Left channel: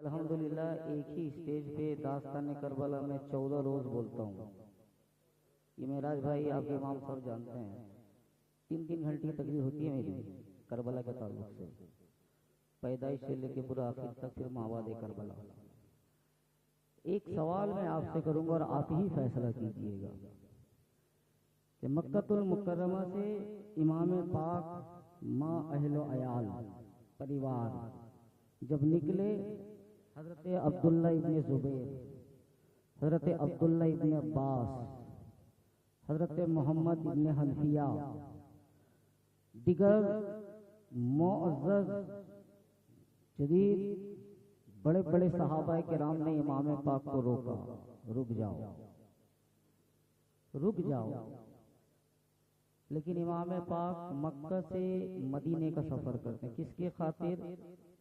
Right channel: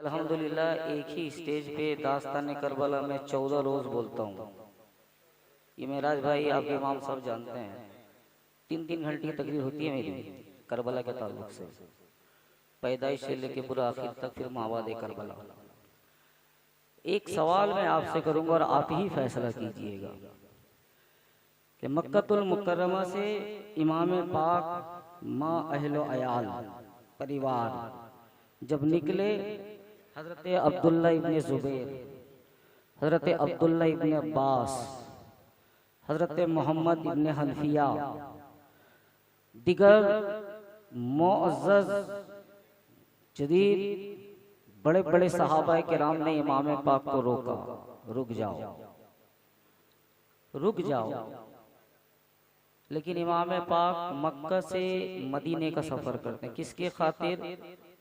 अल्हम्दुलिल्लाह एक ही स्टेज पे दास्तान करबला में 14 रोज बोलता हूँ। ये मेराज भाई आपके इमाम साहब जानते हैं, 3-3 घंटे की तकरीर होती है मेरी करबला के ताल्लुक से, पैदाइश से लेके पूरा आखिर तक, फिर मावाद करबला। एक सवाल मैं आपसे करूंगा और आप ही फैसला कीजिएगा कि मक्कतुल मुकर्रमा से इमाम पाक माँ अहलो अयाल परिवार जब निकले, हजरत अब्दुल्ला इब्ने जुबैर, हजरत अब्दुल्ला इब्ने अब्बास, हजरत मोहम्मद इब्ने हनफिया, दिगर मुअज़्ज़ज़ जदीद बड़े बड़े सहाबा किराम ने इमाम पाक को रोका, रुक जाओ रुक जाओ। लेकिन इमाम पाक मक्का से मदीने का सफर करते हैं, किसके खातिर?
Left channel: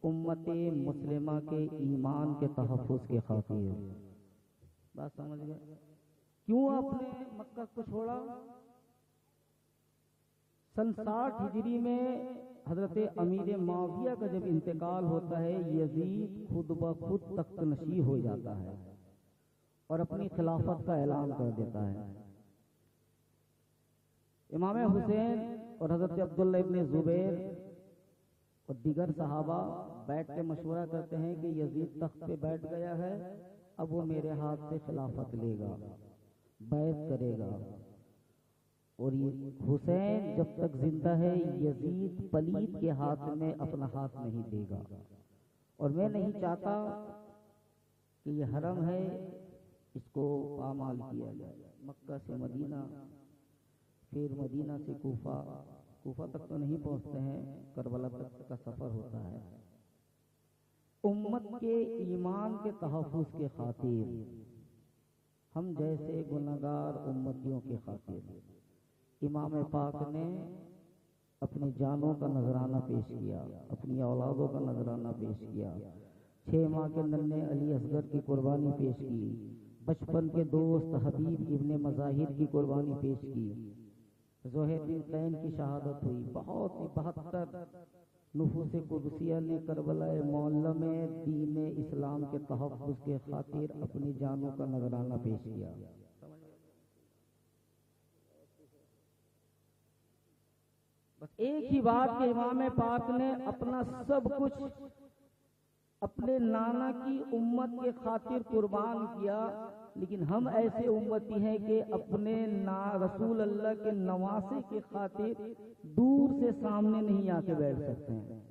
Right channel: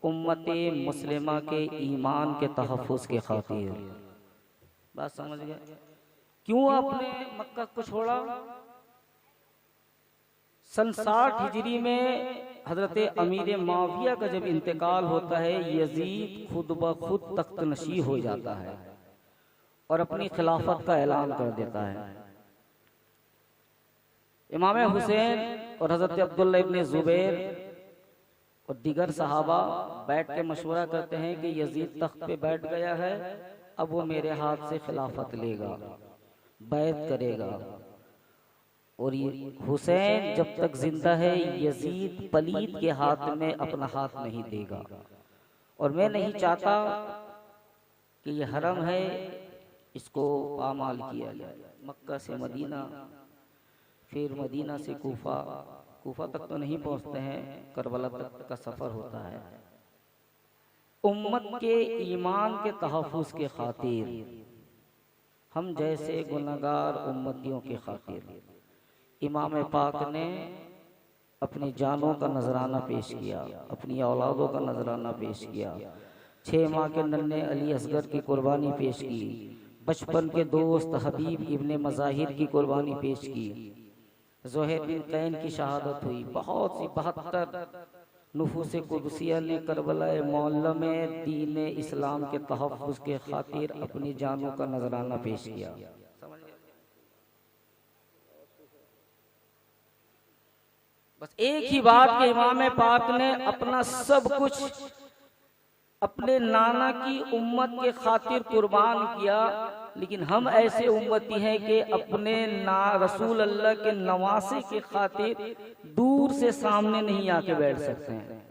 उम्मते मुस्लिमा के ईमान के तहफ़्फ़ुज़ के खातिर। बात समझ गए? क्यों आपने मक्का को छोड़ा? सन 60 हिजरी में हजरत अमीर माविया का जब इंतकाल होता है, यजीद खुद ब खुद तख्त नशी हो जाता है और अपनी खिलाफत का ऐलान कर देता है। इमाम हुसैन और हजरत अब्दुल्ला इब्ने जुबैर और दीगर सहाबा बैठ के मशवरा करते हैं कि यजीद तख्त पे बैठ गया है, अब वो मेरे हाथ से खिलाफत लेगा, बैत करेगा, और ये हुसैन जब तक जिंदा है यजीद पलीद के हाथ में अपना हाथ नहीं देगा, और मैं नहीं चाहता कि ये हरम है इसको पामाल किया जाए। मक्का से मदीना, फिर मदीना से कूफा, कूफा तक तो नहीं पहुंचते हैं, करबला तक का सफर होता है। उम्मत के ईमान के तहफ़्फ़ुज़ के खातिर, हम जैसे गुनहगार उम्मतियों के खातिर इमाम पाक ने अपनी जानों का नजराना पेश किया, अपनी औलादों का नजराना पेश किया, 6 माह के नन्हे अली असगर की कुर्बानी पेश की, बचपन के दोस्त हबीब इब्ने मज़ाहिर की कुर्बानी पेश की, ज़ुहैर बिन कैन की शहादत हुई। बहुत सी 72 नुफूस कुदसिया ने करबला मौला में दीन इस्लाम के तहफ़्फ़ुज़ के खातिर अपनी जानों का नजराना पेश किया। बस एक ही बात के इमाम पाक ने अपना सब कुछ अपने नाना की उम्मत के खातिर कुर्बान किया। लेकिन हम ऐसे उम्मती हैं कि अपने रसूल अल्लाह के नवासे के खातिर दूर से सामने नहीं आके बैठ सकते हैं।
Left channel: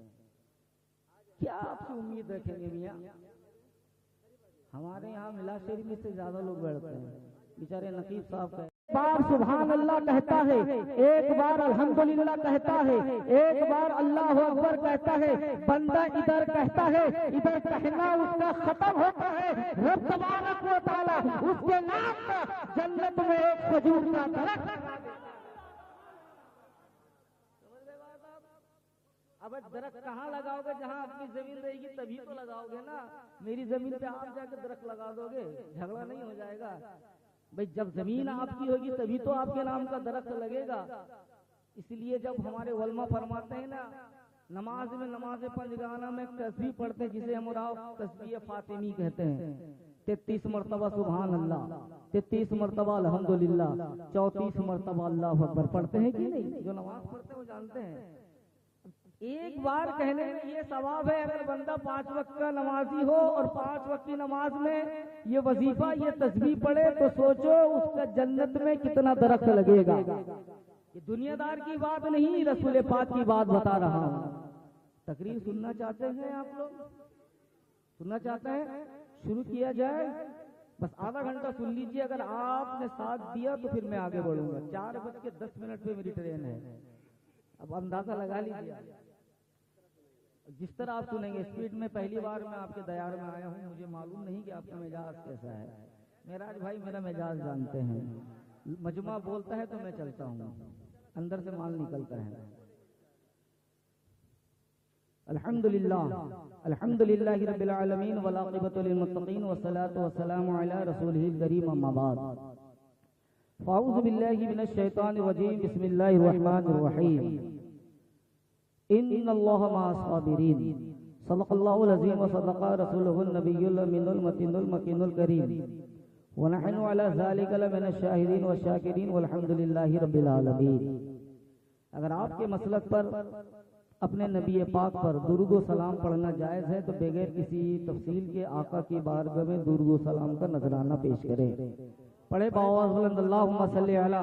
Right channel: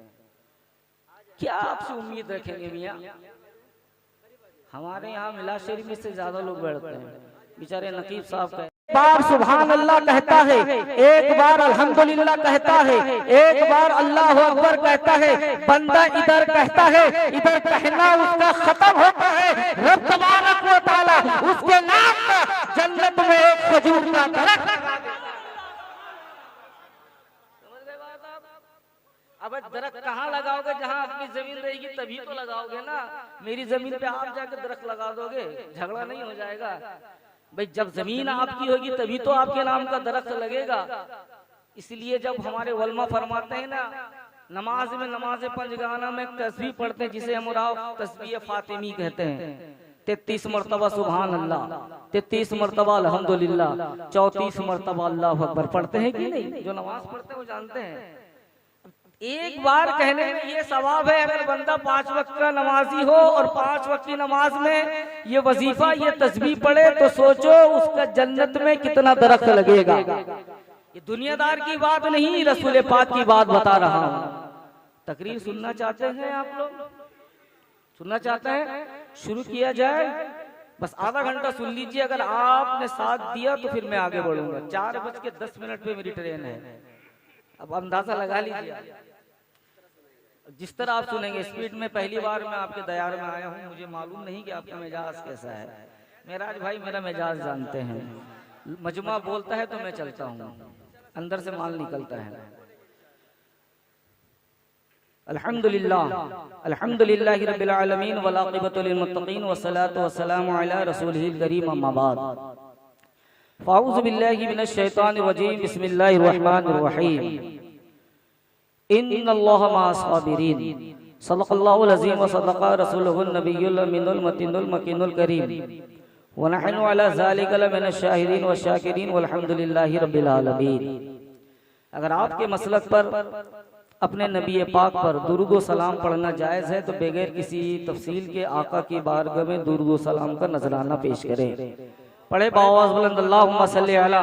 क्या आपसे उम्मीद रखेंगे मियाँ? हमारे यहाँ मिलाद शरीफ में से ज्यादा लोग बैठते हैं, बेचारे नकीब साहब का एक बार सुभान अल्लाह कहता है, एक बार अल्हम्दुलिल्लाह कहता है, एक बार अल्लाह अकबर कहता है, बंदा इधर कहता है, इधर कहना उसका खत्म होता है, रब तबारक व तआला उसके नाम पर जन्नत में एक खजूर का दरख्त। अब दरख्त कहाँ लगाओगे? जहाँ अपनी जमीन रहेगी तभी तो लगाओगे ना। मेरी जमीन पे आप जाकर दरख्त लगा दोगे, झगड़ा नहीं हो जाएगा भाई? जब जमीन आपकी होगी तभी तो आपके नाम का दरख्त लगेगा। इसलिए जब हमारे उलमा फरमाते हैं ना, नमाज में नमाज पंजगाना में तस्बीह पढ़ते हैं, जिसे हम तस्बीह फातिमी कहते हैं, 33 मरतबा सुभान अल्लाह, 33 मरतबा अल्हम्दुलिल्लाह, 34 मरतबा अल्लाहु अकबर पढ़ते हैं कि नहीं? जो नमाज पढ़ते हैं वो जानते हैं। एक बार कहने में ये सवाब है, अगर बंदा 5 वक्त का नमाजी हो और 5 वक्त की नमाज में ये वजीफा, ये तस्बीह पढ़े, तो सोचो उसका जन्नत में कितना दरख्त लगेगा। ये दुनियादार की बात नहीं, रसूल पाक की बात बता रहा हूँ। तकरीर सुनना चाहते हैं आप लोग? सुनना चाहते हैं? शुरू किया जाए। बस आधा घंटा सुन लीजिए, अगर आपने साथ दिया तो फिर मैं आगे बढ़ूंगा। 4:10 पे मेरी ट्रेन है, अब अंदाजा लगा लीजिए। जिस तरह आप सुनेंगे स्पीड में, पहली बार मैं आपके दयार में आया हूँ, मुझे मालूम नहीं कि आपका मिजाज कैसा है। मेराज भाई मेरा मिजाज जानते हैं, मजमा बोलता है तो मैं चलता हूँ, अंदर से माल निकलता है। अल्हम्दुलिल्लाह, अल्हम्दुलिल्लाहि रब्बिल आलमीन वल आक़िबतु लिल मुत्तक़ीन वस्सलातु वस्सलामु अला रसूलिहिल करीम, अम्मा बाद। फ़ाऊज़ु बिल्लाहि मिनश शैतानिर रजीम, बिस्मिल्लाहिर रहमानिर रहीम। इन्नल्लाह मअस साबिरीन, सल्लल्लाहु अलैहि व सल्लल्लाहु रसूलुहुन नबियुल अमीनुल मतीनुल मकीनुल करीम व नहनु अला ज़ालिका लमिनश शाहिदीन व शाकिरीन वल्हम्दुलिल्लाहि रब्बिल आलमीन। अगर आपके मसलक पर अपने नबी पाक पर दुरूद व सलाम पढ़ना जायज़ है तो बगैर किसी तफसील के आका की बारगाह में दुरूद व सलाम का नजराना पेश करें। पढ़े बावाज़ बुलंद अल्लाहुम्मा सल्ली अला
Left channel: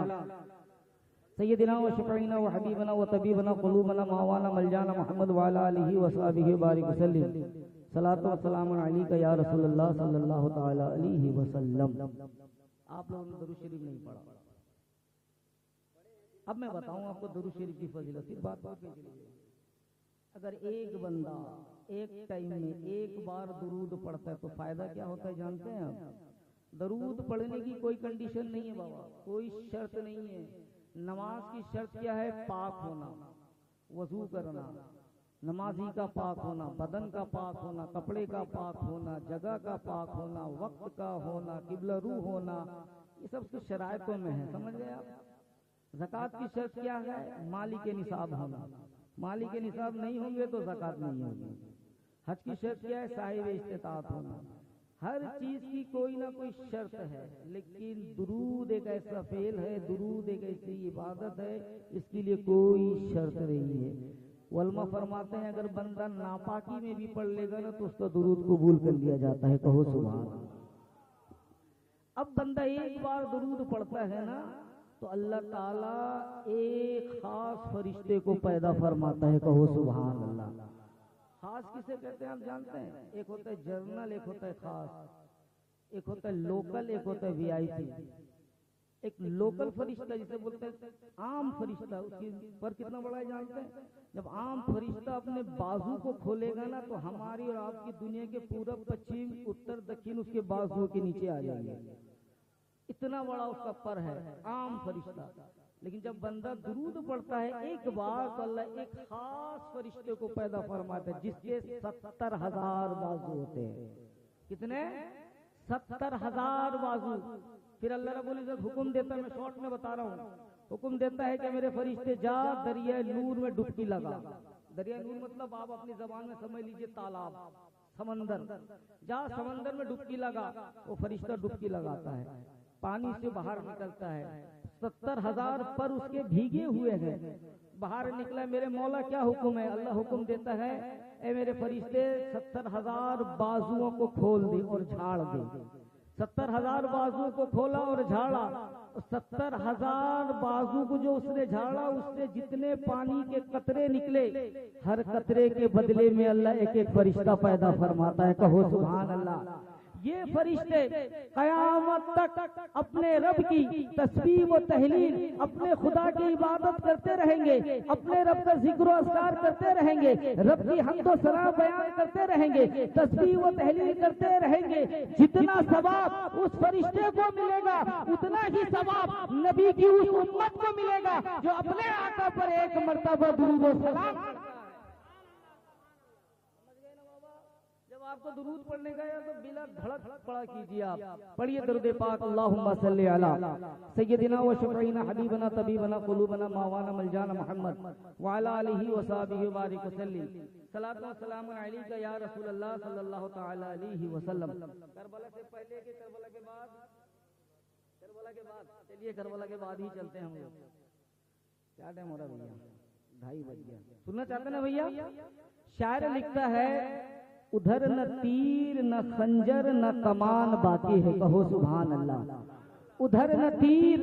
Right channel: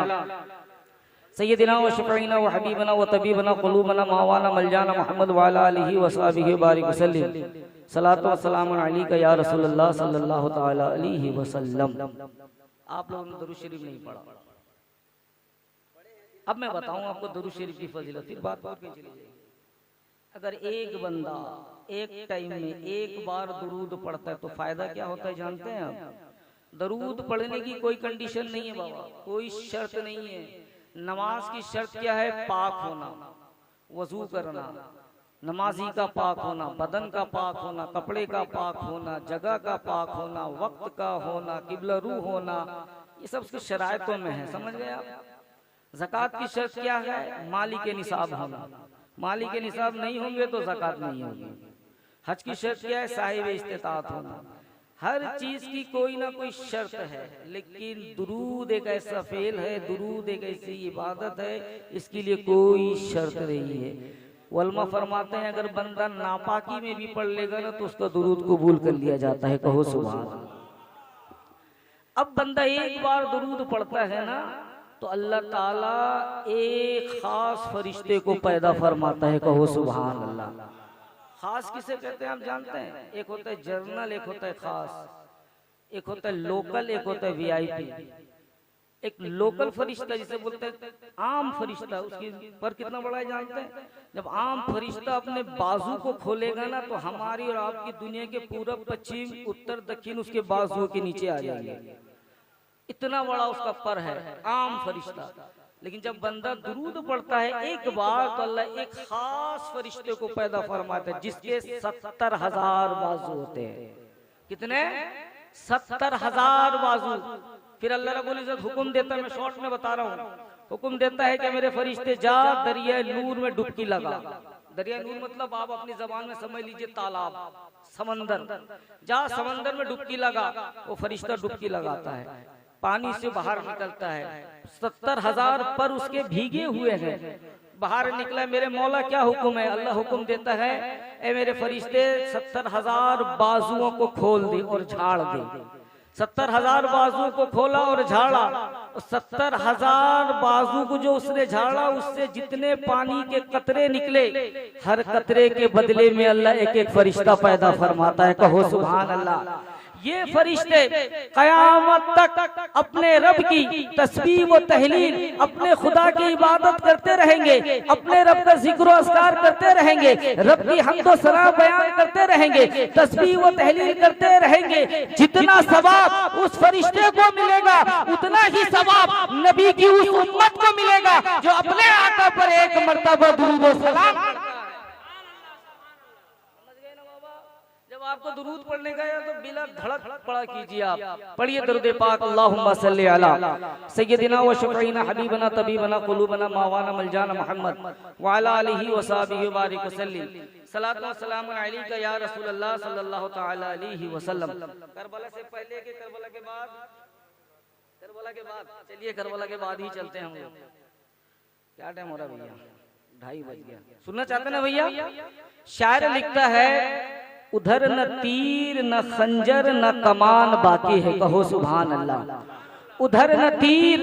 सय्यदिना व शफ़ीना व हबीबना व तबीबना क़ुलूबना मावाना मलजाना मुहम्मद व अला आलिहि व सहाबिहि व बारिक वसल्लिम सलातो व सलाम अलैका या रसूलल्लाह सल्लल्लाहु तआला अलैहि वसल्लम। आप लोगों ने दुरूद शरीफ नहीं पढ़ा। अब मैं बताऊं आपको दुरूद शरीफ की फजीलत। फिर बात पे चली जाएगी। अगर एक बंदा एक टाइम में एक बार दुरूद पढ़ता है तो फायदा क्या होता है जानते हैं आप? दरूद पढ़ने की कोई कंडीशन नहीं है बाबा, कोई शर्त नहीं है। नमाज की शर्त क्या है? पाक होना, वजू करना, नमाजी का पाक होना, बदन का पाक होना, कपड़े का पाक होना, जगह का पाक होना, वक्त का होना, किबला रू होना, ये सब उसकी शरायतों में है। समझ गए आप? ज़कात की शर्त क्या है? माली के निसाब होना, माली के निसाब नहीं होंगे तो ज़कात नहीं होगी। हज की शर्त क्या है? साहिब इस्तिताअत होना। हर चीज की कोई ना कोई शर्त है, लेकिन दुरूद एक ऐसा फेल है, दुरूद एक ऐसी इबादत है, इसके लिए कोई शर्त नहीं है। उलमा फरमाते हैं अगर बंदा नापाकी में भी पढ़ लेगा ना तो उसका दुरूद कबूल कर लिया जाता है। कहो सुभान अल्लाह। अब बंदा एक बार दुरूद पढ़ता है ना तो अल्लाह ताला एक खास फरिश्ते को पैदा फरमाता है। कहो सुभान अल्लाह। खास किसे कहते हैं आप जानते हैं? एक होता है जर्नल, एक होता है खास, एक होता है लोकल, एक होता है वीआईपी। एक लोकल फरिश्ता जिसे बोलते हैं आम फरिश्ता, उसकी पर कितना बड़ा है जानते हैं? जब आम फरिश्ता अपने बाजू को खोलेगा ना तो हमारी और आपकी दुनिया के पूरब पश्चिम उत्तर दक्षिण उसके बाजुओं के नीचे आ जाएंगे। इतना बड़ा उसका पर है, आम फरिश्ता। लेकिन जब बंदा दुरूद पढ़ता है एक बार तो अल्लाह एक खास फरिश्ते को पैदा फरमाता है जिसके 70,000 बाजू होते हैं। कितने? 70,000 बाजू। फिर अल्लाह रब्बुल इज्जत हुक्म देता है, मैं शॉर्ट में बता रहा हूँ, हुक्म देता है कि मेरे फरिश्ते जा दरिया नूर में डुबकी लगा। दरिया नूर मतलब आप अपनी जबान में समझ लीजिए तालाब, समंदर। जा समंदर में डुबकी लगा। वो फरिश्ता डुबकी लगाता है, पानी से बाहर निकलता है। 70,000 पर उसके भीगे हुए हैं, बाहर निकला। मेरे मौला क्या हुक्म है? अल्लाह हुक्म देता है ए मेरे फरिश्ते 70,000 बाजुओं को खोल दे और झाड़ दे। 70,000 बाजू को खोला और झाड़ा। 70,000 बाजू को जो उसने झाड़ा उससे जितने पानी के कतरे निकले, हर कतरे के बदले में अल्लाह एक एक फरिश्ता पैदा फरमाता है। कहो सुभान अल्लाह। ये फरिश्ते कयामत तक अपने रब की तस्बीह व तहलील, अपने खुदा की इबादत करते रहेंगे, अपने रब का जिक्र अस्कार करते रहेंगे, रब की हम्द व सना बयान करते रहेंगे, तस्बीह व तहलील करते रहेंगे। जितना सवाब उस फरिश्ते को मिलेगा उतना ही सवाब नबी की उस उम्मत को मिलेगा जो अपने आका पर एक मर्तबा दुरूद व सलाम। आपको दुरूद पढ़ने का या तो बिला धड़क पढ़ा कीजिए। आप पढ़िए दरूद पाक। अल्लाहुम्मा सल्ली अला सय्यदिना व शफ़ीना हबीबना तबीबना क़ुलूबना मावाना मलजाना मुहम्मद व अला आलिहि व सहाबिहि व बारिक वसल्लिम सलातो व सलाम अलैका या रसूलल्लाह सल्लल्लाहु तआला अलैहि वसल्लम। करबला से पहले के करबला के बाद, करबला के बाद चलिए करबला के बाद ही चलते हैं हम लोग। क्या टाइम हो रहा भैया? 2:30 बज गया। सुनना चाहते ना भैया? शायर लिखता है उधर न तीर न खंजर न कमान बाकी है। कहो सुभान अल्लाह। उधर न तीर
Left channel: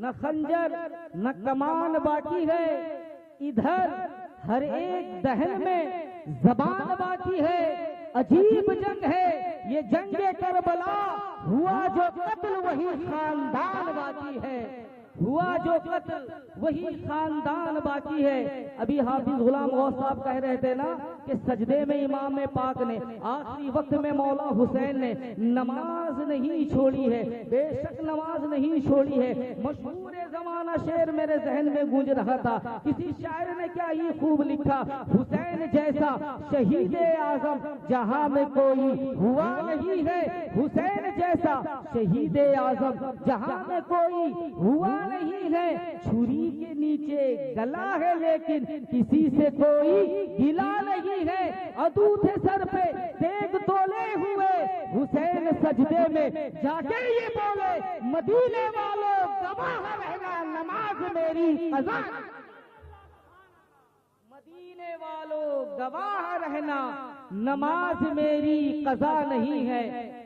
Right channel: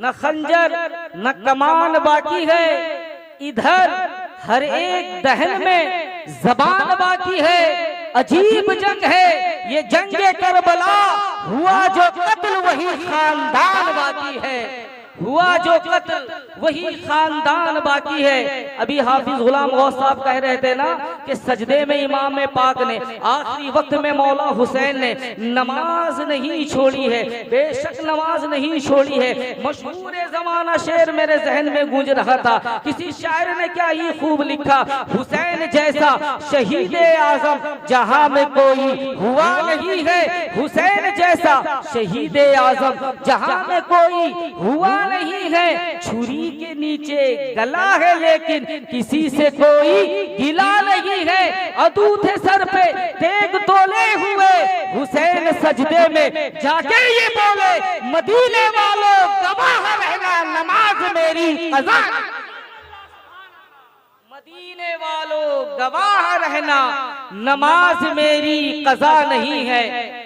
न खंजर न कमान बाकी है, इधर हर एक दहन में जबान बाकी है। अजीब जंग है ये जंगे करबला, हुआ जो कत्ल वही खानदान बाकी है। हुआ जो कत्ल वही खानदान बाकी है। अभी हाफिज गुलाम गौस साहब कह रहे थे ना कि सजदे में इमाम पाक ने आखिरी वक्त में मौला हुसैन ने नमाज नहीं छोड़ी है। बेशक नमाज नहीं छोड़ी है। मशहूर जमाना शेर मेरे जहन में गूंज रहा था। किसी शायर ने क्या ही खूब लिखा, हुसैन जैसा शहीद आजम जहां में कोई हुआ नहीं है। हुसैन जैसा शहीद आजम जहां में कोई हुआ नहीं है, छुरी के नीचे गला है लेकिन किसी से कोई गिला नहीं है। अदू थे सर पे तेग तोले हुए, हुसैन सजदे में जाके ये बोले, मदीने वालों गवाह रहना नमाज मेरी कज़ा, मदीने वालों गवाह रहना नमाज मेरी कज़ा नहीं है।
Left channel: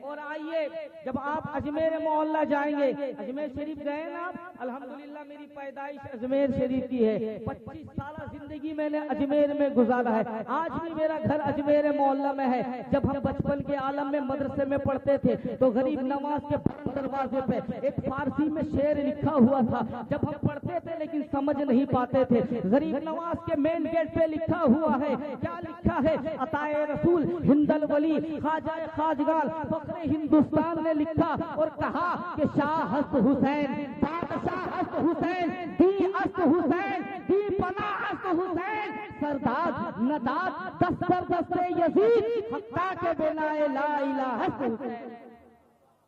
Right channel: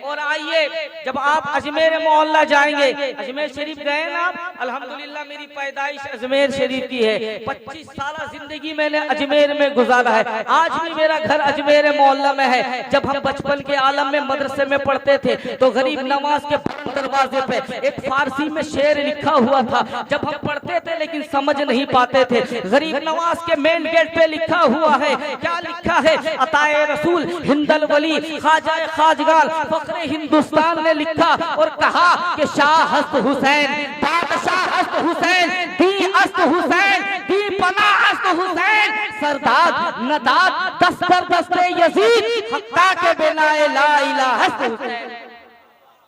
और आइए, जब आप अजमेर मोहल्ला जाएंगे, अजमेर शरीफ गए ना आप? अल्हम्दुलिल्लाह मेरी पैदाइश अजमेर शरीफ की है, 25 साल जिंदगी मैंने अजमेर में गुजारा है। आज भी मेरा घर अजमेर मोहल्ला में है। जब हम बचपन के आलम में मदरसे में पढ़ते थे तो गरीब नवाज के दरवाजे पे एक फारसी में शेर लिखा हुआ था। जब हम पढ़ते थे लेकिन समझ नहीं पाते थे, गरीब नवाज के मेन गेट पे लिखा हुआ है, क्या लिखा है? अताए रसूल हिंदल वली ख्वाजा खाजगान फखरे हिंदुस्तान ने लिखा और कहा कि शाह हस्त हुसैन, बादशाह हस्त हुसैन, दी अस्त हुसैन, दी पना अस्त हुसैन, सरदाद नदाद दस्तर दस्ते यजीद, हक्का के बिनाए ला इलाहा हस्त हुसैन।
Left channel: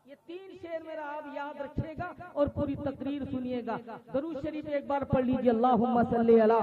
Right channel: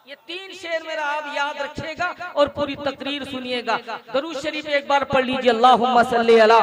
ये 3 शेर मेरा आप याद रखिएगा और पूरी तकरीर सुनिएगा। दरूद शरीफ एक बार पढ़ लीजिए, अल्लाहुम्मा सल्ली अला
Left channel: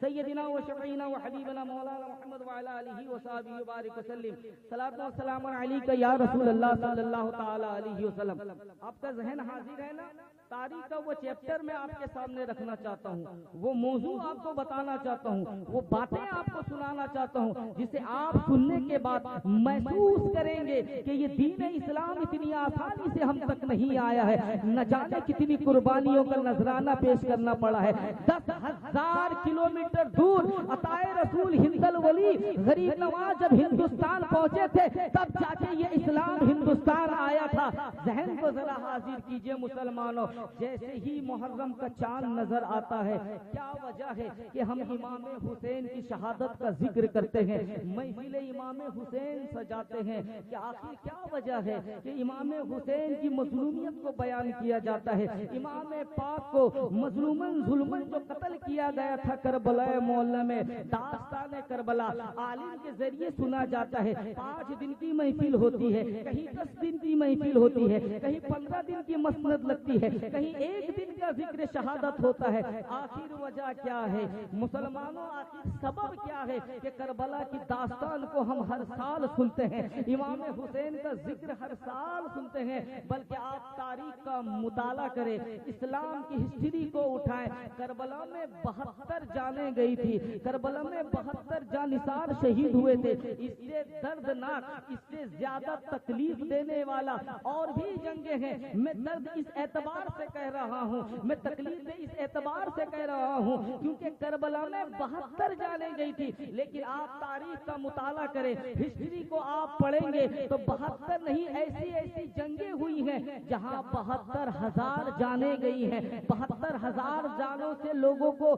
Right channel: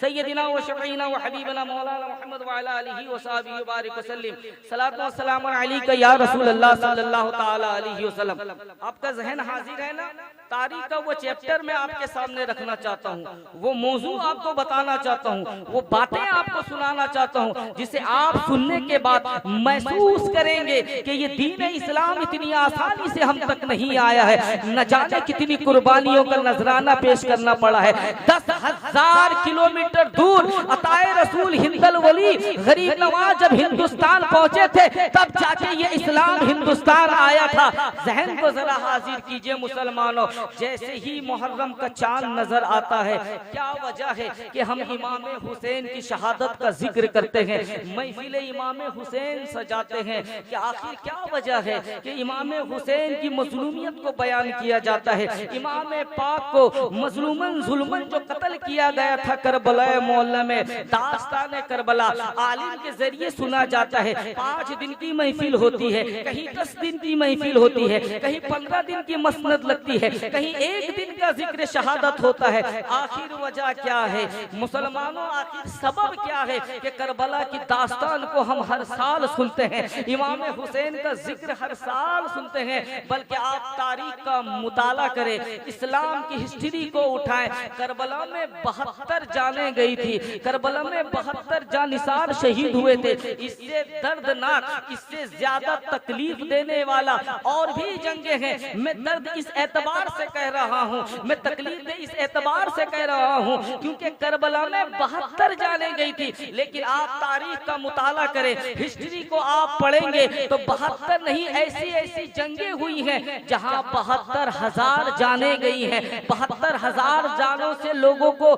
सय्यदिना व शफीना व हबीबना मौलाना मुहम्मद व अला आलिहि व सहबिहि व बारिक वसल्लम, सलातो व सलाम अलैका या रसूल अल्लाह सल्लल्लाहु ताला अलैहि वसल्लम। आपका ज़हन हाजिर है ना? तारीख का वो चैप्टर मैं आपके सामने रखना चाहता हूँ, वो मौजू आपको बताना चाहता हूँ, वो बातें आपको सुनाना चाहता हूँ जिसे आप सुनने के बाद महसूस करेंगे कि ये दीन इस्लाम इतनी आसानी से हम तक नहीं आया है। न जाने कितनी कुर्बानियों का नजराना पेश करना पड़ा है। 10,000 किलोमीटर दूर अताए रसूल हिंदल वली गरीब नवाज जब हिंदुस्तान पहुंचे थे तब जाके ये इस्लाम हिंदुस्तान आया था। जहन को जरा हाजिर कीजिए मुसलमानों, जैसे ही मुहर्रम का चांद नजर आता है, क्या वजह है कि हम इमाम हुसैन की शहादत का जिक्र करते हैं, महफिल इमाम हुसैन सजाते हैं? कि आखिर क्या वजह है कि इमाम हुसैन की मजलूमियत को बयान किया जाता है? इमाम पाक को मजलूमन जुल्मन जो कत्ल किया गया था करबला मोहल्ला में, दास्तान करबला आलिम के जरिए सुना जाता है। 5 दिन की महफिल होती है, कहीं 10 दिन की महफिल होती है, कहीं 15 दिन की मसनद लगती है, कहीं 1 दिन का जिक्र शहादत होता है। आखिर वजह क्या है मुसलमानों? आखिर सबब क्या है कि करबला की दास्तान को हम हर साल सुनते हैं, इमाम हुसैन का जिक्र हर साल सुनते हैं? बल्कि आप तारीख का मुताला करें, इस्लाम की हिस्ट्री को उठाएं। करबला में 72 जानें गई थी, करबला में 72 जानिसार शहीद हुए थे। इससे दर्दनाक, इससे ज्यादा तकलीफ देने वाला और भी जंगे हैं। मैं दर्द इस एतबार से कह रहा हूँ, मैं तकलीफ इस एतबार से कह रहा हूँ क्योंकि करबला में 72 जाने गई थी। लेकिन आप तारीख का मुताला करें, हिस्ट्री को आप पढ़ेंगे तो 72 नहीं, ऐसी ऐसी जंगे हुई हैं जहाँ 72,000 जाने गई हैं। 72,000 जानों से लोगों को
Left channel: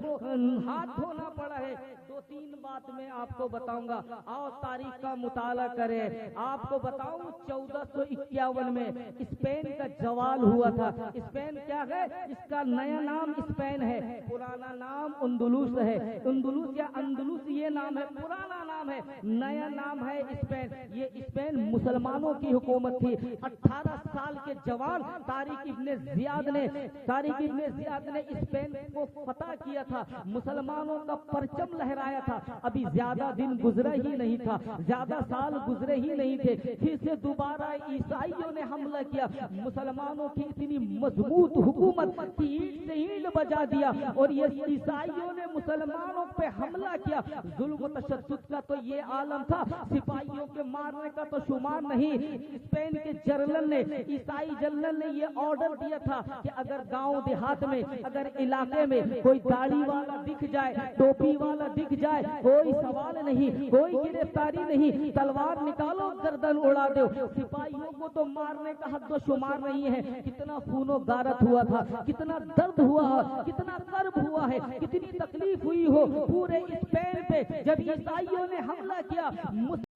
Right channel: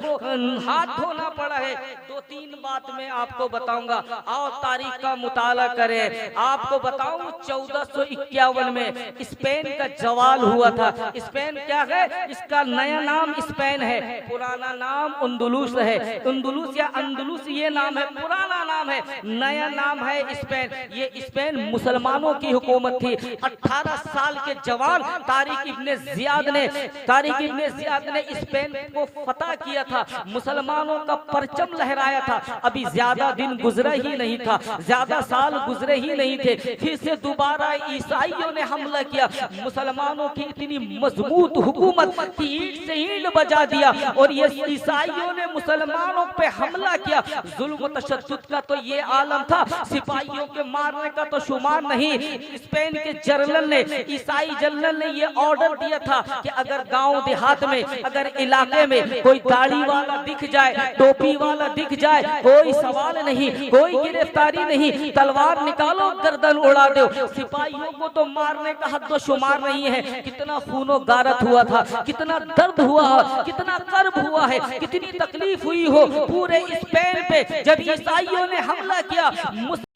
हाथ धोना पड़ा है। 2-3 बात मैं आपको बताऊंगा, आओ तारीख का मुताला करें। आपको बताऊं 1451 में स्पेन का जवाल हुआ था। स्पेन क्या है? इसका नया नाम स्पेन है, पुराना नाम अंदलुस है। अंदलुस या अंदलुस ये नाम है, पुराना नाम है, नया नाम है स्पेन। ये स्पेन मुसलमानों की हुकूमत थी। 18 साल के जवान तारिक इब्ने जियाद ने स्पेन को फतह किया था, मुसलमानों का परचम लहराया था। अभी ज्यादा दिन गुजरा ही नहीं था, ज्यादा साल गुजरे ही नहीं थे, फिर से दोबारा ईसाइयों ने हमला किया। मुसलमानों की इतनी मजबूत हुकूमत की ईंट से ईंट बजा दिया और ये ईसाइयों ने मुसलमानों पे हमला किया। जुल्म तशद्दुद का तो ये आलम था, सिपाहियों के मारने का तो शुमार नहीं। स्पेन के जनरल ने, ईसाई जनरल ने ये ऑर्डर दिया था कि अगर गांव देहात में, अगर इलाके में कोई दाढ़ी वाला दिख जाए, टोपी वाला दिख जाए, कोई सवाल नहीं, कोई गिरफ्तारी नहीं, तलवार निकालो गर्दन उड़ा दो। सिपाहियों को तो मारने का हद शुमार नहीं है। कितना खूनो गारत हुआ था, कितना दर्द हुआ, कितना कर्ब हुआ है, कितनी तकलीफ हुई हो पूरे स्पेन पे जब ईसाइयों ने हमला किया।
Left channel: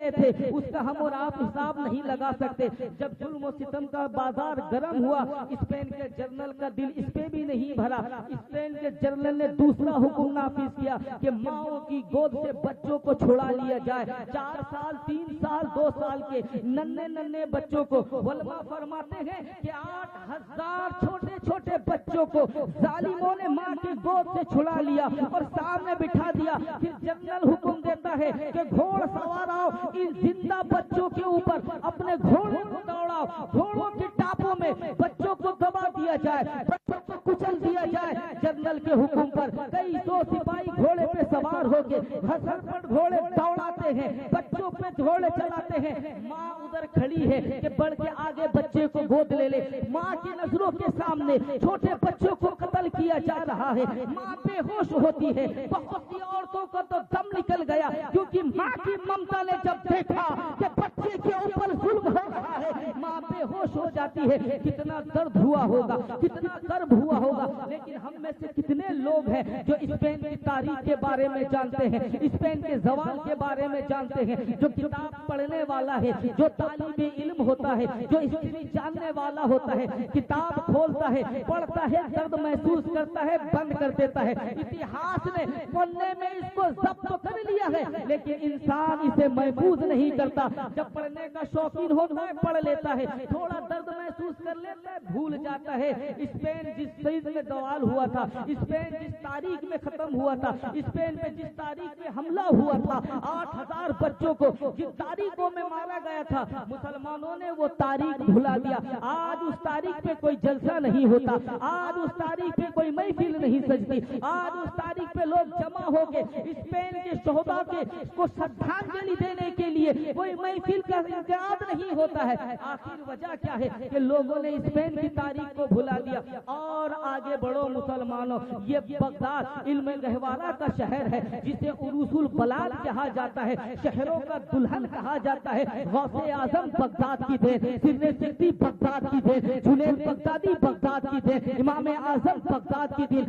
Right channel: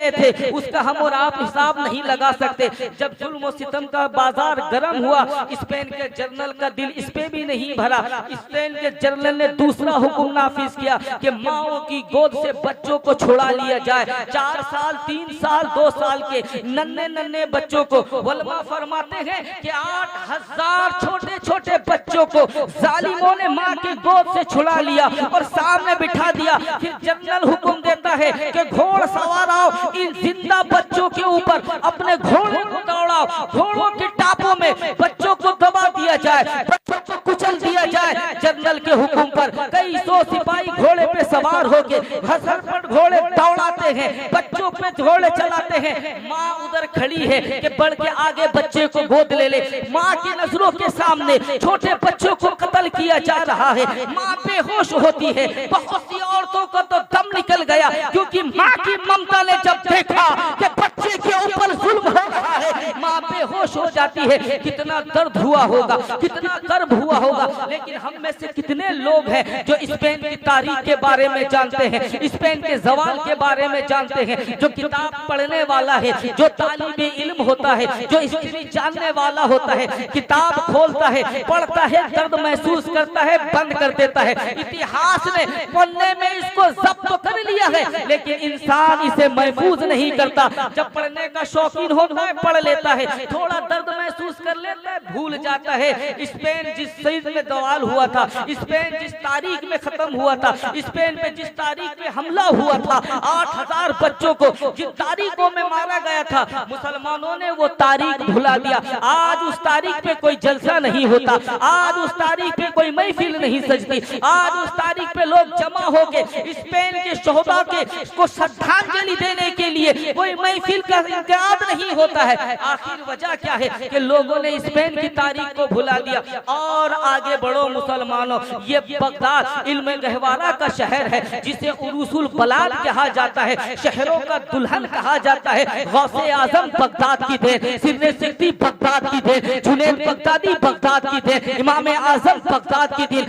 थे उसका हम और आप हिसाब नहीं लगा सकते। जब जुल्म और सितम का बाजार गर्म हुआ, स्पेन के जनरल का दिल इस पे भी नहीं भरा। स्पेन के जनरल ने दूसरा हुक्म नाफिज किया कि माओ की गोद से बच्चों को छुड़ा लिया जाए। 4 साल 3 साल 2 साल के नन्हे नन्हे बच्चों को, वल्मा फरमाते हैं कि 8000 छोटे छोटे बच्चों को जालिमों ने माँ की गोद से छुड़ा लिया और सामने बिठा दिया। फिर जनरल हुक्म देता है कि घोड़ सवार आओ, इन जिंदा बच्चों के ऊपर अपने घोड़े को दौड़ाओ, घोड़ों के टापों में बच्चों को दबा दिया जाए, बच्चों को कुचल दिया जाए। जनरल के हुक्म पर कई 100 सिपाही घोड़े पे सवार होके घसरपट घोड़े दौड़ाते हैं, बच्चों पे घोड़े चलाते हैं। माँ उधर खड़ी है कि बढ़ के आगे बच्चे को गोद ले ले। माँ की नजरों के सामने छोटे बच्चों को कत्ल किया जा रहा है। माँ बेहोश होती है। बहुत सी औरतों का तो दम निकल गया, क्योंकि माँ की ममता ने जब देखा कि बच्चे के ऊपर जुल्म हो रहा है, माँ बेहोश हो जाती है। कितना दर्द हुआ होगा, कितना कर्ब हुआ होगा। लेकिन हम में से कितने लोग हैं जो स्पेन की तारीख के बारे में जानते हैं, स्पेन के जवाल के बारे में जानते हैं, जो किताब पढ़ने वाला है, जो तालिबे इल्म होता है, जो हिस्ट्री जानने वाला होता है, किताब खोलता है, पढ़ता है, दर्द महसूस करता है, बंद कर देता है। इतिहास ने पढ़ने में इसको जब्त तो कर लिया है, लेकिन इंसान इसे महफूज नहीं करता। जब पढ़ने का शौकीन होता है पढ़ लेता है, थोड़ा दर्द महसूस कर लेता है, भूल जाता है। स्पेन जिस सईद में दवाल हुआ था, स्पेन जिस तारीख में खत्म हुआ था, स्पेन में जिस तारीख में हमला हुआ था, 8000 बच्चों को जिन तारीखों में मारा गया था, मुसलमानों ने वो तारीख भुला दिया। आज उस तारीख पे कोई जलसा नहीं होता, आज उस तारीख पे कोई महफिल नहीं सजती, आज उस तारीख पे लोग जमा होके स्पेन के शोहदा के को श्रद्धांजलि देने के लिए कोई महफिल का इंतजाम नहीं होता है। आखिर वजह क्या है कि लोगों ने स्पेन की तारीख को भुला दिया। और आगे बढ़ो मुसलमानों, ये बगदाद इल्म गहवारा का शहर है, जिसे उरूसुल बलाद कहा जाता है, शहरों का दुल्हन कहा जाता है। गौसे आजम बगदाद की देन, सिरने सिक्ती बगदाद की देन, जुनैद बगदादी बगदाद की देन, इमाम आजम बगदाद की देन।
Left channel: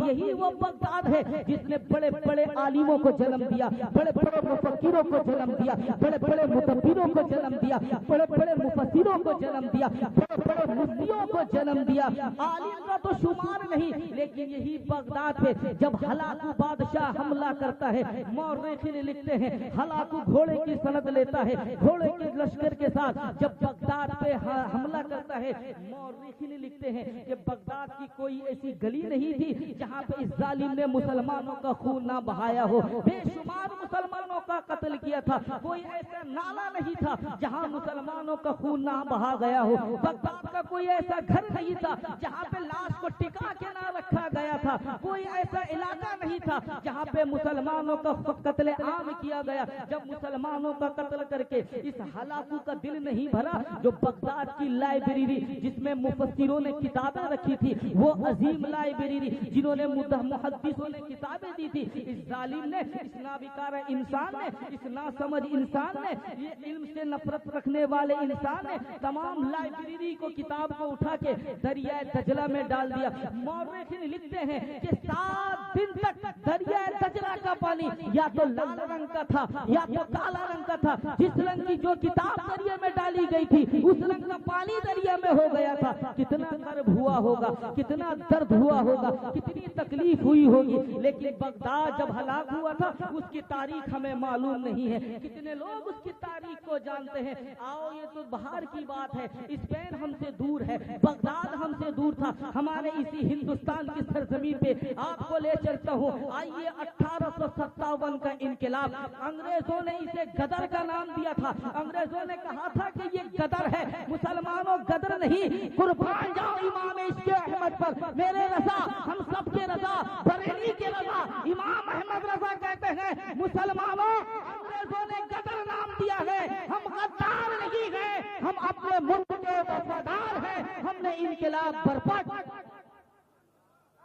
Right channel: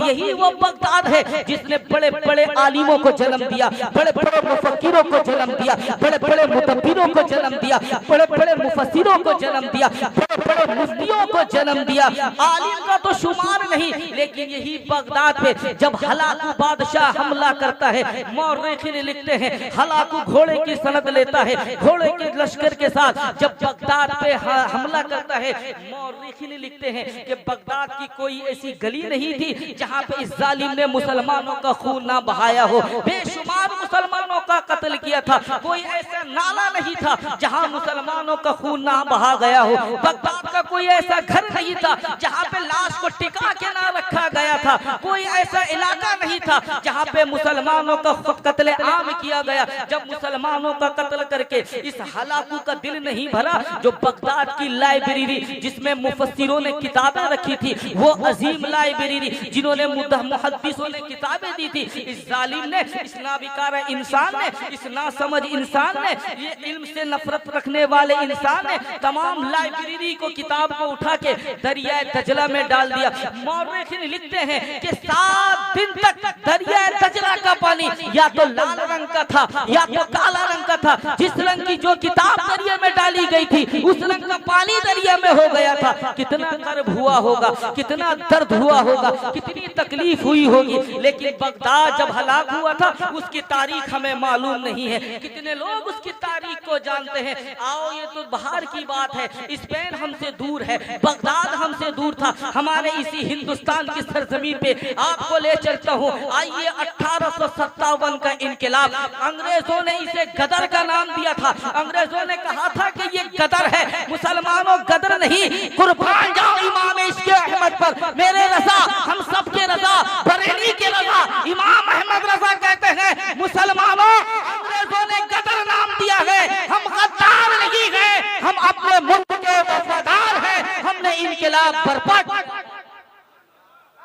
यही वो बगदाद है जिसने बड़े बड़े आलिमों को जन्म दिया, बड़े बड़े मुफक्किरों को जन्म दिया, बड़े बड़े मुदब्बिरों को जन्म दिया, बड़े बड़े मुफस्सिरों को जन्म दिया, बड़े बड़े मुफ्तियों को जन्म दिया। आलिम का तो शुमार नहीं, लेकिन यही बगदाद पे जब हलाकू बादशाह हमला करता है, मौर्रिखीन लिखते हैं हलाकू घोड़े की सनद लेता है, घोड़े के लश्कर के साथ जब बगदाद पे हमला करता है, मौर्रिखीन लिखते हैं कि बगदाद की कोई ऐसी गली नहीं थी जहां पे इस जालिम ने मुसलमानों का खून ना बहाया हो। बेशुमार मुसलमानों का कत्ल किया था, कोई ऐसा नाला नहीं था जहां मुसलमानों का खून ना बहा गया हो। बगदाद का कोई ऐसा घर नहीं था जहां पे लाश को टिका के ना रखा गया था, कोई ऐसा इलाका नहीं था जहां पे मुसलमानों का कत्ल आम किया गया। जब मुसलमानों का कत्ल करके इस हलाकू का दिल नहीं भरा, जो बगदाद की लाइब्रेरी जिसमें मुफस्सिरों ने किताबें रखी थी, वो अजीम लाइब्रेरी जिन्होंने मुहद्दिसों ने किताबें दी थी, इस जालिम ने, इस नाबिकारा इंसान ने, इस नासमझ इंसान ने, ये इल्म से नफरत रखने वाले इंसान ने तमाम लाइब्रेरी को, किताब को उठा के दरिया दजला में डाल दिया। मौर्रिखीन लिखते हैं कि 7 दिन तक दरिया दजला का पानी या तो लाल रंग का था या तो काला रंग का था। जिस रंग की जो किताब दरिया में डाली गई थी, उस रंग का पानी दरिया में हो गया था। कितना कर्ब हुआ होगा, कितना दर्द हुआ होगा, कितनी तकलीफ हुई होगी। लेकिन बगदाद जब हलाक हुआ था, उसकी तारीख हमें मालूम नहीं है। कितने लोग उसकी तारीख को जानते हैं? आओ, ये तो बाहर की बात है, स्पेन हमसे दूर है, बगदाद हमसे दूर था। हमारे इसी हिंदुस्तान की सरजमीन पे आपको ले चलता हूँ। आइए, 1857 का इनकलाब, अंग्रेजों ने इसे गदर का नाम दिया था। अंग्रेजों ने कहा था कि ये गदर है। मुसलमानों, गदर नहीं, कुर्बान जाओ इमाम इश्क़ अहमद पर। मेरे रजा, हम सब के रजा, बरेली के रजा, इमाम अहमद रजा कहते हैं, मुसलमानों, अंग्रेजों ने गदर नाम दिया है, हम गद्दार नहीं है, हम अपने मुल्क के वफादार हैं। हमने इनकलाब बर्पा।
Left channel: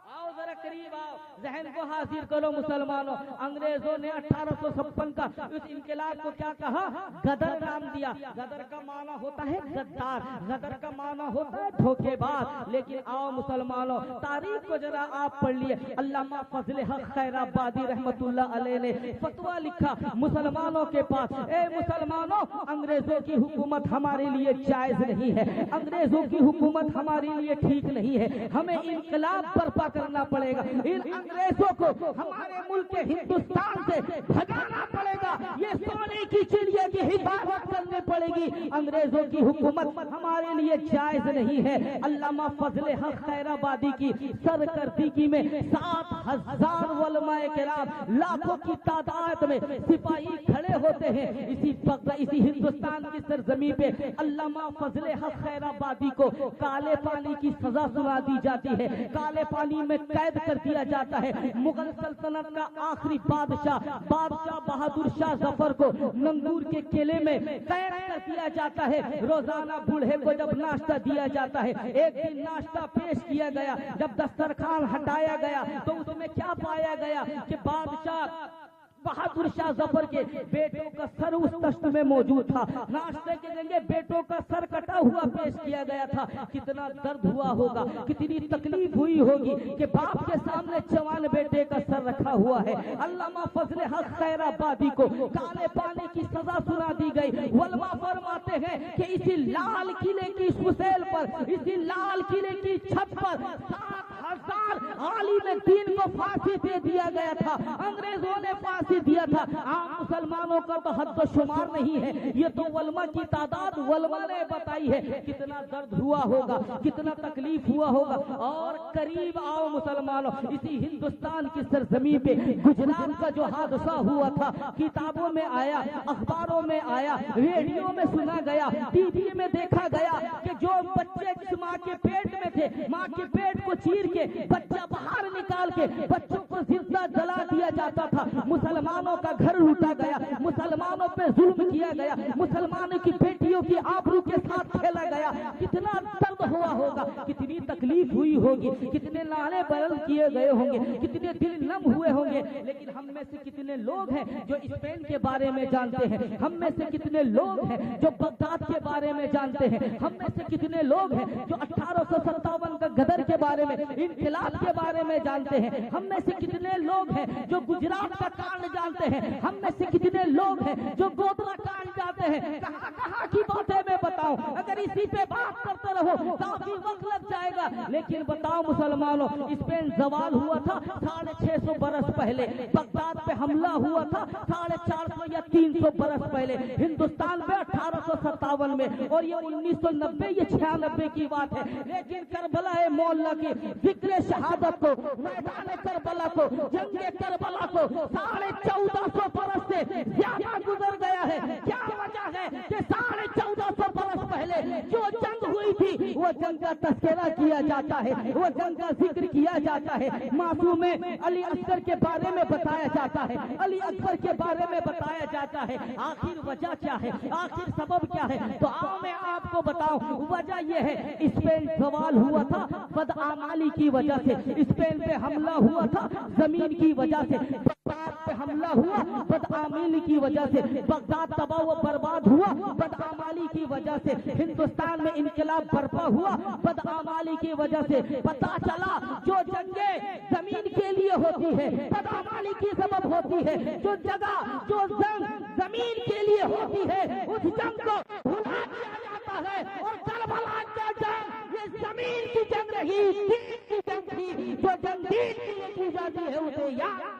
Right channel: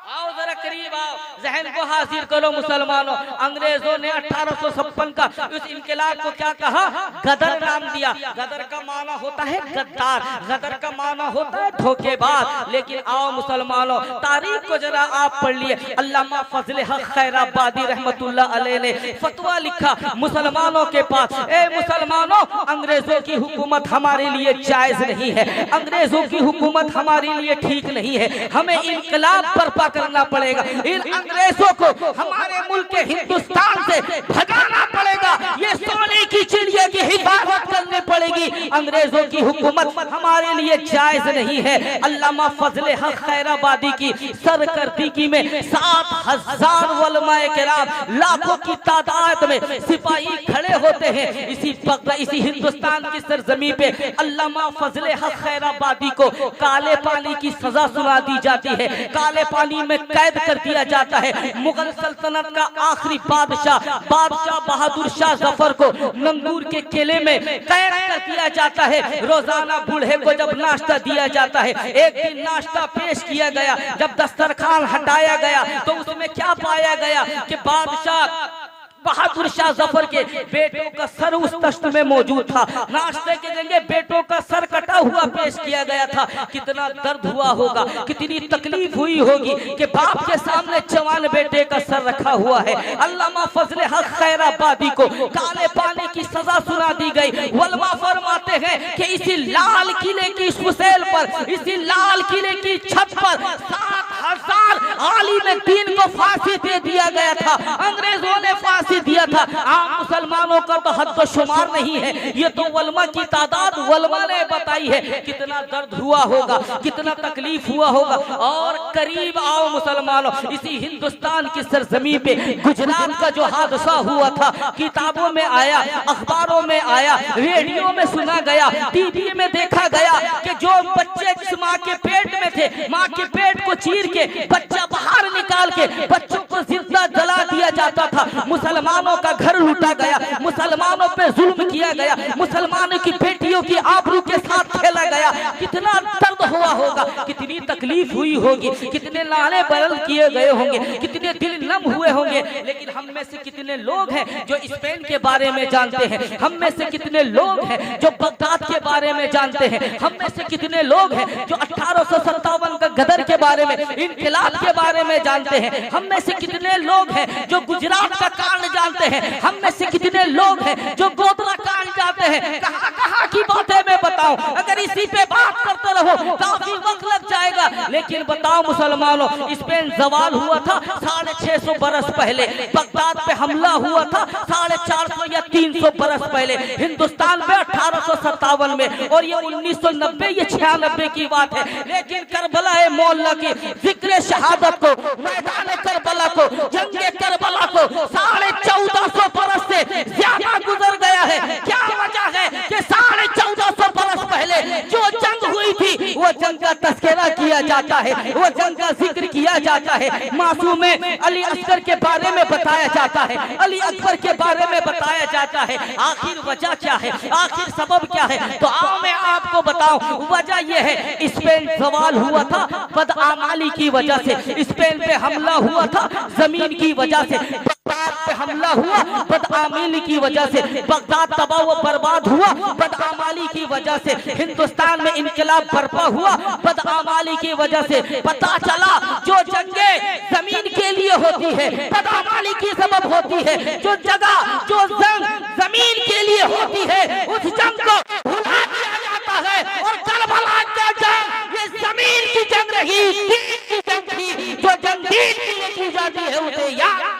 आओ जरा करीब आओ, जहन को हाजिर करो मुसलमानों। अंग्रेजों ने 1856 का उस इनकलाब को क्या कहा? गदर नाम दिया। गदर का माना होता है गद्दार, गदर का माना होता है धोखेबाज। लेकिन आओ मुसलमानों, तारीख को जरा आप पढ़ लिए। अल्लामा फजल हक खैराबादी रहमतुल्लाह अलैह ने फतवा लिखा मुसलमानों के पास, ए मुसलमानों, अंग्रेजों की हुकूमत हमारे लिए जायज नहीं है, अंग्रेजों की हुकूमत हमारे लिए ठीक नहीं है, हमें इनकलाब बर्पा करना पड़ेगा, इन अंग्रेजों को हमारे मुल्क के हिंदुस्तान से भगाना पड़ेगा, ये सोने की चिड़िया की हिफाजत करनी पड़ेगी, अंग्रेजों की हुकूमत हमारे लिए जायज नहीं है। अल्लामा फजल हक खैराबादी की सरकर्दगी में 7,000 उलमाए किराम, लाखों की तादाद में सिपाही खड़े होते हैं। इसी हिंदुस्तान की सरजमी पे अल्लामा फजल हक खैराबादी को काले पानी की सजा सुना दी जाती है, काले पानी में कैद कर दिया जाता है। मुगल सल्तनत का आखिरी बादशाह बहादुर शाह जफर को नंगूर के किले में कैद कर दिया जाता है। रोजाना बूढ़े को जब नाश्ता दिया जाता है, एक दिन नाश्ता पेश किया गया, जब दस्तरखान हटाया गया तो उसमें क्या पाया गया कि बादशाह बहादुर शाह जफर के बेटों का सर उस तश्त में मौजूद था। नाश्ते के जगह बेटों का सर कटा हुआ पेश किया गया था। कितना दर्द हुआ होगा, कितनी तकलीफ हुई होगी कि बाप के सामने जवान बेटे का सर रखा हुआ है। अल्लामा फजल हक खैराबादी को काले पानी की सजा सुना दी गई। वलमा फरमाते हैं कि इसी लाल किले की सुसेल पर, इसी लाल किले की छत पर 7,000 आलिम दीन को फांसी दे दिया गया था। अंग्रेजों ने फांसी दिया था। आम मुसलमानों का तो हद व शुमार नहीं है, ये तो वलमा की तादाद वलमा ने बताई है। कितना दर्द हुआ होगा, कितना तकलीफ हुआ होगा। और करीब आओ मुसलमानों, इसी हिंदुस्तान की सरजमी पे गुजरात का जो हादसा हुआ था, किताबों में आया, अखबारों में आया, रेडियो में सुना गया, टीवी में देखा गया कि जो बच्चे जिस माँ के पेट में थे, माँ के पेट को चीर के बच्चा बाहर निकाल के बच्चों को जिंदा जला दिया जाता था। मुसलमानों का घर लूटा गया, मुसलमानों पे जुल्म किया गया, मुसलमानों की बेटियों की आबरू के साथ खेला गया। कितना दर्द हुआ होगा, कितनी तकलीफ हुई होगी, कितने नाले बरल किए गए होंगे, कितने दिल नम हुए होंगे। लेकिन हम में से कितने लोग हैं जो स्पेन के बारे में जानते हैं? हम में से कितने लोग हैं जो बगदाद के बारे में जानते हैं? हम में से कितने लोग हैं जो 1857 का गदर के बारे में, इनकलाब के बारे में जानते हैं? हम में से कितने लोग हैं जो गुजरात का कांड जानते हैं? हम में से कितने लोग हैं जो गोधरा कांड जानते हैं? कहां कहां की बातें मैं बताऊं, अगर इसी पे बात करते रहो काफी वक्त लग जाएगा। लेकिन बताओ मुसलमानों, स्पेन जवाल हुआ था 650 बरस पहले, बगदाद पे हमला हुआ था 450 या 300 बरस पहले, हिंदुस्तान में 1857 में, और ये 1990 या 96 की बात है। लेकिन करबला मौला की जिक्र शहादत को, मैदान करबला को, जंगे करबला को 1450 बरस से ज्यादा गुजर गया है। क्या वजह है कि 1450 बरस पहले जो जंग हुई थी, वो जंग का तस्करा किया जाता है, वो जंग का जिक्र किया जाता है, मासूम अली असगर के बारे में बताया जाता है, अली अकबर के बारे में बताया जाता है। आखिर वजह क्या है, आखिर सबब क्या है? तो आओ मैं आपको बताऊं। वजह यह है, स्पेन सवाल हुआ था बदआमाली की वजह से, स्पेन पे हमला हुआ था जमीन की वजह से, बगदाद पे हमला हुआ बदआमाली की वजह से, बगदाद तबाह व बर्बाद हुआ बदआमाली की वजह से, हिंदुस्तान में इनकलाब बर्पा हुआ बदआमाली की वजह से। पता चला जो जंगें जमीन के लिए होती है बदआमाली की सबब होती है, जो जगह जो जंग जमीन के लिए होती है उस जंग को भुला दिया जाता है। और करबला का जंग ये जमीन की जंग रही, दीन की जंग थी, जो जंग दीन के लिए की जाती है उसे याद।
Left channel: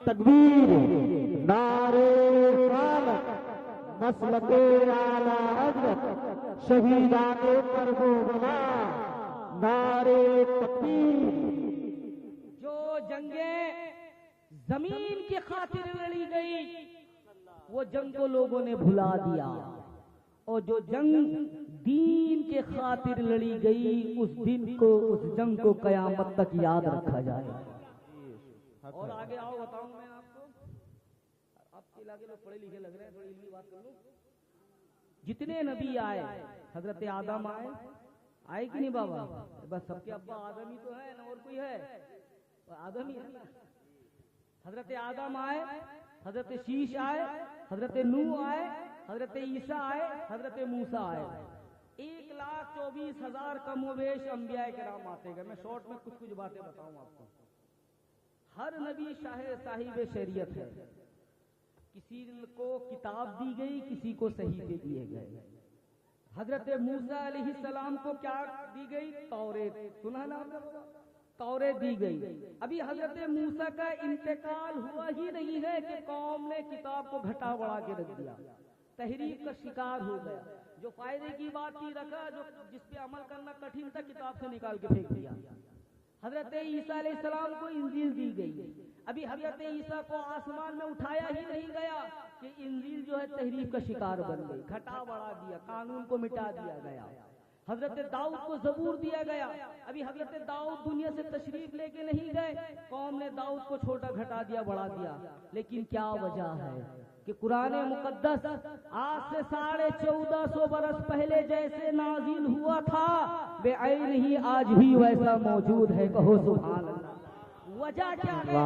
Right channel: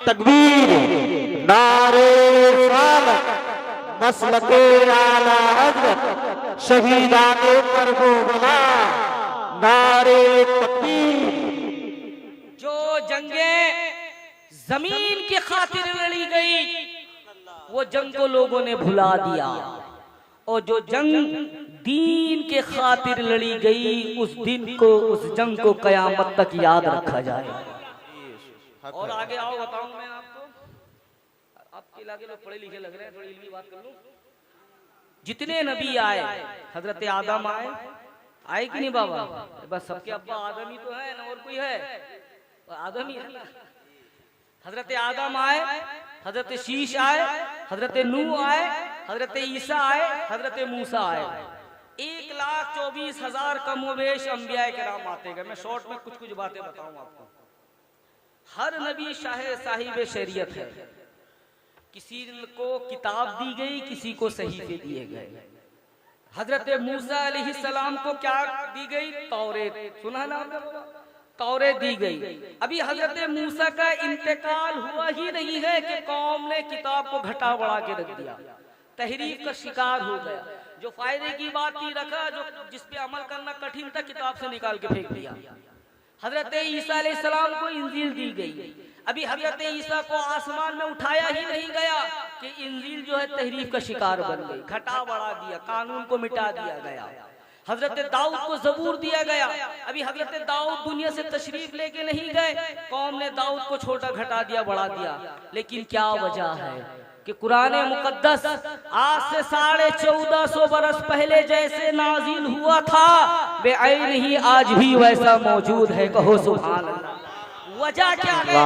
तकबीर, नारे सालत, मसलके आला हज़रत, शहीदाने करबला, नारे तकबीर। जो जंगें जमीन की खातिर लड़ी गई, वो जंग को लोगों ने भुला दिया, और जो जंग दीन के खातिर लड़ी गई, उस दिन को, उस जंग को कयामत तक याद रखा जाए। और आगे आओ बताऊं मैं आपको, आपके इलाके लोग पढ़े लिखे लग रहे हैं, थोड़ी इल्मी बात कर लूं। जितने नबी आए, हजरत आदम आए कि नहीं बाबा? बस सबके अब्बा आदम ही तो है ना, और कोई है? आदम ही है ना। हजरत आदम आए, हजरत शीश आए, हजरत नूह आए, हजरत ईसा आए, हजरत मूसा आए। 1,24,000 कमोवेश अंबिया किराम आते गए। मैं शॉर्ट में कुछ बातें बताऊं आपको। हर नबी साहिब शरीयत है। किसी को किताब दी गई, किसी को सहीफे दिए गए। हजरत मूसा अलैहिस्सलाम को क्या दी गई? तौरेत, सुना ना आपने? तौरेत दी गई। अभी हजरत मूसा का इंतकाल हुआ ही नहीं है कि कौम ने किताब को घटा बढ़ा के रख दिया, तहरीफ का शिकार हो गया। जो फायदे की बात थी रखा, जो जिस पे अमल करना कठिन था किताब से निकाल के फेंक दिया। हजरत ईसा अलैहिस्सलाम को इंजील दी गई। अभी हजरत ईसा को आसमान में उठाया ही नहीं गया कि इंजील जो है तहरीफ का शिकार बन गई, घटा बढ़ा दिया, कानून को मिटा दिया गया। हजरत दाऊद को जबूर दिया गया। अभी हजरत दाऊद दुनिया से तशरीफ लेके नहीं गए, कौम ने दाऊद को छोटा घटा दिया, बढ़ा दिया। लेकिन क्या वजह है कि कुरान मुकद्दस आज से 1450 बरस पहले जैसे नाजिल हुआ था, बेअैन ही आज भी वैसा मौजूद है। कहो सुभान अल्लाह। वजह क्या है?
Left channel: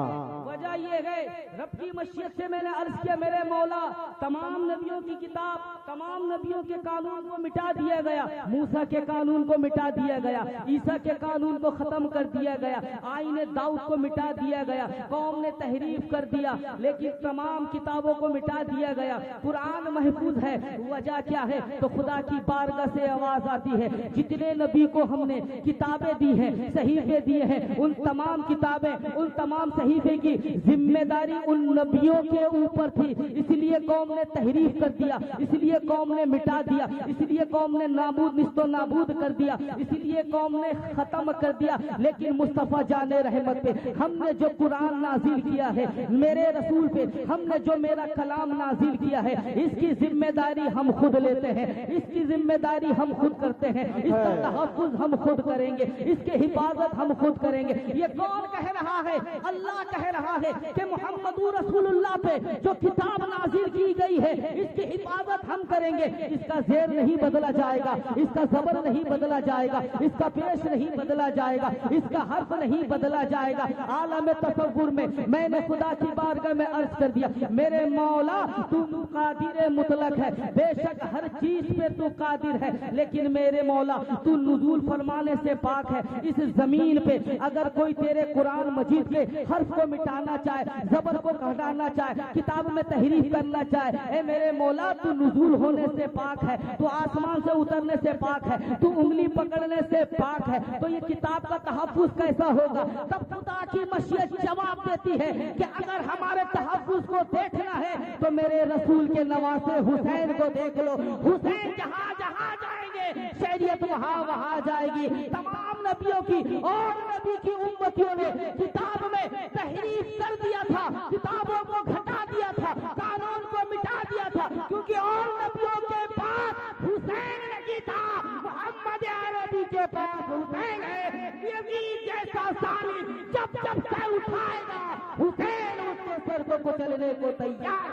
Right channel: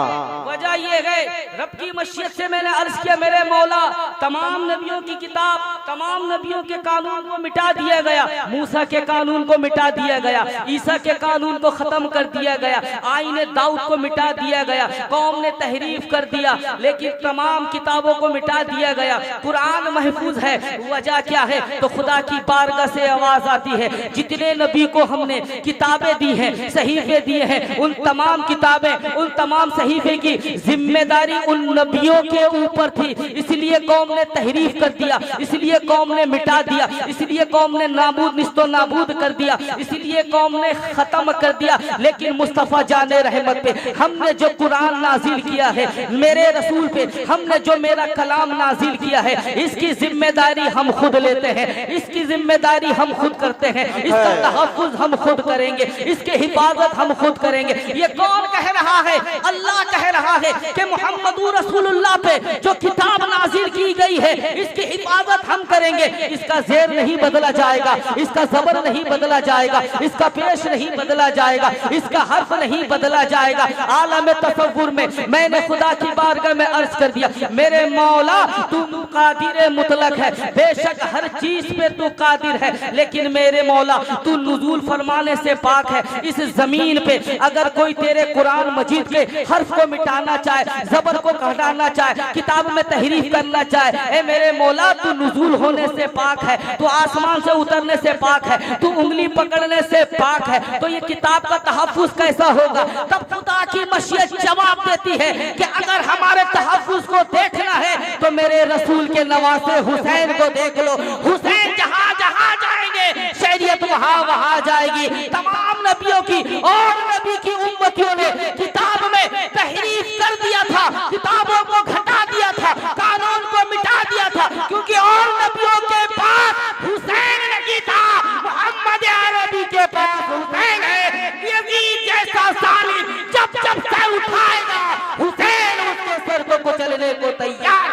वजह ये है, रब की मशीयत से मैंने अर्ज किया, मेरे मौला तमाम नबियों की किताब, तमाम नबियों के कानून को मिटा दिया गया। मूसा के कानून को मिटा दिया गया, ईसा के कानून को खत्म कर दिया गया, आईने दाऊद को मिटा दिया गया, कौम ने तहरीफ कर दिया, लेकिन तमाम किताबों को मिटा दिया गया। कुरान महफूज है। वजह क्या है? तो खुदा की बारगाह से आवाज आती है, जितने नबी को हमने किताबें दी हैं, सहीफे दिए हैं, उन तमाम किताबें, उन तमाम सहीफे की जिम्मेदारी उन नबियों के ऊपर थी। इसलिए कौम ने तहरीफ कर दिया, इसलिए कौम ने मिटा दिया, इसलिए कौम ने निस्तो नाबूद कर दिया, इसलिए कौम ने खत्म कर दिया। लेकिन मुस्तफा जाने रहमत पे हमने जो कुरान नाजिल किया है, मेरे रसूल पे हमने जो मेरा कलाम नाजिल किया है, इसकी जिम्मेदारी हम खुद लेते हैं, इसकी जिम्मेदारी हम खुद करते हैं, इसका तहफ्फुज हम खुद करेंगे, इसकी हिफाजत हम खुद करेंगे। ये कौन कह रहा है? अल्लाह कह रहा है कि मोहम्मदुर रसूलुल्लाह पे जो किताब नाजिल की गई है, इसकी हिफाजत हम करेंगे। इसका ज़ेर नहीं बदला जाएगा, इसका ज़बर नहीं बदला जाएगा, इसका पेश नहीं बदला जाएगा, इसका हर्फ नहीं बदला जाएगा। आलम तसव्वुर में मैंने खुदा की बारगाह में अर्ज कर दिया, मेरे मौला तू कादिर मुतलक है, बेशक हर चीज पे तू कादिर है, लेकिन मेरे मौला तू नुज़ूल फरमाने से पाक है। इस जमीन पे अगर कोई तेरे कुरान मजीद के हर्फ को मिटाना चाहे, जबर को घटाना चाहे, किताब में तहरीफ करना चाहे, ए मेरे मौला तू नुज़ूल होने से पाक है, तू आसमान से उतरने से पाक है, तू उंगली पकड़ने से पाक है। तो ये किताब का तहफ्फुज कैसा होगा? तब खुदा की मशीयत जवाब देती है कि अगर हमारे तहफ्फुज को देखना है तो मेरे रसूल के नवासे हुसैन को देख लो। हुसैन जहां जहां जाएंगे शरीयत वहां वहां जाएगी। तमाम नबियों की और नबी की उम्मतियों ने किताब में तहरीफ कर दिया था, किताबों को घटा दिया था, कानून को मिटा दिया था, क्योंकि और नबियों के पास हुसैन नहीं था, मोहम्मद अरबी के पास हुसैन है। यजीद जैसा सालिम जब जब सर उठाएगा, हुसैन उसके सर को कुचलने को तैयार।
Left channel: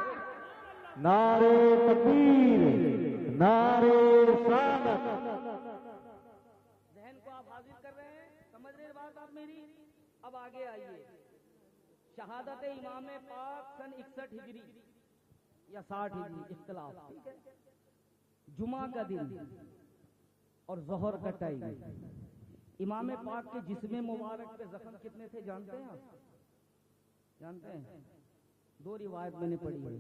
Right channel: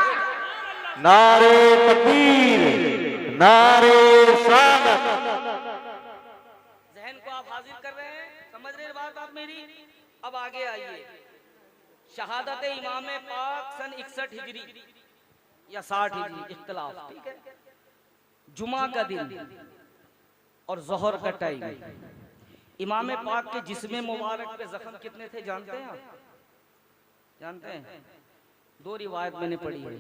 नारे तकबीर, नारे सलात। जहन को आप हाजिर कर रहे हैं, समझ रहे हैं बात आप मेरी? अब आगे आइए। शहादत इमाम पाक सन 61 हिजरी या 60 हिजरी, इख्तिलाफ, ठीक है। जुमा का दिन और जोहर का टाइम, इमाम पाक के जिस्म मुबारक पे जख्म कितने थे जानते हैं आप? जानते हैं? दो रिवायत मैंने पढ़ी है।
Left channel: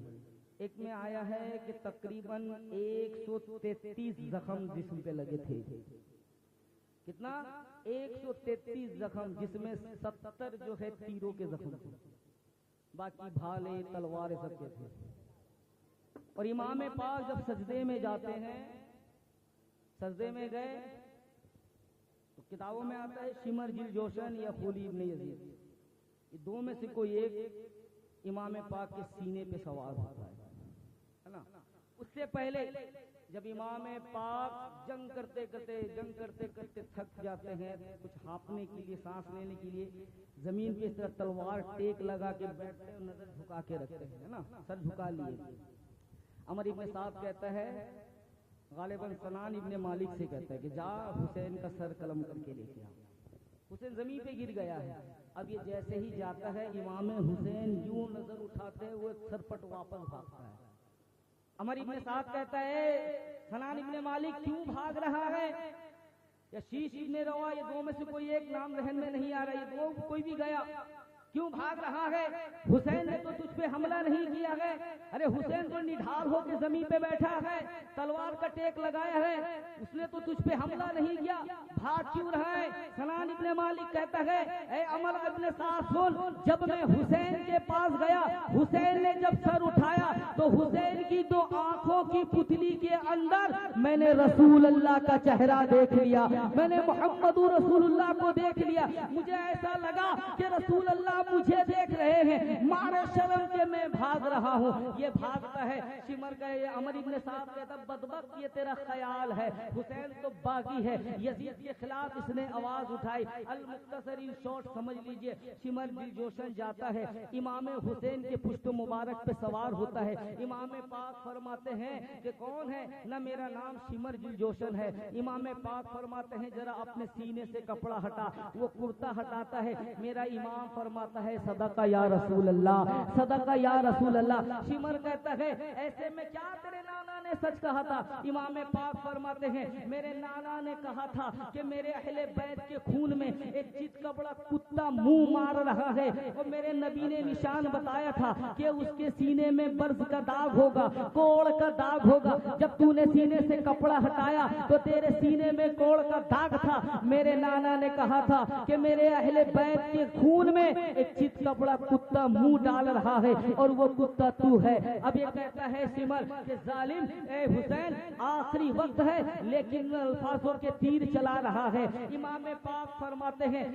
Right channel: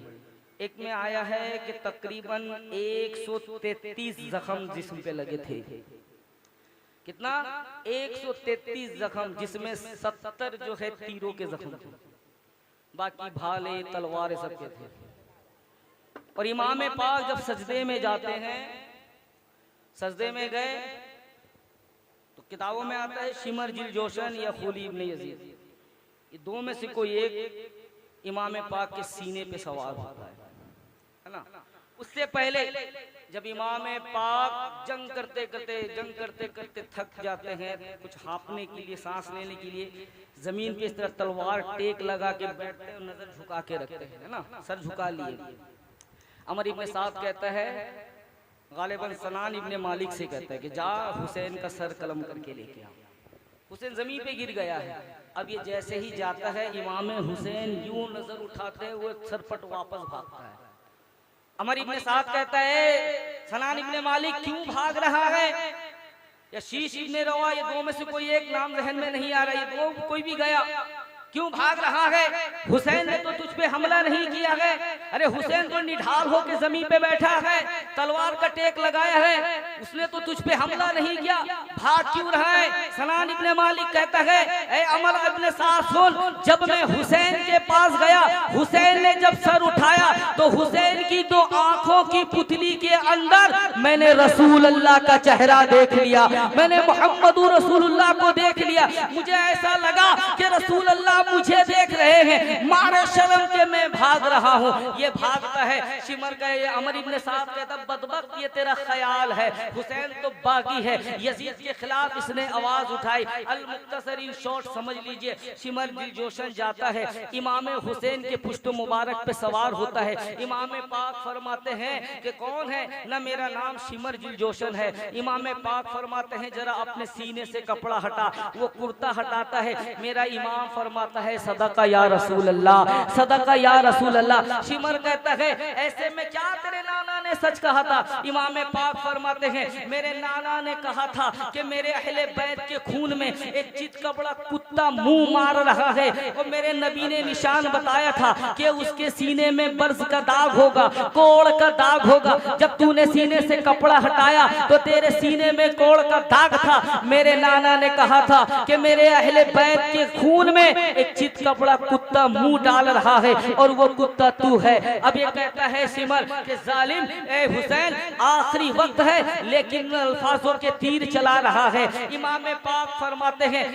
एक में आया है कि तकरीबन 133 जख्म जिस्म पे लगे थे। कितना? 133 जख्म, जिसमें 70 जो है तीरों के जख्म थे, बाकी भाले तलवारें सबके थे। और इमाम पाक जब सजदे में जाते हैं, सजदे में गए तो किताबों में आता है शिमर जिल जोशन या खुली इब्न यजीद, ये दो में से कोई एक इमाम पाक के सीने पे सवार होता है ना। उससे पहले जब इमाम पाक जंग करते करते थक जाते हैं, कुछ हाँफने के लिए, सांस लेने के लिए जमीन पे इस तरह तलवार टेक लगा के बैठते हैं, नजर झुका के रखते हैं, है ना, सर झुका लिए। अमर इब्न साद कहता है, गालिबन सनान इब्न मालिक से कहता है कि जा हुसैन का सर कलम करके लेके आ। हुसैन जमीन पे गिर गया है, अब ये जैसे ही जाता है इमाम हुसैन यूं नजर उठाते हैं, वो सरपट वापस भागता है। अमर इब्ने साद कहता है सनान इब्ने मालिक क्यों भाग रहा है, या शीश इब्ने रवा, ये दो में से कोई एक नाम जहन में नहीं आ रहा, ये दो कोई भी गया, क्यों भाग रहा है? हुसैन ने तो तुझ पे हमला नहीं किया है। अरे हुसैन तो निढाल होकर जमीन पे बैठा है, तलवार का टेक लगाया है, उसने तो तुझ पे हमला नहीं किया, भाग क्यों रहा है? सनान इब्ने मालिक कहता है ए अमर इब्ने साद सुन, जब मैं हुसैन के पास गया, हुसैन ने जब सर उठाया तो हुसैन की दो आंखों की पुतली के अंदर मैंने रसूल अल्लाह का चेहरा देख लिया, मैंने मोहम्मद रसूलुल्लाह को देख लिया। मुझे ऐसा लगा कि रसूल अल्लाह मुझे देख रहे हैं, मारे शर्म के मैं भाग रहा हूँ। ये भागता है शिमर का, ये अमर इब्ने साद कहता बदबख्त ये तेरा ख्याल है, हुसैन तो बागी है। यजीद के खिलाफ इसने आवाज उठाई। अल मुख्तसर इन शॉर्ट समझ लीजिए, शिमर दिलजोशन जाता है, इमाम हुसैन के पुष्ट मुबारक पे सवार होता है। इमाम पाक फरमाते हैं कि कौन है, ना मेरा नाम शिमर दिलजोशन है। इमाम पाक फरमाते हैं जरा अपने सीने से कपड़ा हटा, वो कुर्ता हटाता है, मेरा इमाम फरमाता है सदका या रसूल अल्लाह, सदका या रसूल अल्लाह। शिमर कहता है ऐसे में क्या तेरे नाना ने सच कहा था? इमाम पाक फरमाते हैं मेरे नाना ने कहा था कि मेरे अहले बैत के खून में एक चित का बड़ा कुत्ता मुंह मार रहा है, और मेरे नबी ने निशान बताया था कि उसके सीने में बर्ज का दाग होगा, कोड़ का दाग होगा। जब तूने सीने से कपड़ा हटाया तो तेरे सीने में कोड़ का दाग था। मेरे नाना ने कहा था कि मेरे अहले बैत के खून में एक चित का बड़ा कुत्ता मुंह डाल रहा है, और वो कुत्ता तू है। अब ये कहता है सिमर कि जालिम ए हुसैन, आखिरी वक्त है लेकिन अल्फाजों के तीर चला रहा है। इमाम पाक फरमाते हैं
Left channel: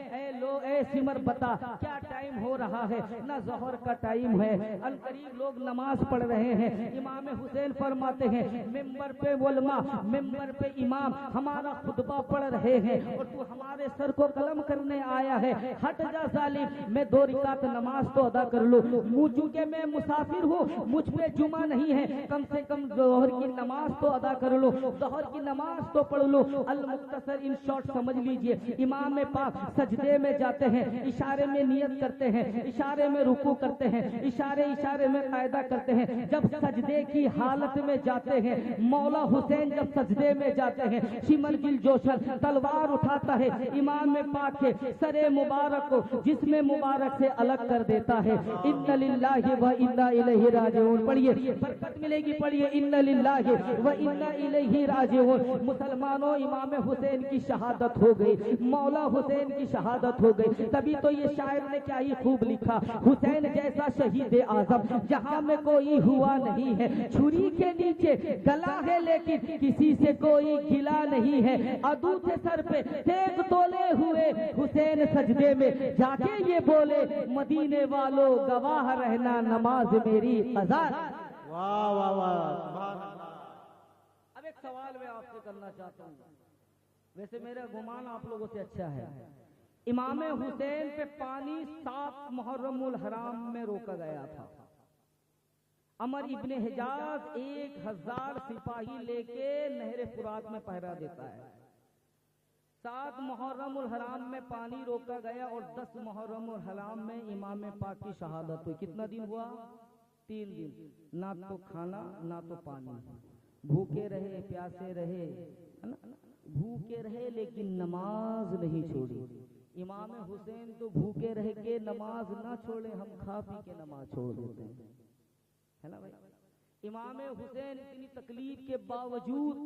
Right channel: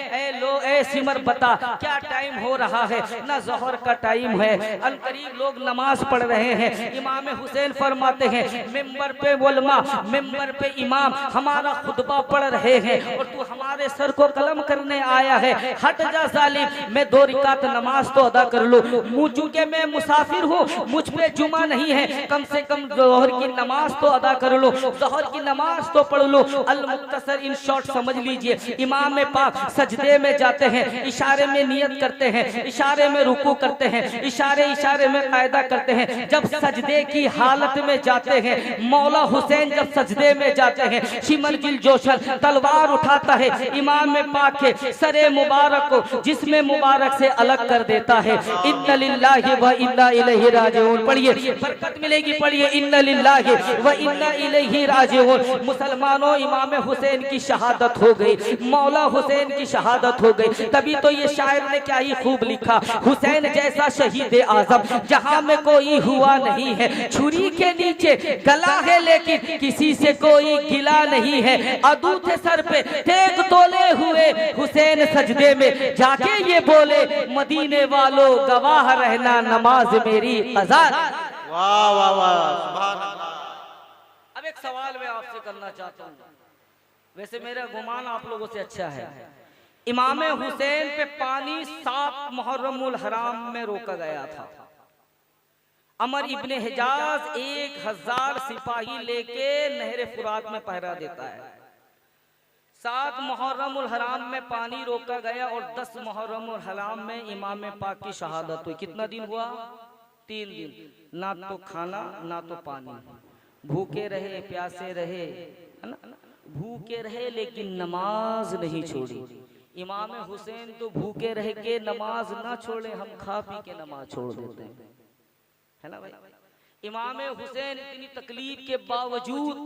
ए सिमर बता क्या टाइम हो रहा है? ना ज़ोहर का टाइम है, अनकरीब लोग नमाज पढ़ रहे हैं। इमाम हुसैन फरमाते हैं मिंबर पे उलमा, मिंबर पे इमाम हमारा खुतबा पढ़ रहे हैं, और तू हमारे सर को कलम करने आया है। हट जा जालिम, मैं 2 रिकात नमाज तो अदा कर लूं, चूंकि मैं मुसाफिर हूँ, मुझ पे जुमा नहीं है, कम से कम ज़ोहर की नमाज तो अदा कर लो, ज़ोहर की नमाज तो पढ़ लो। अल मुख्तसर इन शॉर्ट समझ लीजिए, इमाम पाक सजदे में जाते हैं, इशारे में नियत करते हैं, इशारे में रुकू करते हैं, इशारे में कायदा करते हैं। जब सजदे की हालत में जाते हैं, मौला हुसैन जब सजदे में जाते हैं, शिमर दिलजोशन तलवार उठाता है, इमाम पाक के सरे मुबारक को जिस्म मुबारक से अलग कर देता है। इन्ना लिल्लाहि व इन्ना इलैहि राजिऊन पढ़िए, बरकत मिलेगी, पढ़िए इन्ना लिल्लाहि व इन्ना इलैहि राजिऊन। मुसलमानों, इमाम हुसैन की शहादत हो गई, मौला हुसैन की शहादत हो गई। तभी तो ये शायर ने क्या ही खूब लिखा, हुसैन जैसा शहीद आजम जहां में कोई हुआ नहीं है, छुरी के नीचे गला है लेकिन किसी से कोई गिला नहीं है। अदू थे सर पे तेग तोले हुए, हुसैन सजदे में जाके ये बोले मदीने वालों गवाह रहना नमाज मेरी कज़ा। वाह वाह वाह, सुभान अल्लाह। अब एक सवाल मैं आपसे करना चाहता हूँ, वैसे मेरा गुमान आप लोगों से अच्छा है। इमाम हुसैन पे पानी 7 मुहर्रमुल हराम में रोका गया था। अमर इब्ने हिजाज 1000 सिपाही लेके नहर फुरात में पहरा देता है। 7 मुहर्रमुल हराम में पानी रोका गया और 10 मुहर्रमुल हराम में इमाम पाक की शहादत हुई। कितना दिन हुआ? 3 दिन, ना तो खाना ना तो पानी, भूखे रहे प्यासे रहे, है ना, भूखे रहे लेकिन नमाज नहीं छोड़ी। इमाम हुसैन तो भूखे रह के नमाज ना छोड़े, हम खा पी के नमाज छोड़ देते हैं, है ना भाई। इमाम हुसैन इतनी तकलीफ के बावजूद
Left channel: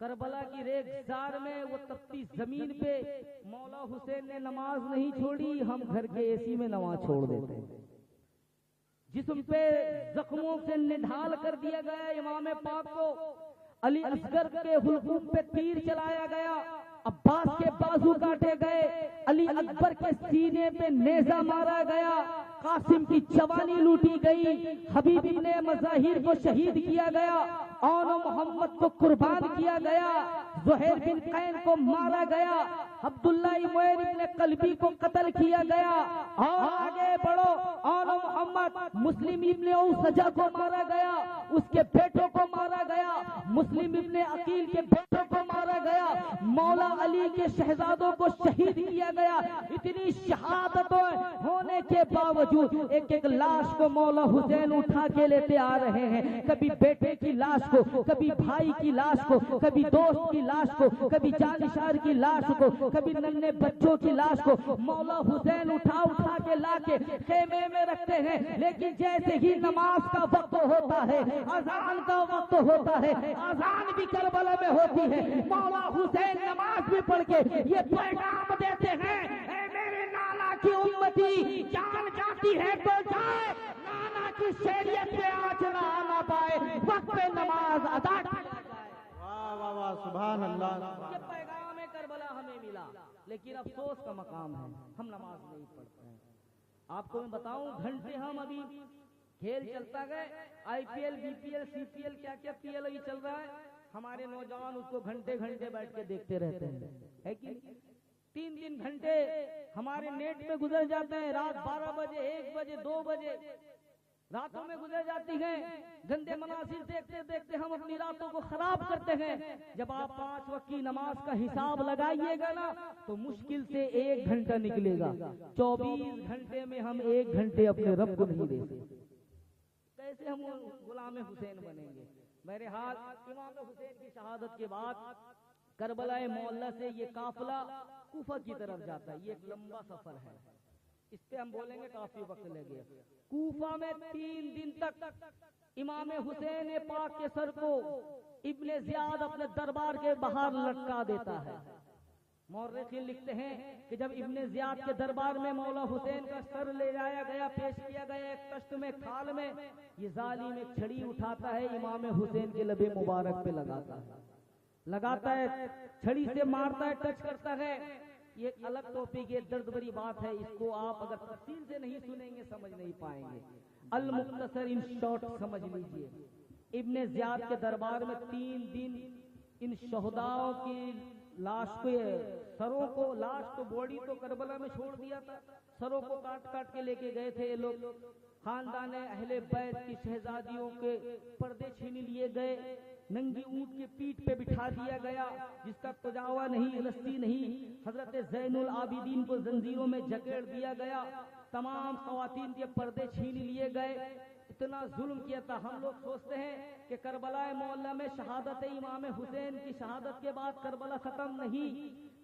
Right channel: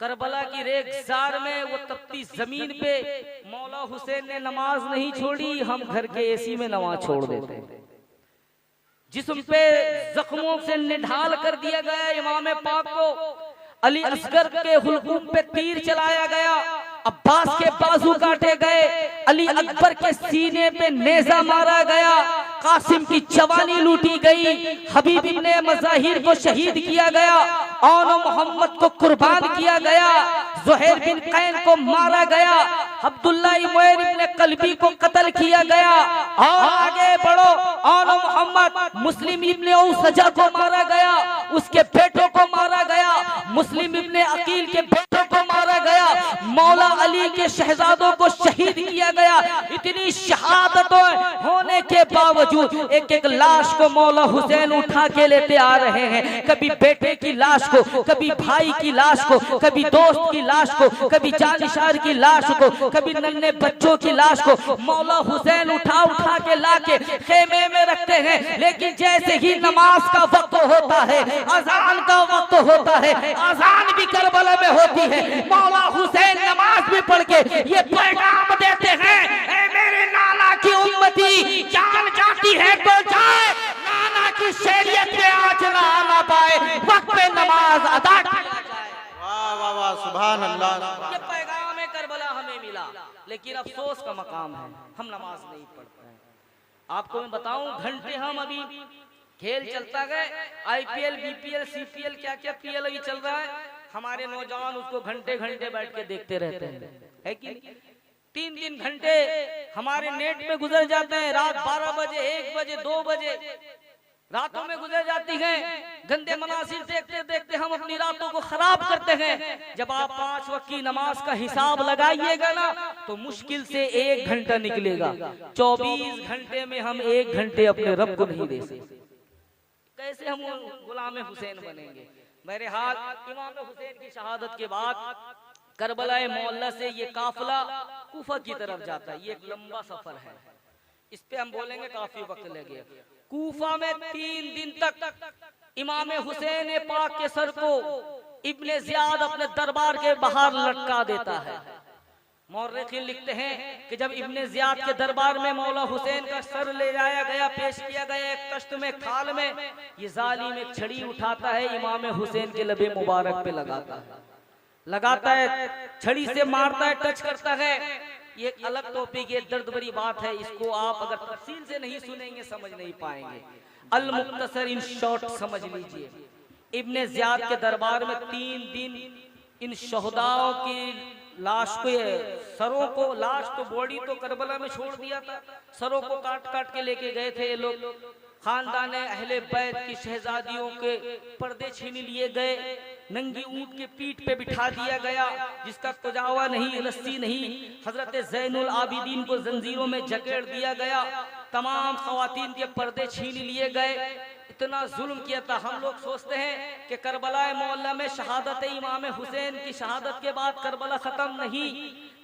करबला की रेगिस्तान में वो तपती जमीन पे मौला हुसैन ने नमाज नहीं छोड़ी, हम घर के एसी में नमाज छोड़ देते हैं। जिस्म पे जख्मों से निढाल कर दिया गया इमाम पाक को, अली असगर के हुलकूम पे तीर चलाया गया, अब्बास के बाजू काटे गए, अली अकबर के सीने पे नेजा मारा गया, कासिम की जवानी लूटी गई, हबीब इब्ने मज़ाहिर को शहीद किया गया, और मोहम्मद को कुर्बान किया गया, ज़ुहैर बिन कैन को मारा गया, अब्दुल्ला इब्ने कल्बी को कत्ल किया गया, और आगे बढ़ो, और मोहम्मद मुस्लिम इब्ने औसजा को मारा गया, उसके बेटों को मारा गया, मुस्लिम इब्ने अकील के बेटों को मारा गया, मौला अली के शहजादों को शहीद किया गया। इतनी शहादत शहादतों होने के बावजूद एक एक लाश को मौला हुसैन उठा के लेते आ रहे हैं। कभी बेटे की लाश को, कभी भाई की लाश को, कभी दोस्त की लाश को, कभी जानिशार की लाश को, कभी नन्हे बच्चों की लाश को मौला हुसैन उठा उठा के लाके खेमे में रखते हैं। लेकिन जैसे ही नमाज का वक्त होता है, अजान का वक्त होता है, अजान भी करबला में होती है, मौला हुसैन नमाज भी पढ़ के ये पैगाम देते हैं, ऐ मेरे नाना की उम्मती, जान जाती है तो जाए, नाना की शरीयत में आज ना आना पाए, वक्त पे नमाज अदा किया जाए। वाह वाह वाह, सुभान अल्लाह। ये पैगाम करबला हमें मिला, लेकिन अफसोस का मकाम है हम नमाज नहीं पढ़ते हैं। आपको मैं बताऊं, घंटे हम अभी खेल चलता गए, IPL, BPL, CPL, क्या क्या PL अभी चल रहा है, हमारे नौजवान उसको घंटे घंटे बैठ के देखते रहते हैं, है कि 3 घंटे हमारे नेट में गुजर जाते हैं। रात 12 बजे, 1 बजे, 2 बजे रातों में गुजर जाती हैं। गंदे मनासिर देखते देखते हम अपनी रातों को खराब करते हैं। जब आप 5 वक्त की नमाज का हिसाब लगाइएगा ना, तो मुश्किल से 1 घंटा निकलेगा। 24 घंटे में हम 1 घंटे अपने रब को नहीं दे सकते। कैसे हम गुलाम हुसैन बनेंगे? बहरहाल इमाम हुसैन की शहादत के बाद करबला मोहल्ला से ये काफिला कूफा की तरफ जाता है। ये एक लंबा सफर है, इस पे हम बोलेंगे, काफी वक्त लगेगा। कूफा में 3 दिन तक इमाम हुसैन पाक के सर को इब्ने ज़ियाद अपने दरबार के बाहर लटका देता है। मौर्रिखीन लिखते हैं कि जब इब्ने ज़ियाद के दरबार में मौला हुसैन का सर ले जाया गया, पेश किया गया एक तख्त में, खाल में, ये जालिम एक छड़ी उठाता है, इमाम हुसैन के लबे मुबारक पे लगाता है, छड़ी से मारता है, टच करता है। ये एक अलग टॉपिक, ये दर्द भरी बात है, इसको आप अगर तफसील से नहीं सुनेंगे समझ नहीं पाएंगे। अल मुख्तसर इन शॉर्ट समझ लीजिए। इब्ने ज़ियाद के दरबार में 3 दिन इन शहदाओं की लाश को, सरों को, लाश तो बॉडी तो करबला में छोड़ दिया था, सरों को काट काट के लेके गए थे ये लोग। खानदान अहले बैत की शहजादियों के पर्दे छीन लिए गए, नंगी ऊंट के पीठ पे बिठा दिया गया, जिसका तजावा नहीं, रस्सी नहीं। हजरत ज़ैनुल आबिदीन को जंजीरों में जकड़ दिया गया, तमाम ख़वातीन के पर्दे छीन लिए गए। इतना जुल्म किया था। हम लोग सोचते हैं कि करबला मोहल्ला में शहादत इमाम हुसैन की शहादत के बाद करबला खत्म नहीं,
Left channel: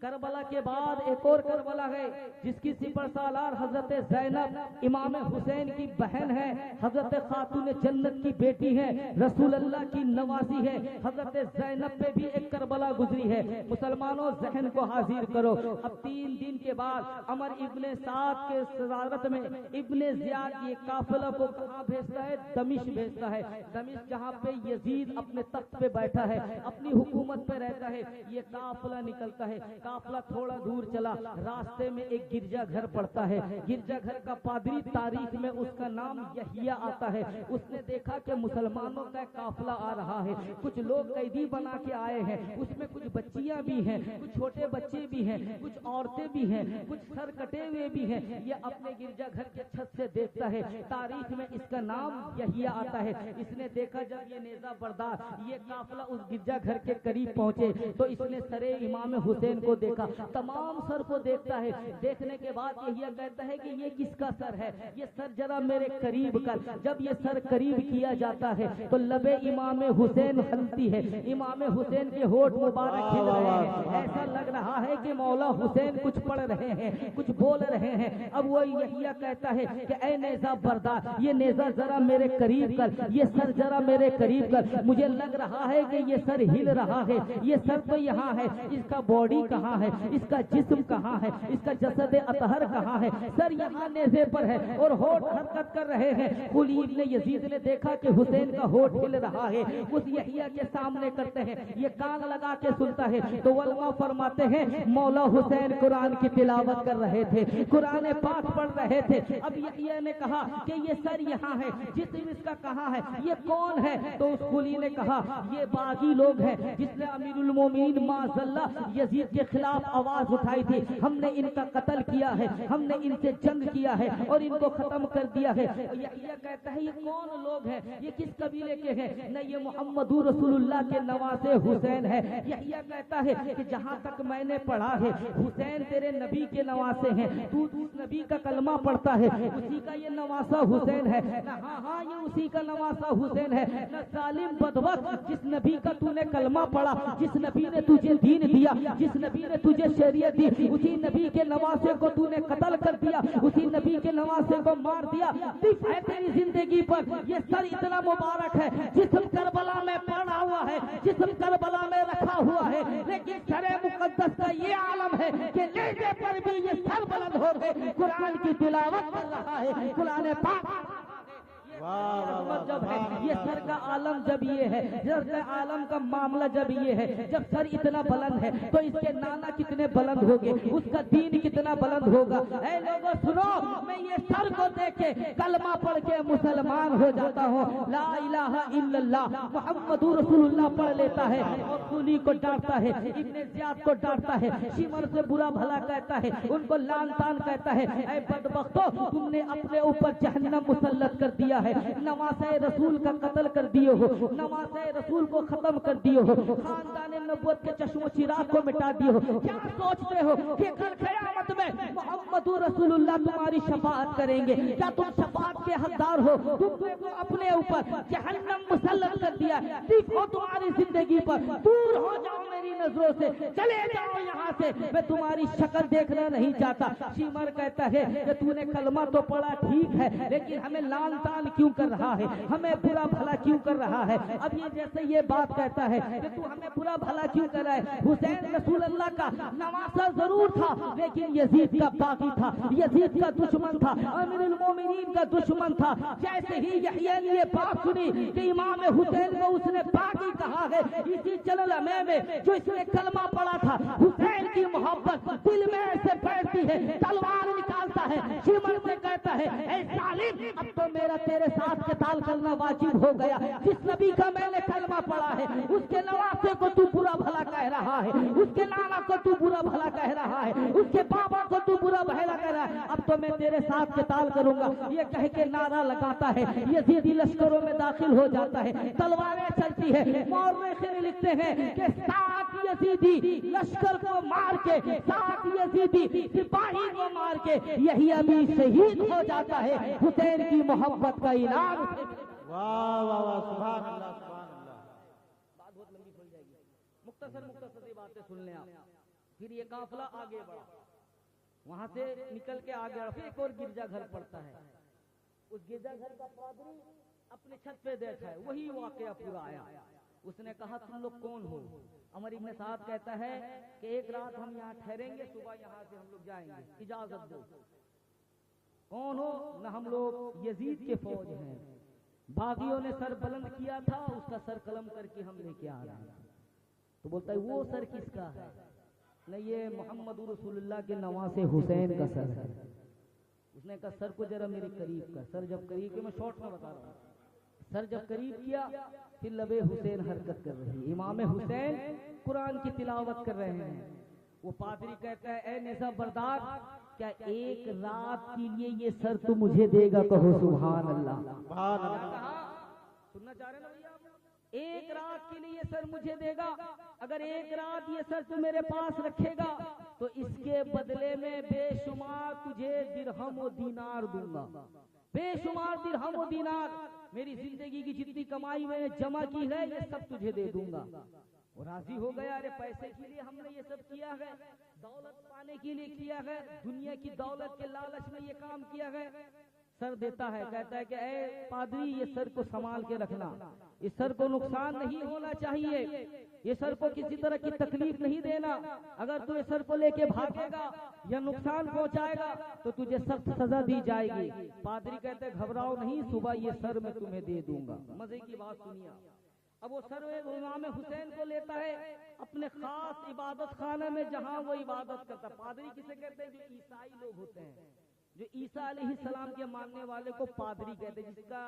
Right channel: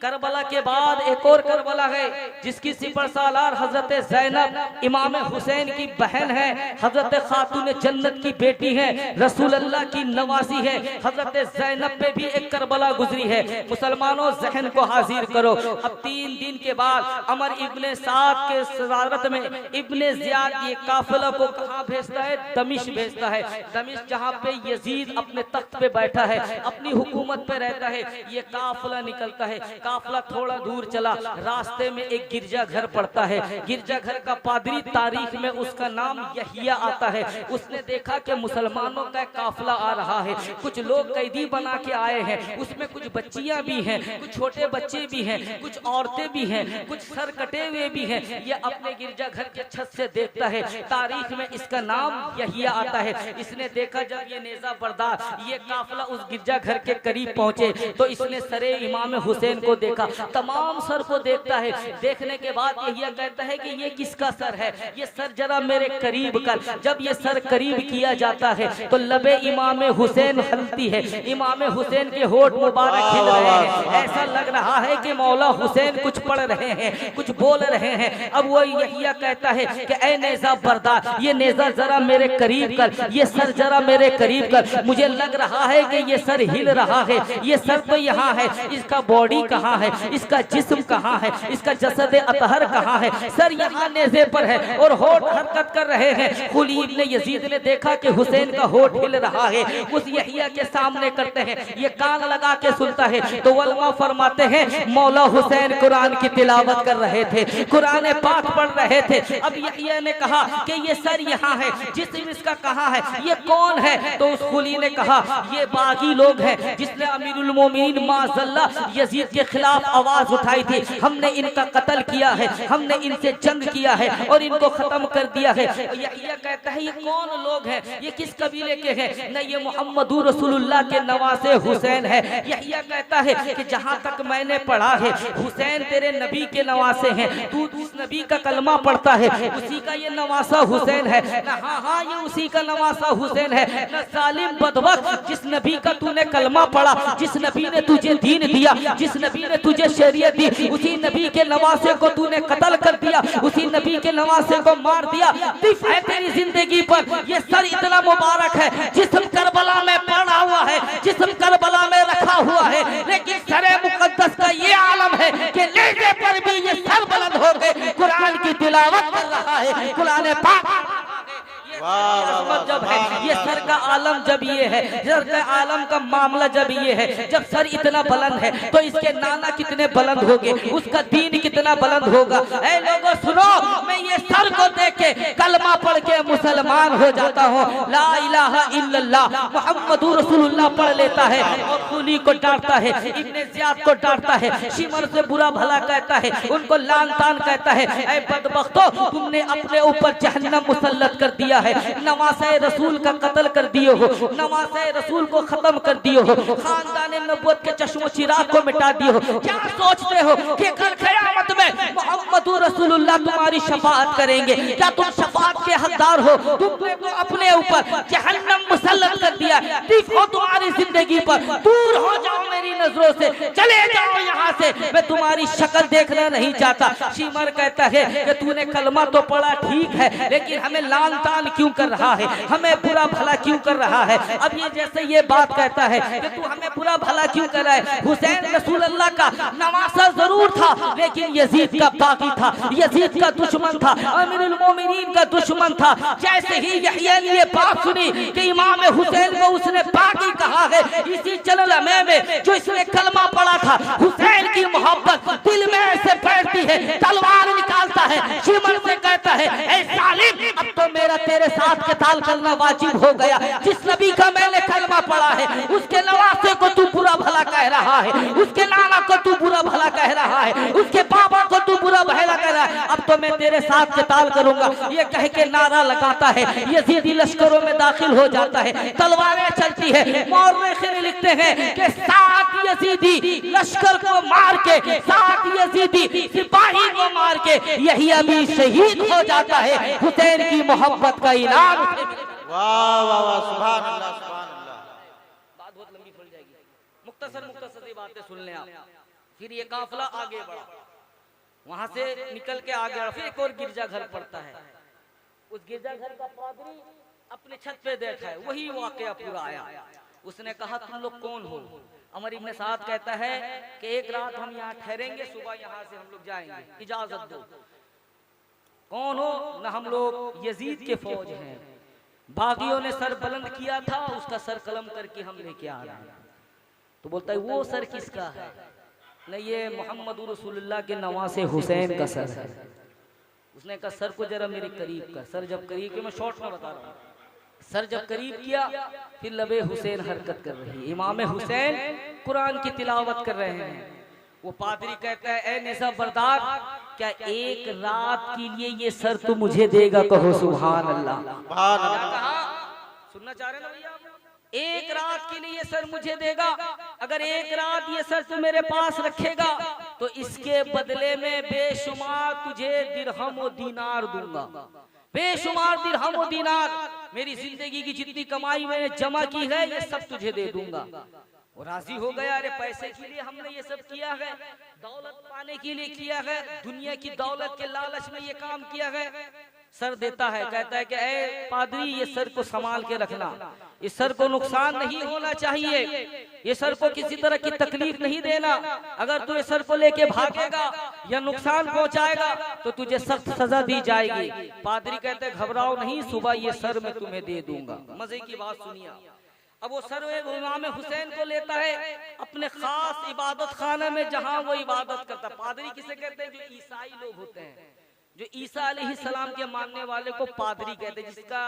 करबला के बाद एक और करबला है जिसकी सिपर सालार हजरत ज़ैनब इमाम हुसैन की बहन है, हजरत खातून जन्नत की बेटी है, रसूल अल्लाह की नवासी है। हजरत ज़ैनब पे भी एक करबला गुजरी है। मुसलमानों जहन को हाजिर करो। अब 3 दिन के बाद अमर इब्ने साद के सदारत में इब्ने ज़ियाद ये काफिला को कहाँ भेजता है? दमिश्क भेजता है। दमिश्क जहाँ पे यजीद अपने तख्त पे बैठा है, अपनी हुकूमत पे रहता है, ये काफिला निकलता है। काफिला थोड़ा दूर चला, रास्ते में एक गिरजा घर पड़ता है। गिरजा घर का पादरी, तारीख में उसका नाम यहिया आता है। उसने देखा कि मुसलमानों का काफिला आ रहा है, कुछ लोग कैदी बना के आए हैं, उसमें कुछ बच्चियां भी हैं, कुछ छोटे बच्चे भी हैं, कुछ औरतें भी हैं, कुछ सर कटे हुए भी हैं। ये अपने गिरजा घर के छत से देखता है, तारीख में इसका नाम यहिया आता है। इसने देखा जब ये नेज़ा बरदार ये काफिला उस गिरजा घर के करीब पहुंचे तो इसने सरे इमाम हुसैन को देखा, तमाम सर को देखता है। देखने के बाद यहिया कहता है कि ये किसका सर है? ये सर जरा मेरे करीब कर। जब ये सर करीब किया जाता है तो लबे इमाम हुसैन हलती है, इमाम हुसैन के होठ मुबारक खिल रहे हैं। ऐसा लग रहा है कि मौला हुसैन कुछ पढ़ रहे हैं, कुछ बोल रहे हैं। अब वो यहिया कहता है कि ऐ नेज़ा बरदार, ये नेज़ा जरा मेरे करीब कर, ये सर जरा मेरे करीब कर। मुझे लग रहा है कि ये सर हिल रहा है। ये सर तो यहाँ है, इसका बॉडी कहाँ है, इसका जिस्म कहाँ है, इसका जसद अतहर कहाँ है? सर यहाँ नेज़े पर है और होठ हरकत कर रहे हैं। कुली इब्ने यजीद ने देखा कि हुसैन का होठ हिल रहा है, उस यहिया के सामने करते हैं। ये कान लगा के सुनता है तो उलमा फरमाते हैं मौला हुसैन कुरान की तिलावत कर रहे थे, कुरान पाक पढ़ रहे थे। अब यहिया ने कहा कि ये सर यहाँ है, जिस्म इसका कहाँ है, ये कौन है? तो उस कुली ने कहा ये बागी लोग हैं जिसने अमीरुल मोमिनीन माज़ल्ला यजीद के खिलाफ आवाज उठाई थी, हमने इनका कत्ल किया है, हमने इनसे जंग किया है और इनको खत्म कर दिया है। यहिया कहता है ये कौन लोग हैं, ये किस कबीले के हैं? न ये मोहम्मदुर रसूलुल्लाह के नवासे हुसैन है। यहिया कहता है कि जहां तक मैंने पढ़ा है हुसैन तेरे नबी के नवासे हैं, तू उस नबी का कलमा पढ़ता है, उसी का ये नवासा हुसैन है। हाँ ये उसी का नवासा हुसैन है। न सालिम बदबख्त जिस नबी का तूने कलमा पढ़ा, जिस नबी ने तुझे दीन दिया, जिस नबी ने तुझे शरीयत दी, उसी नबी के नवासे को तूने कत्ल कर दिया, उसी नबी के नवासे को मार दिया। तिफ है तेरी जिंदगी पर, ये सर इतना मुबारक है, जिस्म करबला में पड़ा हुआ है, जिस्म करबला में रखा हुआ है, लेकिन सरे मुकद्दस का ये आलम है कि लेटे पर भी ये सर बुलंद हो गए, कुरान की तिलावत कर रहा है, कुरान पाक जब है, ये सर का आलम जब ये है, सर का आलम का मामला जब ये है, जब सर इतना बुलंद है तो इसके नाना कितने बुलंद होंगे, उसका दीन कितना बुलंद होगा। ऐ लोगों सुनो, मैं ये सर को देख के कलमा पढ़ के मुसलमान हो जाता हूँ, ला इलाहा इल्लल्लाह मुहम्मदुर रसूलुल्लाह पढ़ लेता है और खूनी को डांटता है, इब्ने ज़ियाद को डांटता है, शिमर से बुरा भला कहता है, उनको लान तान कहता है। ऐ बदबख्तो, तुमने अपने ऊपर जहन्नम मुसल्लत कर दिया है, नवासे रसूल का कत्ल कर दिए हो, नवासे रसूल को खत्म कर दिए हो, खानदान नबूवत के चश्मो चिराग को मिटा दिए हो। क्या सोचते हो कि कल क़यामत में मोहम्मदुर रसूलुल्लाह तुम्हारी शफाअत करेंगे? क्या तुम शफाअत के हकदार हो? तुमने तो अपने ऊपर जहन्नम मुसल्लत कर दिया। देखो तुम्हारी जिंदगी पर, दूर हो जाओ मेरी नजरों से, चले जाओ यहाँ से, मैं तुम्हारी शक्ल देखना नहीं चाहता। शिमर कहता है कि तूने कलमा तो पढ़ा ठीक है, लेकिन हमें लान तान क्यों कर रहा है, हमें बुरा भला क्यों कर रहा है? अब ये जैसे ये बात कहता है कि तू हमें बुरा भला क्यों कर रहा है? हुसैन रसूलुल्लाह का नवासा जरूर था, लेकिन यजीद का बागी था, यजीद का दुश्मन था, अमीरुल मोमिनीन का दुश्मन था। जैसे ही यहिया ने ये बात सुनी कि इमाम हुसैन को उसने बागी कहा है, इसी चलल में जो इसने कलमा पढ़ा था, हुसैन की मोहब्बत दिल में ऐसे बैठती है, तलवार निकालता है, शिमर से कहता है, ऐ सालिम अब तो मेरा तेरे साथ क़िताल करना वाजिब हो गया। जिस नबी का मैंने कलमा पढ़ा है, उसके नवासे को तू बुरा भला कह रहा है, उसके नाना को तू बुरा भला कह रहा है, उसके बाबा को तू बुरा भला कह रहा है, अब तो मैं तेरे साथ क़िताल करूंगा। ये कह के नारा लगाता है, यजीदी लश्करों में दाखिल हो जाता है, तलवारें चलती है। मौर्रिख़ीन लिखते हैं कि 7 यजीदी लश्कर को मार के, 7 यजीदी सिपाही को मार के यहिया भी शहीद हो जाता है, हुसैन की मोहब्बत का इनाम। वाह वाह वाह, सुभान अल्लाह सुभान अल्लाह। बात बहुत लंबी फैल जाएगी, मुख्तसर बातें सुन लें आप। फिर ये काफिला आगे बढ़ा, वहां से निकल के आगे बढ़ा, फिर एक और गिरजाघर पड़ता है। उस गिरजाघर का पादरी अपने छत पे देखा है, वही वाकया पूरा आया। उसने कहा तुम लोग कौन हो? अमर इब्न साद कहता है कि एक रात हम यहाँ ठहरेंगे, सुबह यहाँ से हम लोग जाएंगे, इजाजत दो। कौन हो? न हम लोग यजीद के फौज हैं, बागियों ने सर बुलंद किया था, उसका सर कलम करके हम लेके आ रहे हैं। तो बोलता है वो सर किसका है? न ये मोहम्मद रसूलुल्लाह के नवासे हुसैन का सर है। उसने कहा सर को जरा मेरे करीब कर। सर जब करीब, मैं शॉर्ट में बता रहा हूँ, सर जब करीब किया, फिर लबे हुसैन हरकत कर रही है, इमाम हुसैन कुरान की तिलावत कर रहे हैं। वो पादरी कहता है ए नेज़ा बरदार, क्या एक रात के लिए ये सर तू मुझे देगा? कहो सुभान अल्लाह। सुनना चाह रहे ना भैया? एक रात के लिए ये सर मुझे देगा, अगर एक रात ये सर तू मेरे पास रखेगा तो इसके बदले में बेशुमार तुझे दिरहम और दीनार दूंगा, बेशुमार दिरहम और दीनार, मेरी जिंदगी की जितनी कमाई मैंने जमा की है ये सब तुझे दे दूंगा। वो राजी हो गया, अरे पैसे के लिए हमने ये सब किया है, दौलत पाने के लिए किया है, दुनिया की दौलत के लालच में ये काम किया है। सर देता है, कहता है कि ए पादरी ये सर को संभाल के रखना, इस सर को नुकसान नहीं होना चाहिए, ये सर को किसी तरह की तकलीफ नहीं देना, अगर तू ये सर को लेके भागेगा या नुकसान पहुंचाएगा तो तुझे सख्त सजा दी जाएगी। पादरी कहते हैं घबराओ नहीं, सुबह ये सर मैं तुम्हें दे दूंगा। मजे की बात सुनिए, अब वो सर इमाम हुसैन को लेता है अपने खास इबादत खाना में, जहां वो इबादत करता। पादरी किसे कहते हैं? जो ईसाई लोग होते हैं, जो ईसा अलैहिस्सलाम के मानने वाले को पादरी कहते हैं, जिसका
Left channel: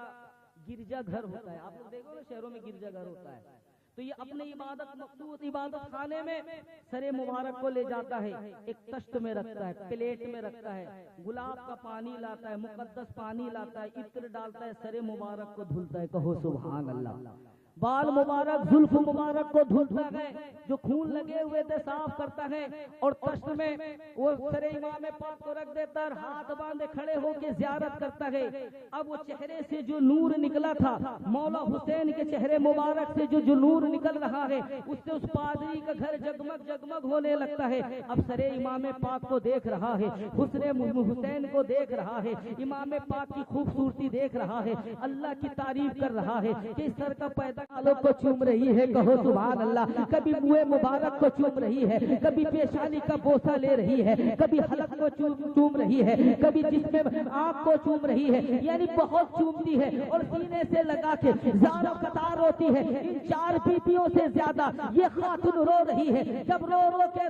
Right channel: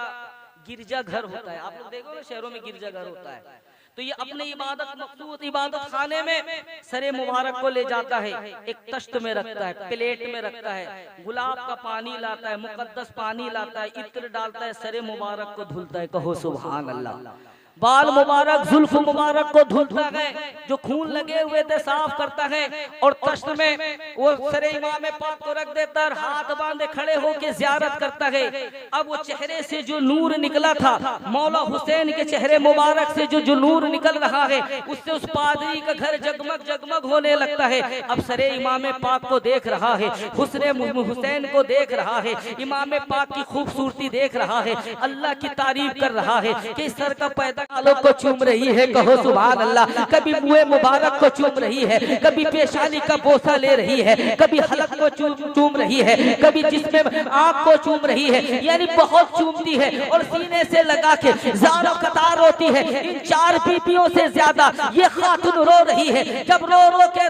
गिरजा घर होता है। आप लोग देखो ना शहरों में गिरजा घर होता है, तो ये अपने इबादत मखसूस इबादत खाने में सरे मुबारक को ले जाता है, एक तश्त में रखता है, प्लेट में रखता है, गुलाब का पानी लाता है, मुकद्दस पानी लाता है, इत्र डालता है, सरे मुबारक को धुलता है। कहो सुभान अल्लाह। बाल मुबारक जुल्फ मुबारक को धुलता है, जो खून लगे हुए थे साफ करता है, और तश्त में वो सरे इमाम पाक को रख देता है और हाथ बांधे खड़े होकर ज़ियारत करता है। अब वो चेहरे से जो नूर निकला था, मौला हुसैन के चेहरे मुबारक से जो नूर निकल रहा है, उससे उस पादरी का घर जगमग जगमग होने लगता है। अब सरे इमाम पाक को देख रहा है, हुसैन को देख रहा है, इमाम पाक की खूबसूरती देख रहा है, अल्लाह की तारीफ कर रहा है कि सर का पैदा आलोक को चूम रही है। कहो सुभान अल्लाह। कभी मुँह मुबारक को चूम रही है, कभी पेशानी का बोसा ले रही है, कभी हलक को चूम रही है, कभी जिसमें आँख को चूम रही है, यानी बहुत चूमती है और सीने से लगा के ज़ारो कतार होती है। इन 4 बीबियों से ज्यादा ये खातून रो रही है। जब रो रो के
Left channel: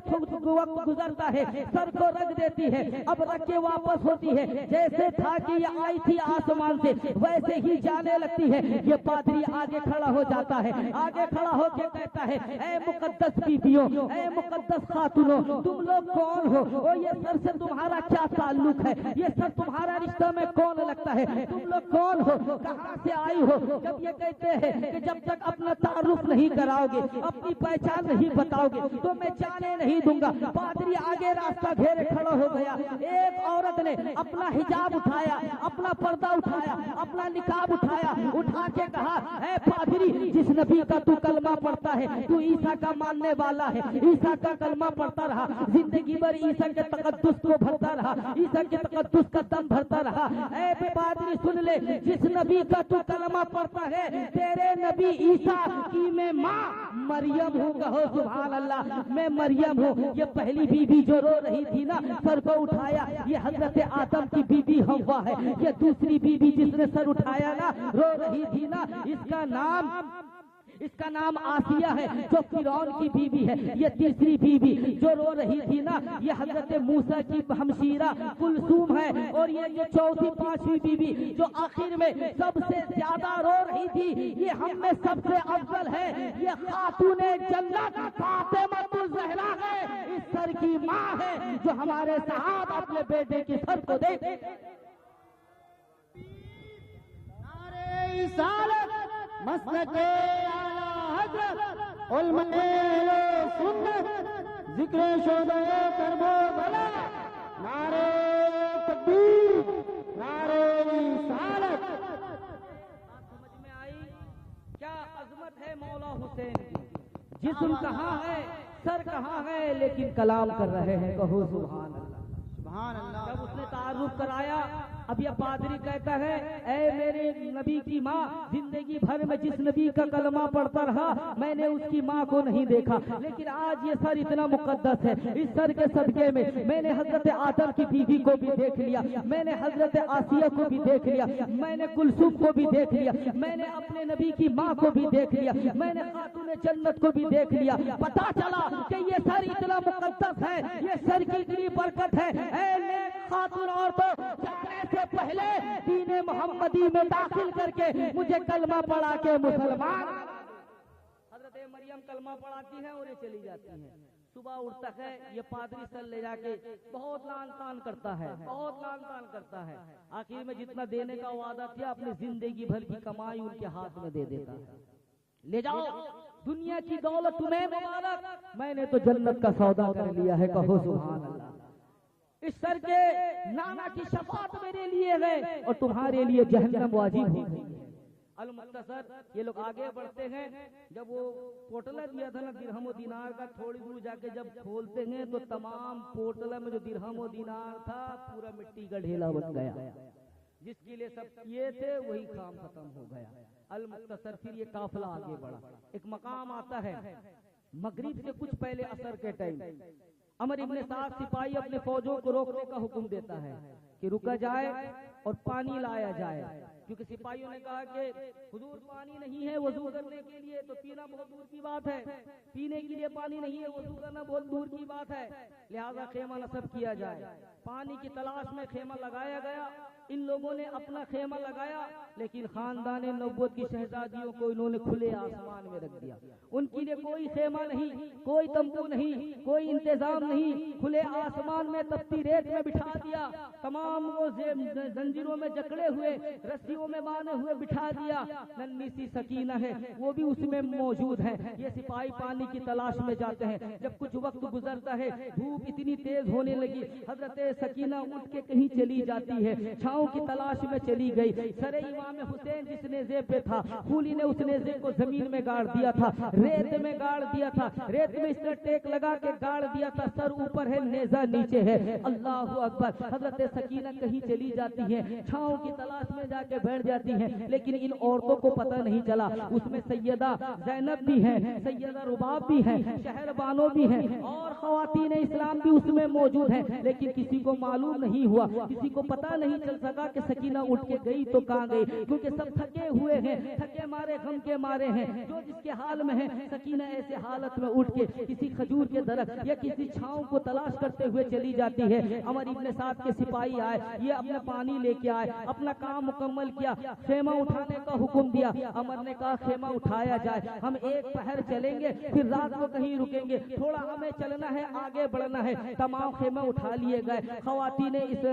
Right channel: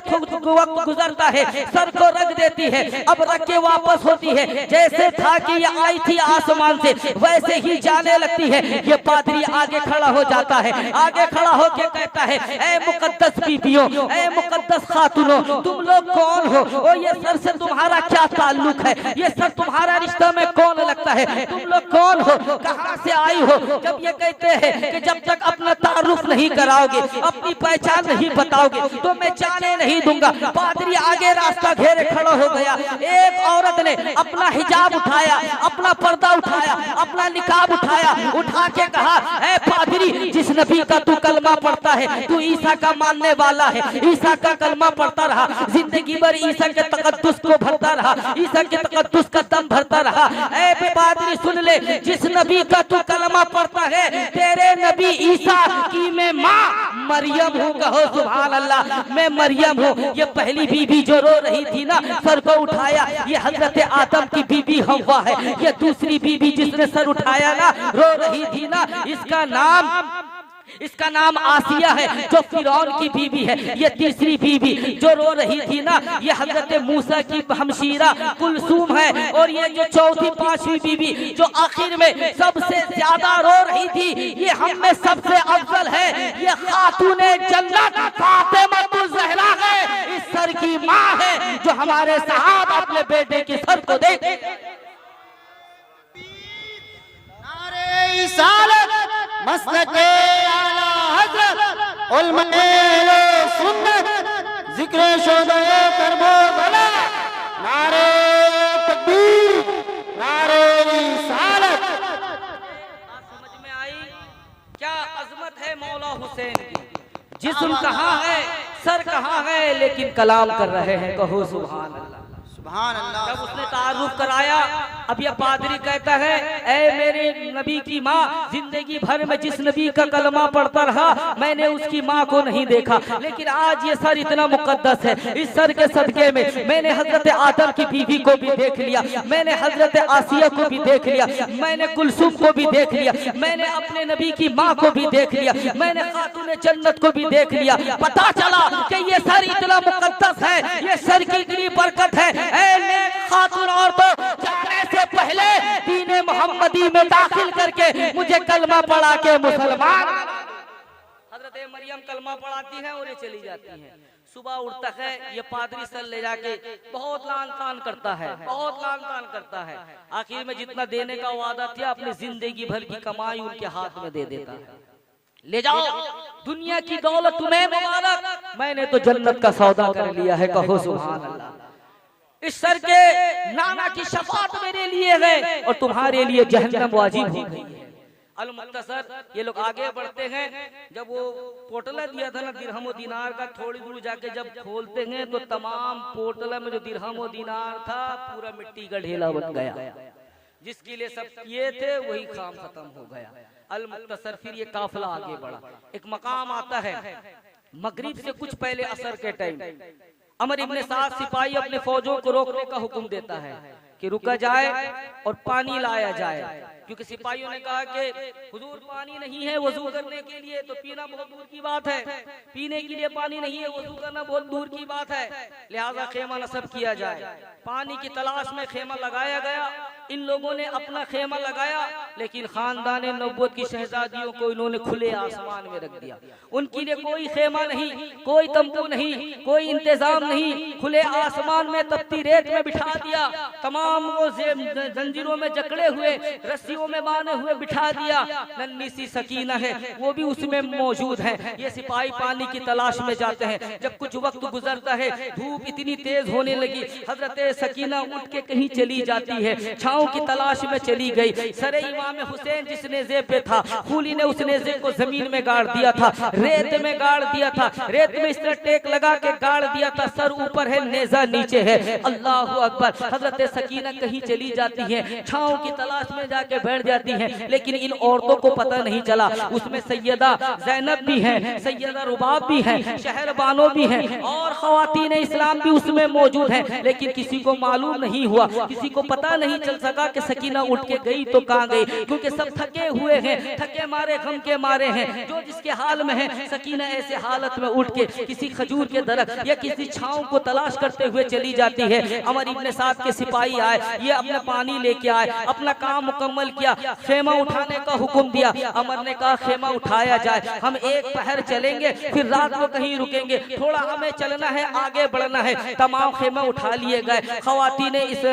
वक्त गुजरता है, सर को रख देती है, अब रख के वापस होती है। जैसे था कि ये आई थी आसमान से, वैसे ही जाने लगती है। ये पादरी आगे खड़ा हो जाता है, आगे खड़ा होके कहता है, ऐ मुकद्दस बीबियों, ऐ मुकद्दस खातूनों, तुम लोग कौन हो और ये सर से तुम्हारा क्या ताल्लुक है? ये सर तुम्हारा रिश्ता में कौन लगता है? तुम लोग कौन हो, कहां से आई हो? जब ये कहते हैं कि जब तक अपना तारुफ नहीं कराओगे, अपनी पहचान नहीं बताओगे, तो मैं जाने नहीं दूंगा। पादरी आगे रास्ता घेरे खड़ा हो गया। एक औरत ने अपना हिजाब उठाया, अपना पर्दा उठाया, अपना निकाब उठाया, उठा के कहा, ऐ पादरी, जिस नबी का तू कलमा पढ़ता है, तू ईसा का मानने वाला है, ईसा का कलमा पढ़ता रहा, जिंदगी भर ईसा के तकद्दुस को भरता रहा, ईसा के तकद्दुस का दम भरता रहा। ऐ पादरी सुन ले, जिस नबी का तू कलमा पढ़ता है, तेरे नबी ईसा की मैं माँ मरियम हूँ। कहो सुभान अल्लाह। मैं मरियम हूँ। ये पहली बीबी जो रो रही थी ना, सर को उठाया, ये हजरत आदम की बीबी हव्वा है। ये दूसरी बीबी जिसने सर उठाया ना, रो रही थी ना, इसका नाम आसिया है, जो फिरौन की बीबी है। ये तीसरी बीबी जो रो रही थी ना, ये हजरत मूसा की हमशीरा कुलसूम है। और ये जो चौथी 5वीं बीबी जो आखिर में सबसे ज्यादा रो रही थी, ये हम में सबसे अफजल है। ये खातूने जन्नत फातिमा ज़हरा है, इस सर की माँ है, जो हमारे साहब अपने बेटे के सर को देख मसलके आला हज़रत उलमे सुन्नत जिक्र शोदे करबो भला नारे तकबीर नारे रिसालत। समझ में आई क्या अजमत है मौला हुसैन की? जिस्म कहाँ है, सर कहाँ है, लेकिन कलाम कर रहे हैं। कहो सुभान अल्लाह। सुभान अल्लाह। जब उसने तारुफ कराया, अब यह पादरी कहता है, ऐ मेरे नबी की माँ, जिंदगी भर में जिस नबी का कलमा पढ़ता रहा, मैंने उसकी माँ को नहीं देखा, लेकिन आज ये सर इतना मुकद्दस है। इस सर के सदके में मैंने हजरत आदम की बीवी को भी देख लिया, मैंने हजरत आसिया को भी देख लिया, मैंने कुलसुम को भी देख लिया, मैंने अपने नबी की माँ को भी देख लिया, मैंने खातून जन्नत को भी देख लिया। पता चला कि ये सर इतना मुकद्दस है, ये सर की इतनी बरकत है। खातून और तो जाने से पहले दीन मोहम्मदी में दाखिल करके मुझे कलमा पढ़ा के मुसलमान। हजरत मरियम कलमा पढ़ाती हैं और ये चली जाती हैं। सुबह उठता है, ये पादरी सर ले जाके बहुत लान तान करता है, बहुत लान तान करता है। आखिर में जितना देने का वादा था, अपनी जिंदगी भर की कमाई उनके हाथ में दे देता है। ले जाओ, दुनिया की दौलत तुम्हें मुबारक, मैंने तो जन्नत का सौदा कर लिया है। कहो सुभान अल्लाह। इस सर के नाना की शफात मेरे लिए है और तुम्हारे लिए जहन्नम वाजिब हो गई है। अल मुख्तसर ये लोग आगे बढ़ते हैं। जब वो पोटला दिया था ना दिरहम दिनार का, थोड़ी दूर जाके जब खोलते हैं तो तमाम पोटला में जो दिरहम दिनार था पूरा मिट्टी का ढेला बन गया। जिसके लिए सब किए थे वही काम खत्म हो गया। अल मुख्तसर फिर ये काफिला आगे बढ़ा। एक मकाम आता है मगरिब से कुछ पहले असर के टाइम, अमर इब्ने साद सिपाही अपने फौजों को रोकने का हुक्म देता है कि रुका जाए और पानी लाया जाए, क्योंकि सिपाहियों ने कहा कि हुजूर पानी नहीं है वजू करने के लिए, तो पीना बहुत दूर की बात है, पीने के लिए पानी नहीं है, वजू करना बहुत दूर की बात है, लिहाजा खेमा नस्ब किया जाए। पानी की तलाश में खेमा लगाया गया इन लोगों ने अपना खेमा लगाया, लेकिन खानदान नबूवत की शहजादियों को इन्होंने खुले आसमान में रख दिया। उनके लिए कोई खेमा नहीं, कोई तंबू नहीं, कोई इंतजाम नहीं, खुले आसमान में तपती रेत में बिठा दिया। तमाम को जंजीरों में जकड़े हुए, रस्सियों में बांधे हुए बिठा दिया। नन्ही सी सकीना है, वो भी उसमें मौजूद है। ये सिपाही पानी की तलाश में जाते हैं। जब कुछ वक्त गुजरता है, धूप इतनी तेज होने लगी, हजरत सकीना उठ के कहीं चली जाती है, छांव की तलाश में चली गई। सरे इमाम हुसैन जिस नेज़े पे था, खूली ने उस नेज़े को जमीन में गाड़ दिया था, रेत में गाड़ दिया था, रेत में इस तरह टेक लगा के गाड़ दिया था। सर ऊपर है, नेज़ा नीचे है। अल्लाह अकबर। हजरत सकीना कहीं चली जाती है, छांव की तलाश में जाके बैठ जाती है, लेकिन इन औरतों को पता नहीं चला। उसमें सैयदा ज़ैनब भी है, सैयदा रुबाब भी है, शहरबानो भी है, और खवातीन इस्लाम भी उसमें मौजूद है। लेकिन किसी को मालूम नहीं हुआ, किसी को पता नहीं चल सका कि सकीना उठ के गई तो कहाँ गई, क्योंकि सब थके हुए हैं, थके मारे गम के मारे हैं। जो जिसके हाल में है, सकीना ऐसे हालत में उठ के किसी खजूर के दरख्त या किसी छांव को तलाश करते हुए चली जाती है। अमर इब्ने साद के सिपाही आए, ये अपना पानी लेके आए, अपना काम मुकम्मल किया, खेमा उठाने का हुक्म दिया। अमर ने कहा खेमा उठाया जाए, हम एक पहर चलेंगे, फिर रात को कहीं रुकेंगे, थोड़ा हमें चलना है, आगे बढ़ना है। तमाम खेमा उठा लिए गए। खवातीन इस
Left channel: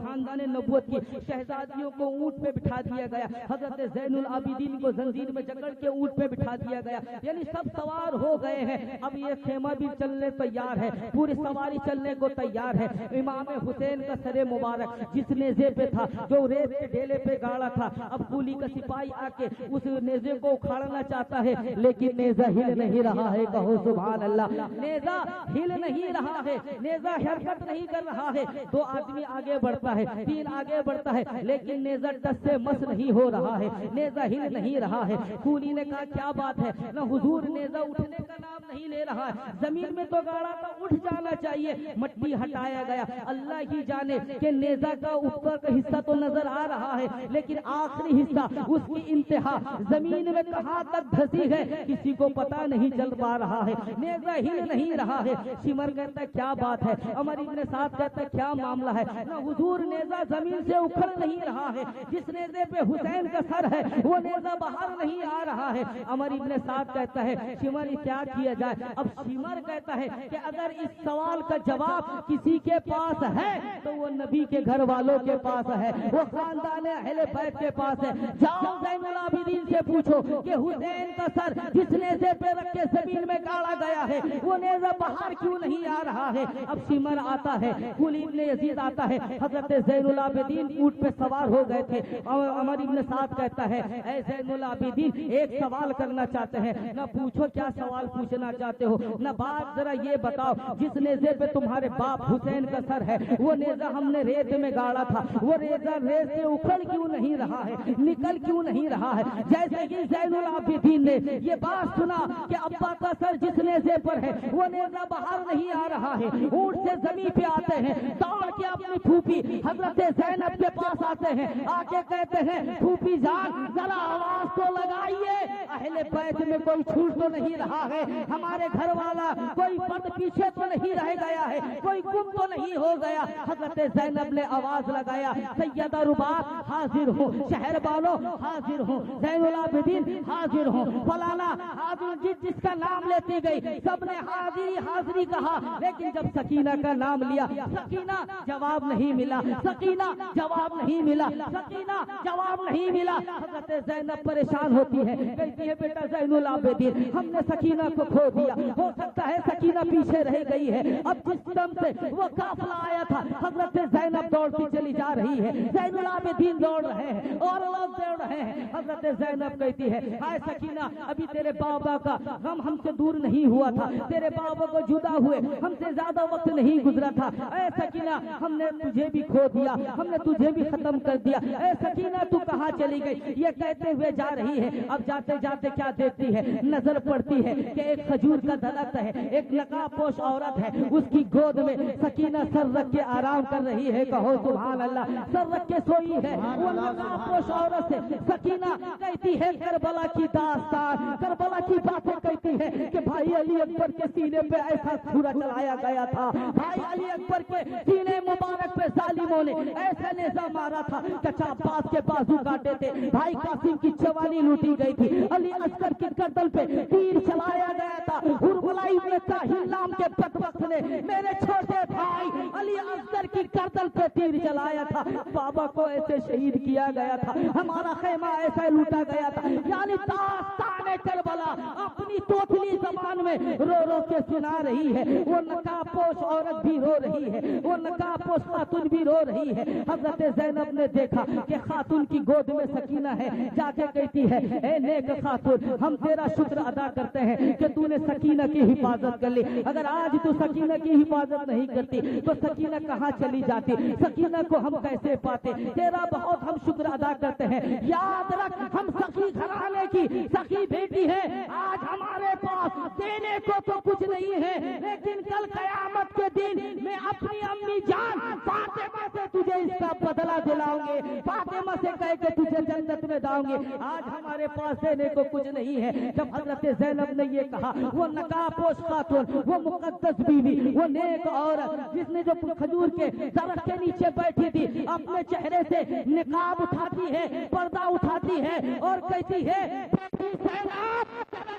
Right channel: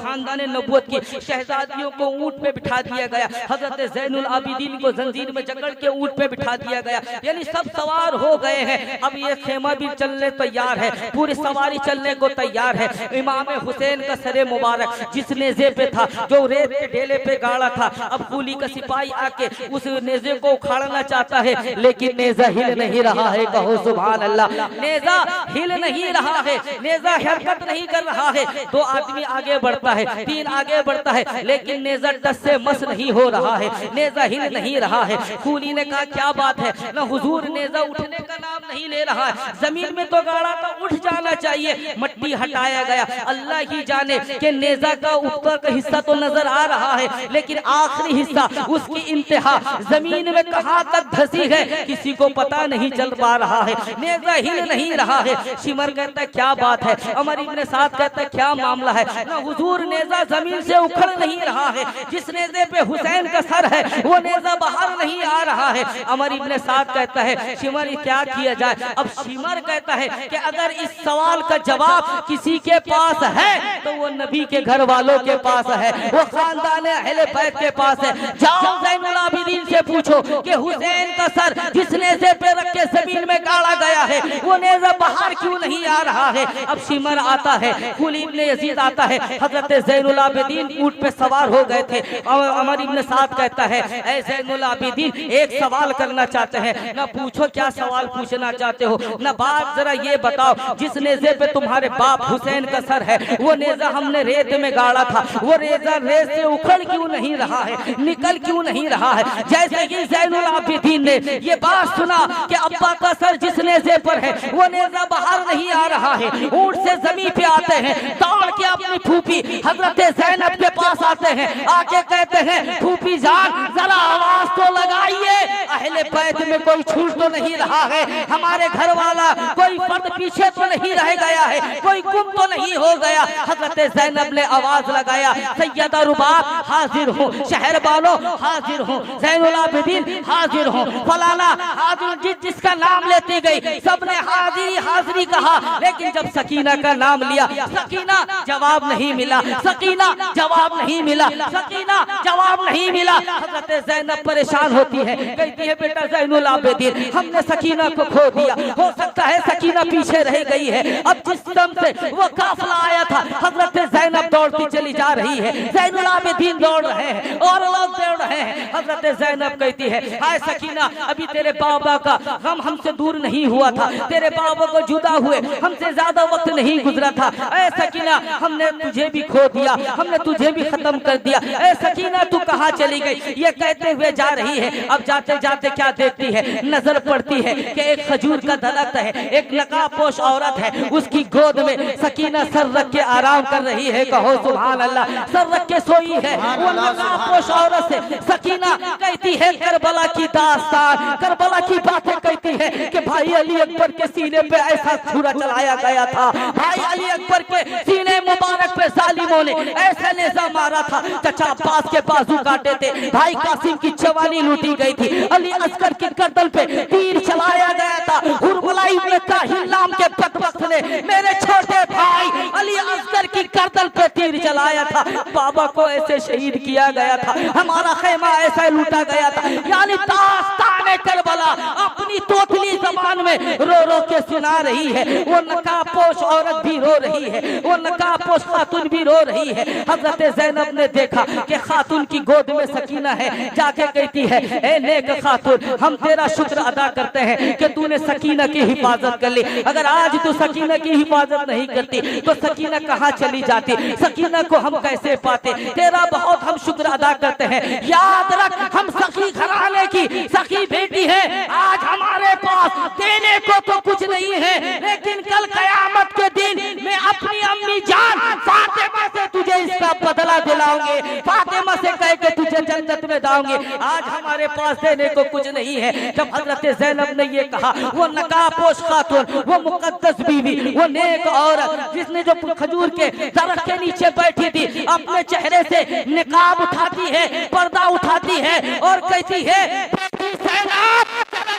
खानदान नबूवत की शहजादियों को ऊंट पे बिठा दिया गया। हजरत ज़ैनुल आबिदीन को जंजीर में जकड़ के ऊंट पे बिठा दिया गया। यानी सब सवार हो गए हैं। अब ये खेमा भी चलने तैयार है, पूरी सवारी चलने को तैयार है। इमाम हुसैन का सरे मुबारक जिस नेज़े पे था, जो रेत के ढेले पे गाड़ा था, अब कुली का सिपाही आके उस नेज़े को उखाड़ना चाहता है, लेकिन नेज़ा हिल नहीं रहा है। कहो सुभान अल्लाह। नेज़ा हिल नहीं रहा है, नेज़ा हरकत नहीं कर रहा है। दो आदमी आगे बढ़ता है, तीन आगे बढ़ता है, लेकिन नेज़ा टस से मस नहीं हो रहा है, नेज़ा हिल नहीं रहा है। कुली ने कहा क्या बात है, ना हुजूर नेज़ा उठने का नाम नहीं ले रहा है, जमीन में तो गाड़ा तो उठ जाना चाहिए। मट्टी हटाया गया। अल्लाह ही जाने कि नेज़ा का ऊपर का हिस्सा तो नजर आ रहा है, लेकिन आखिरी हिस्सा, उसकी इंतहा जमीन में कहां तक धसी है, किसी को पता नहीं चल पा रहा है। नेज़ा हिल नहीं रहा है। शिमर कहता है क्या बात है। अमर इब्ने साद कहता है क्या मामला है। ना हुजूर नेज़ा जमीन से उखड़ नहीं रहा है, जिस नेज़े पे हुसैन का सर है वो नेज़ा बाहर नहीं आ रहा है। अमर इब्ने साद कहता है शिमर क्या किया जाए। अब शिमर कहता है कि अगर इस सवाल का जवाब किसी के पास है तो वो नबी के घर वालों के पास है, वो खानदान अहले बैत के पास है। जाओ ज़ैनुल आबिदीन से पूछो कि हुसैन का सर जिस नेज़े पे रख के जमीन में गाड़ा गया है, वो नेज़ा बाहर क्यों नहीं आ रहा है। अब शिमर आता है, कुली इब्ने यजीद आता है, हजरत ज़ैनुल आबिदीन ऊंट पे सवार हो गए थे। अमर इब्ने साद कहता है ऐ ज़ैनुल आबिदीन एक सवाल करना चाहते हैं। ना पूछो क्या सवाल पूछना चाहते हो, ना बात जरा ये बताओ, जिस नेज़े पे तुम्हारे बाप हुसैन का सर है, वो नेज़ा हमने रेत में गाड़ा था, वो नेज़ा रेत से उखड़ क्यों नहीं रहा है, निकल क्यों नहीं रहा है। जैसे कि ज़ैनुल आबिदीन ने ये बात सुना कि अब्बा का सर जिस नेज़े पर है वो नेज़ा बाहर नहीं आ रहा है, ऊंट से जमीन पे आते हैं, दौड़ के अपनी फूफी हजरत ज़ैनब के पास आते हैं, आके कहते हैं फूफी जान जरा आवाज तो लगाइए, अहले बैत में कोई छूट तो नहीं रहा है, हमारे घर वाला कोई फर्द पीछे तो नहीं रह गया है, कोई गुम तो नहीं हो गया। हजरत ज़ैनब ने आवाज लगाया सैयदा रुबाब हाजिर हूँ, शहरबानो हाजिर हूँ, ज़ैनुल आबिदीन हाजिर हूँ, फलाना हाजिर। जिसका नाम लेती गई सबने हाजिरी हाजिरी कहा, लेकिन जब सकीना का नाम लिया सकीना जवाब नहीं मिला, सकीना जवाब नहीं मिला, सकीना जवाब नहीं मिला। हजरत ज़ैनब परेशान होती है, कहती है बेटा ज़ैनुल आबिदीन हमने सकीना को खो दिया, हो सकता है सकीना पीछे रह गई है। अब जिस दम से वो काफिला आया था हजरत ज़ैनब दौड़ती चली जा रही है, ज़ैनुल आबिदीन दौड़ रहे हैं और लोग दौड़ रहे हैं। हजरत ज़ैनब कहती है हाय सकीना अभी तेरे बाबा का गम हमसे दूर नहीं हुआ था, तेरे बाबा को जुदा हुए हमसे ज्यादा वक्त नहीं गुजरा था। ऐ सकीना हमने तुझे भी खो दिया, हमने तुझे भी खत्म कर दिया, ऐ सकीना तू कहाँ चली गई। ये कहते हुए जा रही है। अब जाते जाते क्या देखती है, नजर पड़ती है कि एक खजूर का दरख्त है, एक नकाबपोश औरत है, उसकी गोद में सकीना सर रख के आराम कर रही है, कहो सुभान अल्लाह। सर रख के सोई है वो नकाबपोश औरत से सकीना कहती है करबला की दास्तान, करबला की बातें कहती है कि भाई अली अकबर के सीने पे ऐसा छुरा चलाया गया था, भाई अली अकबर के सीने मुबारक पे जालिमों ने ऐसा नेज़ा मारा था, चचा अब्बास के बाजू काटे थे, भाई कासिम की जवानी लूटी गई थी, अली असगर की गर्दन पे तीर चलाया गया था, हुरमुला इब्न ताहिर नाम के बदबख्त ने मेरे छोटे भाई अली असगर की गर्दन पे तीर चलाया था, बाबा को ऐसे शहीद किया गया था, हमारा खेमा ऐसा लूटा गया था। यानी दास्तान करबला अपनी तोतली जबान में रो रो के सुना रही है। वो नकाबपोश औरत भी रो रही है, वो नकाबपोश खातून भी रो रही है। हजरत ज़ैनब ने देखा कि खातून की गोद में सकीना है, जाके कहती है ए नेक खातून, हम तेरा शुक्र अदा करते हैं कि तूने सकीना की हिफाजत कर ली। अगर आज तू सकीना की हिफाजत नहीं करती तो सकीना कहाँ चली जाती, सकीना को हम कैसे पाते। तेरा बहुत हम शुक्र अदा करते हैं। याद रख, हम सखी घराने की सखी बेटी है। आज हमारे पास देने को तो कुछ नहीं है, लेकिन कल कयामत के दिन मैं अपनी अम्मी जान फातिमा से तुझे इसका बदला दिलाऊंगे, फातिमा से कह के तुझे जन्नत में दाऊंगे। आज हमारे पास देने को कुछ नहीं है। जब हजरत ज़ैनब ने ये कहा, वो नकाबपोश खातून, वो मुकद्दस बीवी, वो नेक औरत जिसने जो खजूर के दरख्त के नीचे बैठी थी, अपने चेहरे से निकाब उठाती है, पर्दा उठाती है और कहती है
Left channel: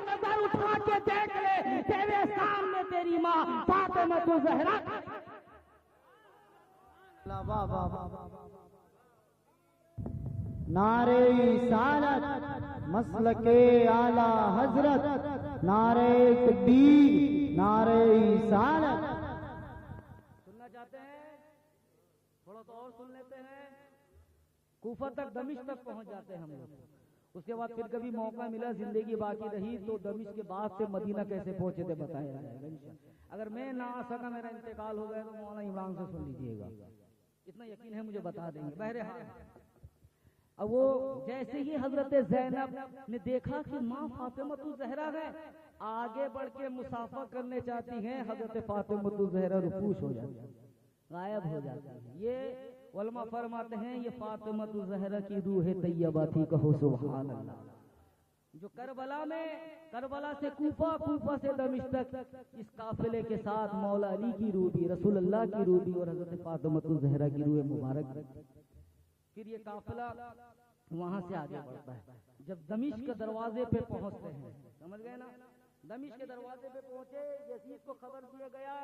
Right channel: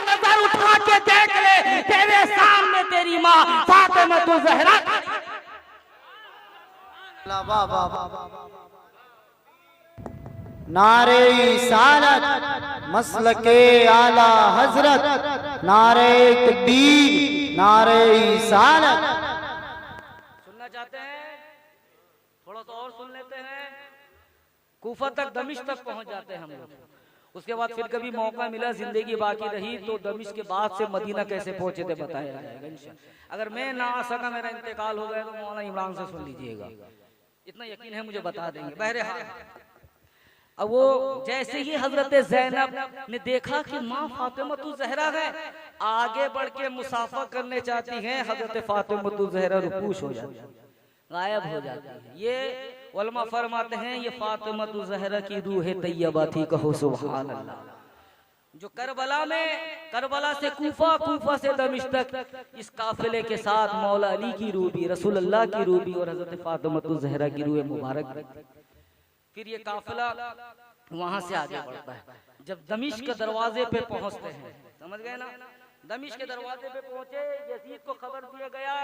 नजर उठा के देख ले, तेरे सामने तेरी माँ फातिमा तु ज़हरा। नारे सालत मसलके आला हजरत, नारे तकबीर, नारे सालत। सुनना चाहते हैं? थोड़ा तो और सुन लेते हैं। कूफा तक, दमिश्क तक पहुंच जाते हैं हम लोग। उसके बाद फिर कभी मौका मिला, जिंदगी बाकी रही तो दमिश्क के बाद से मदीना कैसे पहुंचे थे बताया जाएगा इंशाअल्लाह। अगर मैं ना आ सका, मेरा इंतकाल हो गया, तो मौलाना इमरान से सुन लीजिएगा, इतना यकीन है मुझे बता देंगे। बहरहाल अब वो जैसे ही हजरत ज़ैनब ने देखा कि माँ फातिमा तु ज़हरा है, आगे बढ़ के मुसाफा करने चाहती हैं, हजरत फातिमा तु ज़हरा रुकूश हो जाती है, गायब हो जाती है। ये उलमा फरमाते हैं ये फातिमा तु ज़हरा की रूह तैयबा थी, कहो सुभान अल्लाह। जो करबला में, करबला से कूफा, कूफा से दमिश्क तक इस काफिले के साथ मौला अली की रूह भी, रसूल अल्लाह की रूह भी और हजरत फातिमा तु ज़हरा की रूह मुबारक भी। फिर ये काफिला वहां से आगे बढ़ता है। जब दमिश्क के दरवाजे पे पहुंचते हैं, समझ गए ना, दमिश्क के दरवाजे पे पहुंचे, यजीद को खबर दिया गया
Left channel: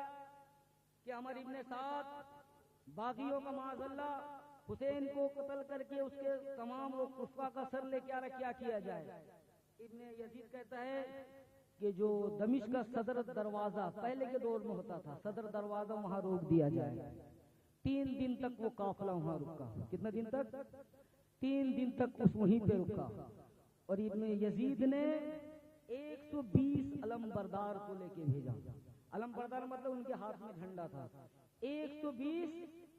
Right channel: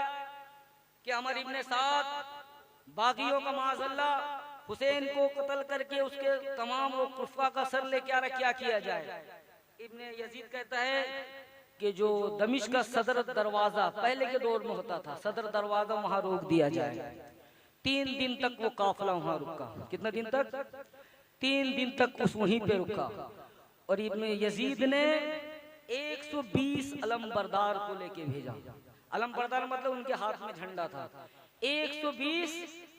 कि अमर इब्न साद बागियों का माज़अल्लाह हुसैन को कत्ल करके उसके तमाम वो कुफा का सर लेके आ रहा, क्या किया जाए। इब्न यजीद कहता है कि जो दमिश्क का सदर दरवाजा पहले के दौर में होता था, सदर दरवाजा वहां रोक दिया जाए। 3 दिन तक वो काफिला वहां रुका। कितना दिन तक? 3 दिन तक उस वहीं पे रुका। और इब्न यजीद ने 120 अलमबरदार को लेके भेजा। अलमबरदार मतलब उनके हाथ में झंडा था। 120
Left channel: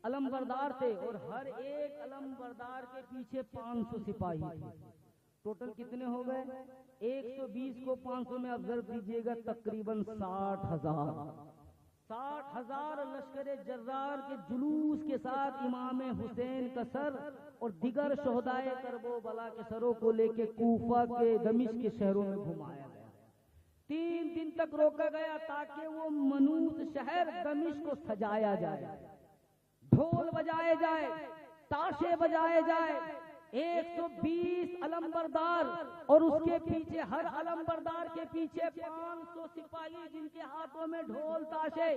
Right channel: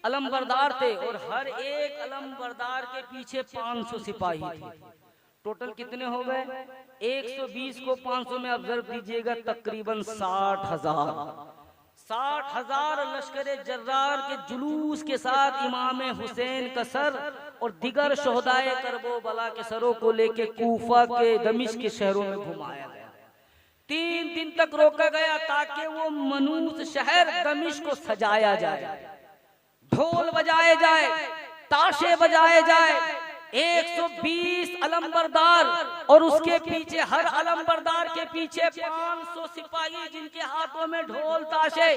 अलमबरदार थे और हर एक अलमबरदार के पीछे 500 सिपाही थे। टोटल कितने हो गए? 120 को 500 में ऑब्जर्व कीजिएगा, तकरीबन 60,000 लश्कर जर्रार के जुलूस के साथ इमाम हुसैन का सर और दिगर शोहदाए करबला के सरों को लेके कूफा के दमिश्क के शहरों में घुमाया गया। 3 दिन तक रोका गया ताकि वो मनूस शहर दमिश्क को सजाया जाए, ढोल बजाए जाए, ताशे बजाए जाए। 120 अलमबरदार और उसके पीछे, हर अलमबरदार के पीछे 500 सिपाही जिनके हाथों में ढोल ताशे,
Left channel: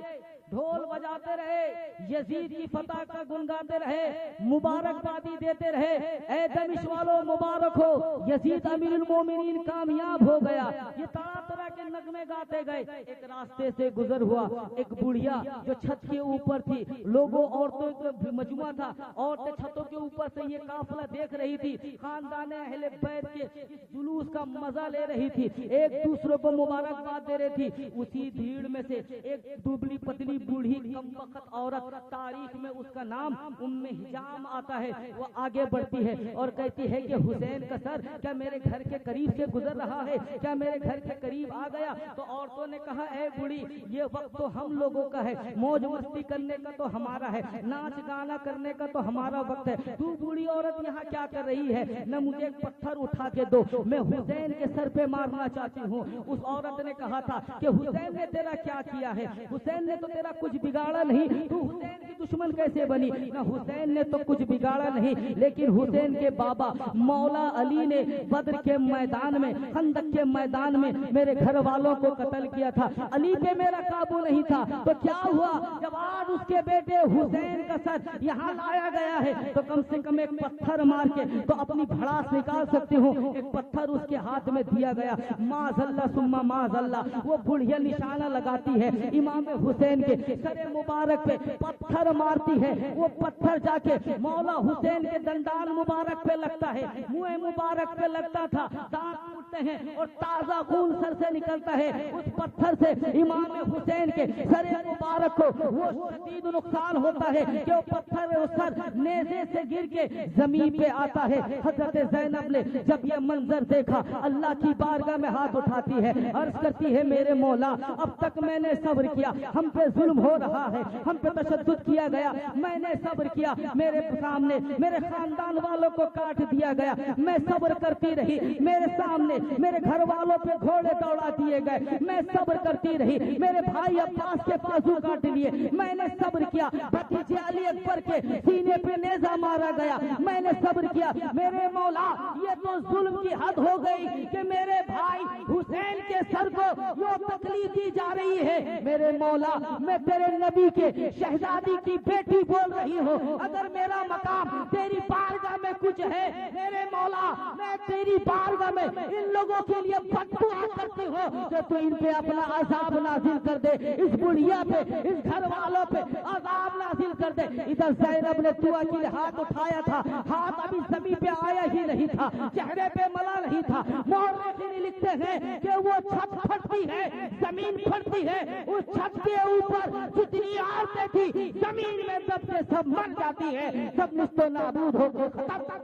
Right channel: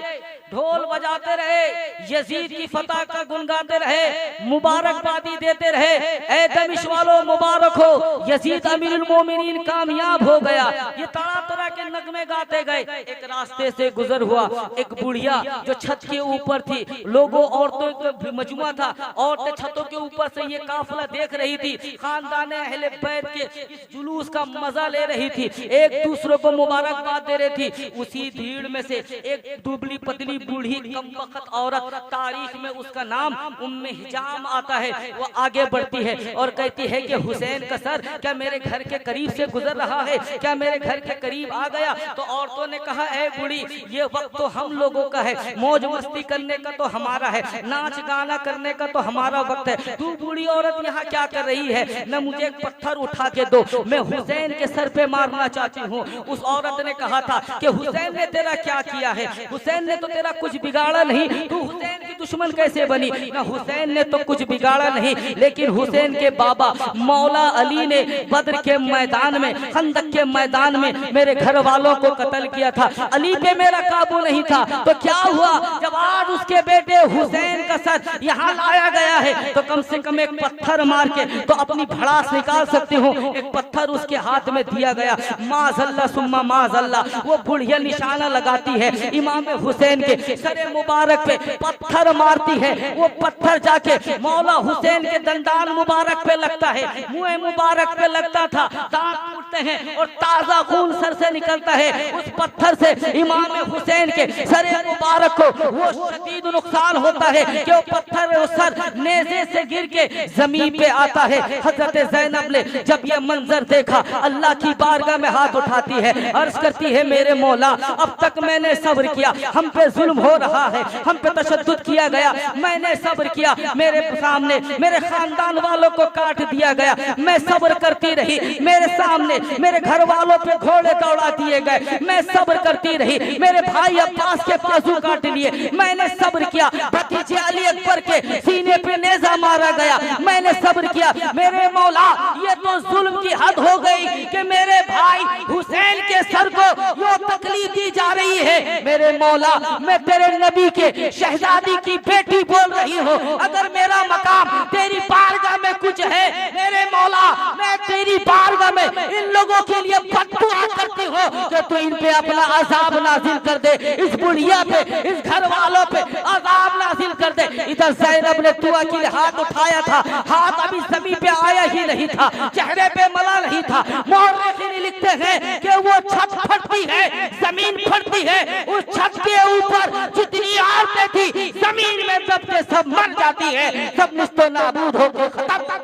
ढोल बजाते रहे, यजीद की फतह का गुनगाते रहे, मुबारकबादी देते रहे। ऐ दमिश्क वालों मुबारक हो, यजीद अमीरुल मोमिनीन कामयाब हो गया। ये तरह तरह के नगमे गाते गए। एक रास्ते से गुजर हुआ, एक बुढ़िया जो छत के ऊपर थी, लोगों औरतों का मजमुआ था, औरतें छतों के ऊपर से ये काफिला देख रही थी, खानदान अहले बैत के इस जुलूस का मजा ले रही थी, एक दूसरों को मुबारकबाद दे रही थी। उसी भीड़ में से एक दुबली पतली बूढ़ी कमबख्त औरत, तारीख में उसका नाम उम्मे हिजाम आता है, वो आगे बढ़ती है और कहती है कि हुसैन का सर क्या मेरे घर के करीब से गुजर रहा है, क्या मेरे घर के करीब आ गया? तो औरतों ने कहा, ऐ बूढ़ी, ये वक्त तो हम लोगों का है, मौज मस्ती करने का तो हमारा है, नाच गाना करने का तो हमारा वक्त है, तू बूढ़ी औरत यहाँ क्या कर रही है? न मुझे एक पत्थर उठा के दो, मैं हुसैन के सर पे मारना चाहती हूँ। उस औरत ने कहा था कि हुसैन ने तेरा क्या किया है? हुसैन ने तो तेरा कुछ बिगाड़ा नहीं, तू हुसैन की दुश्मन कैसे बनी? न हुसैन ने तो कुछ बिगाड़ा नहीं, लेकिन हुसैन के बाबा मौला अली ने बद्र के मैदान में, खंदक के मैदान में मेरे घर वालों को कत्ल किया था, अली पे मेरा काबू नहीं था। तो क्या हुआ जब आज उसके बेटे हुसैन का सर यहाँ लाया गया है, तो कम से कम एक पत्थर मार के तो अपनी भड़ास निकाल सकती हूँ। एक पत्थर उसके हाथ में दिया गया, माज़ल्ला सुम्मा माज़ल्ला, वो बुढ़िया निशाना लगाती है, इमाम हुसैन के सरे मुबारक पे पत्थर मारती है, वो पत्थर जाके मौला हुसैन के दंदान मुबारक पे लगता है, मुंह मुबारक पे लगता था, दांत टूटते हैं और ताजा खून सर से निकलता है। उस पत्थर से इमाम हुसैन के सरे मुबारक को वो शदीद नुकसान होता है कि वो पत्थर वो सर नेज़े से गिर के जमीन पे आता है। हजरत ज़ैनब ने जब ये मंजर देखा, अल्लाह की बारगाह में हाथ उठाती है, अर्ज करती है, मेरे मौला, अब तक मैंने सब्र किया, हम पे जुल्म हो रहा है, हम पे तशद्दुद किया गया, मैंने सब्र किया, मेरे सामने मेरे खानदान वालों को काट दिया गया, मैं सब्र करती रही, मेरे सामने मेरे घर वालों पे घोड़े दौड़ा दिए गए, मैं सब्र करती रही, मेरे भाई अब्बास के बाजू काट लिए, मैंने सब्र किया, भतीजे अली अकबर के सीने पे नेज़ा मारा गया, मैंने सब्र किया, मेरे मौला, ये तो जुल्म की हद हो गई कि मेरे भाई हुसैन के सर को यो तकलीफ दी जा रही है। मेरे मौला, मैं तेरे नबी के शहजादी की बेटी बोल रही हूँ, अगर मेरा मकाम तेरी बारगाह में कुछ है, मेरे मौला, मैं तेरी बारगाह में इन लोगों के लिए बददुआ करती हूँ कि तू इन पे अपना अजाब नाजिल कर दे, इस बुढ़िया पे, इस घर वालों पे अजाब नाजिल कर दे। इधर ज़ैनब ने दुआ के लिए हाथ उठाया था, हाथ अभी जमीन पे आया ही नहीं था, चेहरे पे मला नहीं था। मौर्रिखीन लिखते हैं कि वो छत फटती है, जमीन फटती है, उस छत के ऊपर जितनी औरतें थी जमीन में दबके सब मर जाती है, सब निस्तो नाबूद होकर खत्म।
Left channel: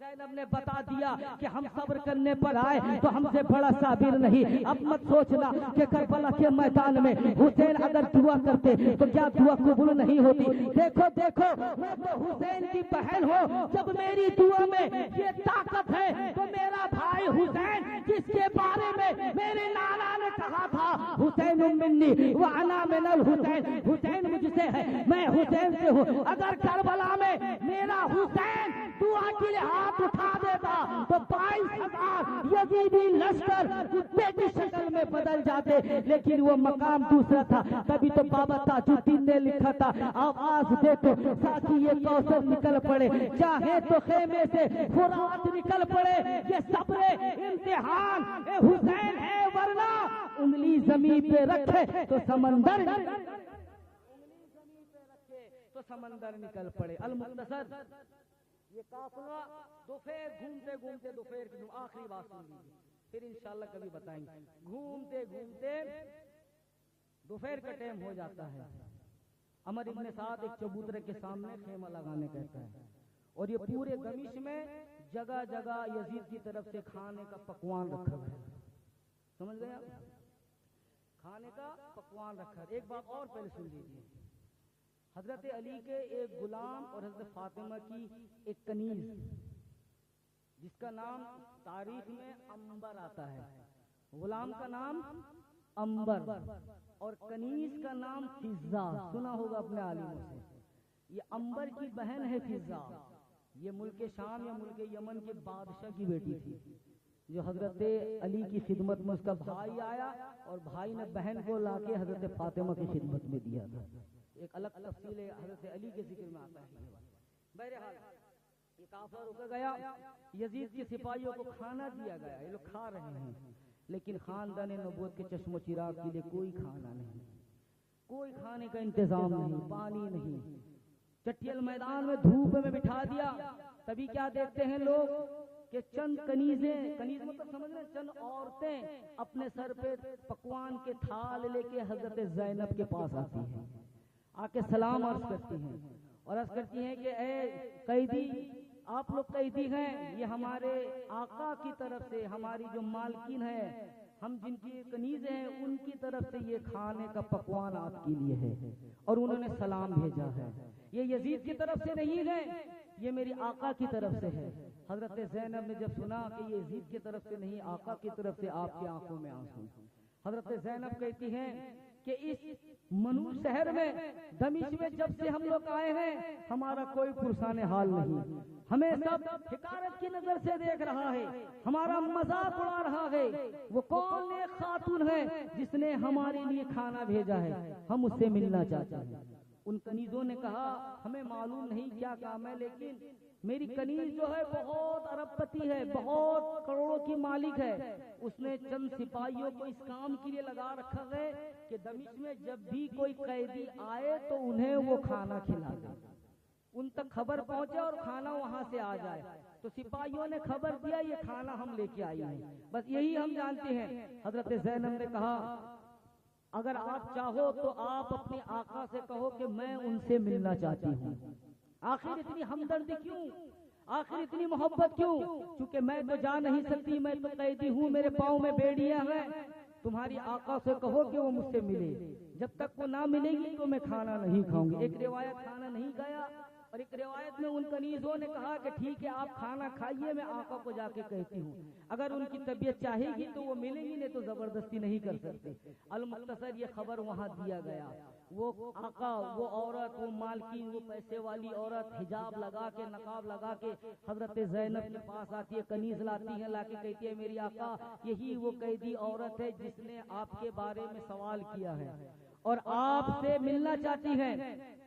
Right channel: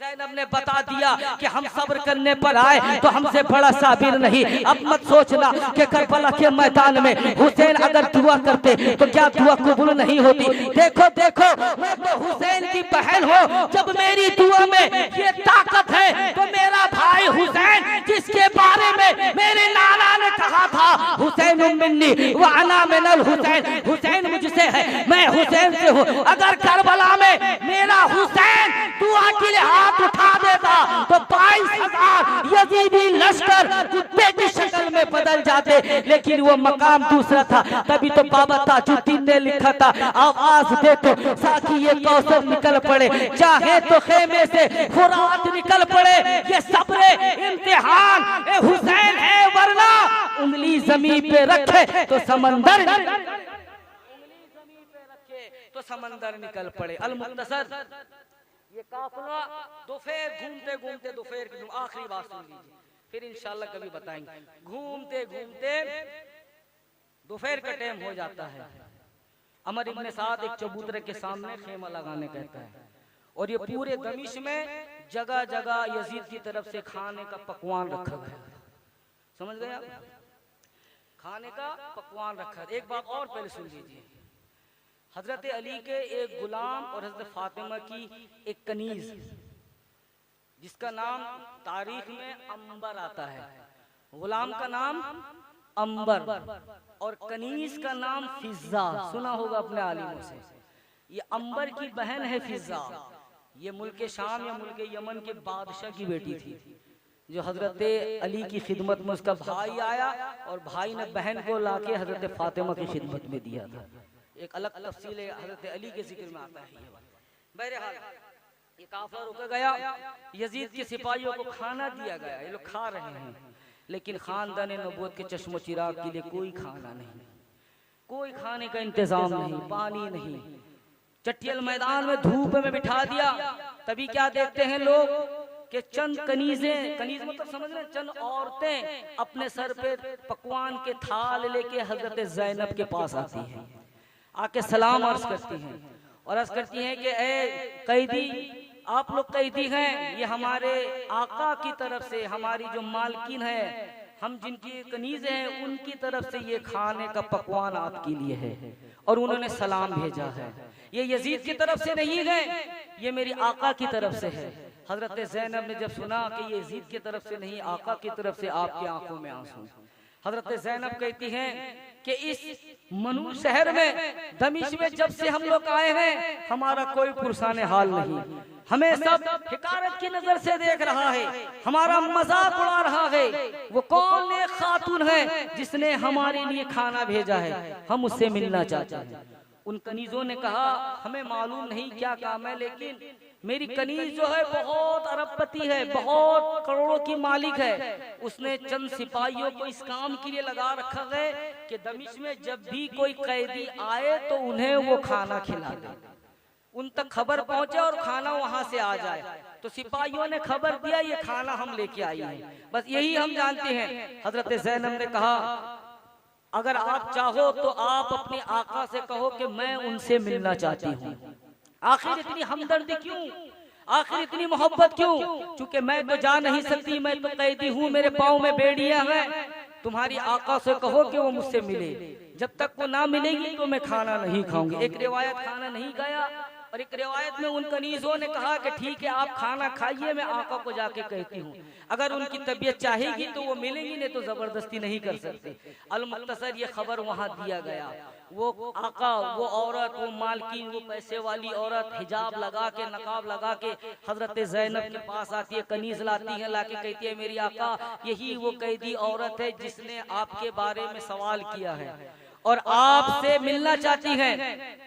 ज़ैनब ने बता दिया कि हम सब्र करने पर आए तो हमसे बड़ा साबिर नहीं। अब मत सोचना कि करबला के मैदान में हुसैन अगर दुआ करते तो क्या दुआ कबूल नहीं होती। देखो देखो, मैं तो हुसैन की बहन हूँ, जब मेरी दुआ में ये ताकत है तो मेरा भाई हुसैन, जिसके बारे में मेरे नाना ने कहा था, हुसैन मिन्नी व अना मिनल हुसैन, हुसैन मुझसे है, मैं हुसैन से हूँ। अगर करबला में मेरा हुसैन दुआ के लिए हाथ उठा देता तो 22,000 यजीदी लश्कर कुत्ते की शक्ल में बदल जाते, लेकिन वो मकाम दूसरा था। तभी तो बाबा ताजुद्दीन ने लिखा था, आवाज दे तो साकी ये कौसर निकल पड़े, चाहे तो खेमे से फुरात निकल पड़े, ये सब्र इम्तिहान ए हुसैन है, वरना उंगली जमीन पे रखे तो समंदर, तो समंदर निकल पड़े। अल मुख्तसर, ये काफिला दोपहर घूमते घूमते, दोपहर की आखिरी बात सुन लीजिए, फिर इंशाल्लाह कभी बताएंगे। घूमते घूमते दोपहर का टाइम हो जाता है। अमर इब्न साद एक चबूतरे के सामने खेमा लगाने कहता है, और ये पूरे दमिश में जगह जगह यजीद की तरफ से खाने का पकवान रखा गया। समझ गए आप? खाने का पकवान रखा। एक बात और पहले सुन लीजिए, हजरत अली के एक गुलाम और हजरत फातिमा की एक कनीज, जिसका नाम तारीख में अंबर आता है। गुलाम का नाम अंबर और कनीज का नाम फिजा, सुना होगा अपने आलिमों से। ये अंबर की बहन है फिजा, ये मुल्क शाम या मुल्क यमन के बादशाह की बेटी थी, जो हजरत अली की खिदमत में उसका भाई आया और भाई ने बहन को लाके हजरत फातिमा की खिदमत में दिया था। एक अलग तफसील हजरत अली के जिक्र में आता है। बहरहाल ये काफिला रुक गया, यजीद के सिपाहियों को खाना दिया गया, ये लोग खा रहे हैं, लेकिन खानदान नबूवत के चश्मो चिराग के लिए कोई खाना नहीं, कोई खाने का इंतजाम नहीं, पानी नहीं। चट्टियल मैदान में धूप में बिठा दिया। तभी क्या देखते हैं लोग कि चंद कनीजें, कनीज मतलब समझ रहे हैं, चंद औरतें अपने सर पे पकवान के थाल लेके हजरत ज़ैनब के पास आती हैं, आके सलाम अर्ज करती हैं और अर्ज करती हैं कि ए कैदी, आप लोग कैदी हैं, ये हमारे आका की तरफ से, हमारी जो मालकिन है, हम जिनकी कनीज हैं उनकी तरफ से ये खाने का पकवान आपके लिए है और उन्होंने सलाम भेजा है। ये यजीद की तरफ से नहीं है, ये मेरी आका की तरफ से है। हजरत ज़ैनब ने जब सुना कि ये यजीद की तरफ से नहीं, आका की तरफ से, आपकी आंखों में आंसू। हजरत ज़ैनब कहती हैं कि इस मनु शहर में, दमिश्क में जब से हम लोग आए हैं, हमारा कोई पुरसाने हाल नहीं, हमें सब हिकारत की नजर से देख रहा है, हमारा मजाक उड़ा रहा है। वो कौन नेक खातून है जिसने हमारे लिए खाना भेजा है, हम उससे मिलना चाहते हैं। उन कनीजों ने कहा हमें मालूम नहीं क्या काम है, लेकिन मेरी कनीज जो है बहुत अरबपति है, बहुत करोड़ों की मालिक है। उसने चंद सिपाहियों को इस काम के लिए लगा रखा है कि दमिश्क में जब भी कोई कैदी आए तो उन्हें वो खाना खिला दे, उन तक खबर पहुंचे और खाना वहां से आ जाए। तो सिपाहियों ने खबर दिया ये खाना हम लेके आई हैं, बस यही हम जानते हैं। हजरत ज़ैनब ने कहा अगर आप चाहो तो आप अपने आका से कहो कि मैं उनसे मिलना चाहती हूँ। आखिर इतनी हमदर्दी क्यों, आखिर इतनी मोहब्बत क्यों? क्योंकि मैं तो जा नहीं सकती, मैं तो कैदी हूँ, मेरे पाँव में बेड़ियां हैं। तुम्हारी आका से कहो कि वो मुझसे मिले, जब तक वो ना मिलेगी तो मैं खाना नहीं खाऊंगी। एक रिवायत खाना नहीं खाया और एक रिवायत में उन कनीजों ने कहा कि ठीक है आप खाना खाइए, मैं आका को जाके कहती हूँ, अगर उनकी तबीयत चाहेगी तो वो मिलेंगी, नहीं तो जबरदस्ती नहीं कर सकते। अल-मुख्तसर ये खबर वहाँ दिया गया। वो आका, वो औरत, वो मालकिन, वो पैसे वाली औरत हिजाब लगा के, नकाब लगा के हजरत ज़ैनब के पास आती है, कनीज लाती है, लाके कहती है मेरी आका यही वो कैदी औरत है जिसने आपके बारे में सवाल किया है और आपसे मिलना चाहती है।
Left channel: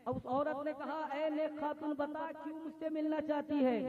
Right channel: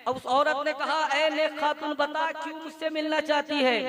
अब उस औरत ने कहा ऐ नेक खातून बता क्यों मुझसे मिलना चाहती है?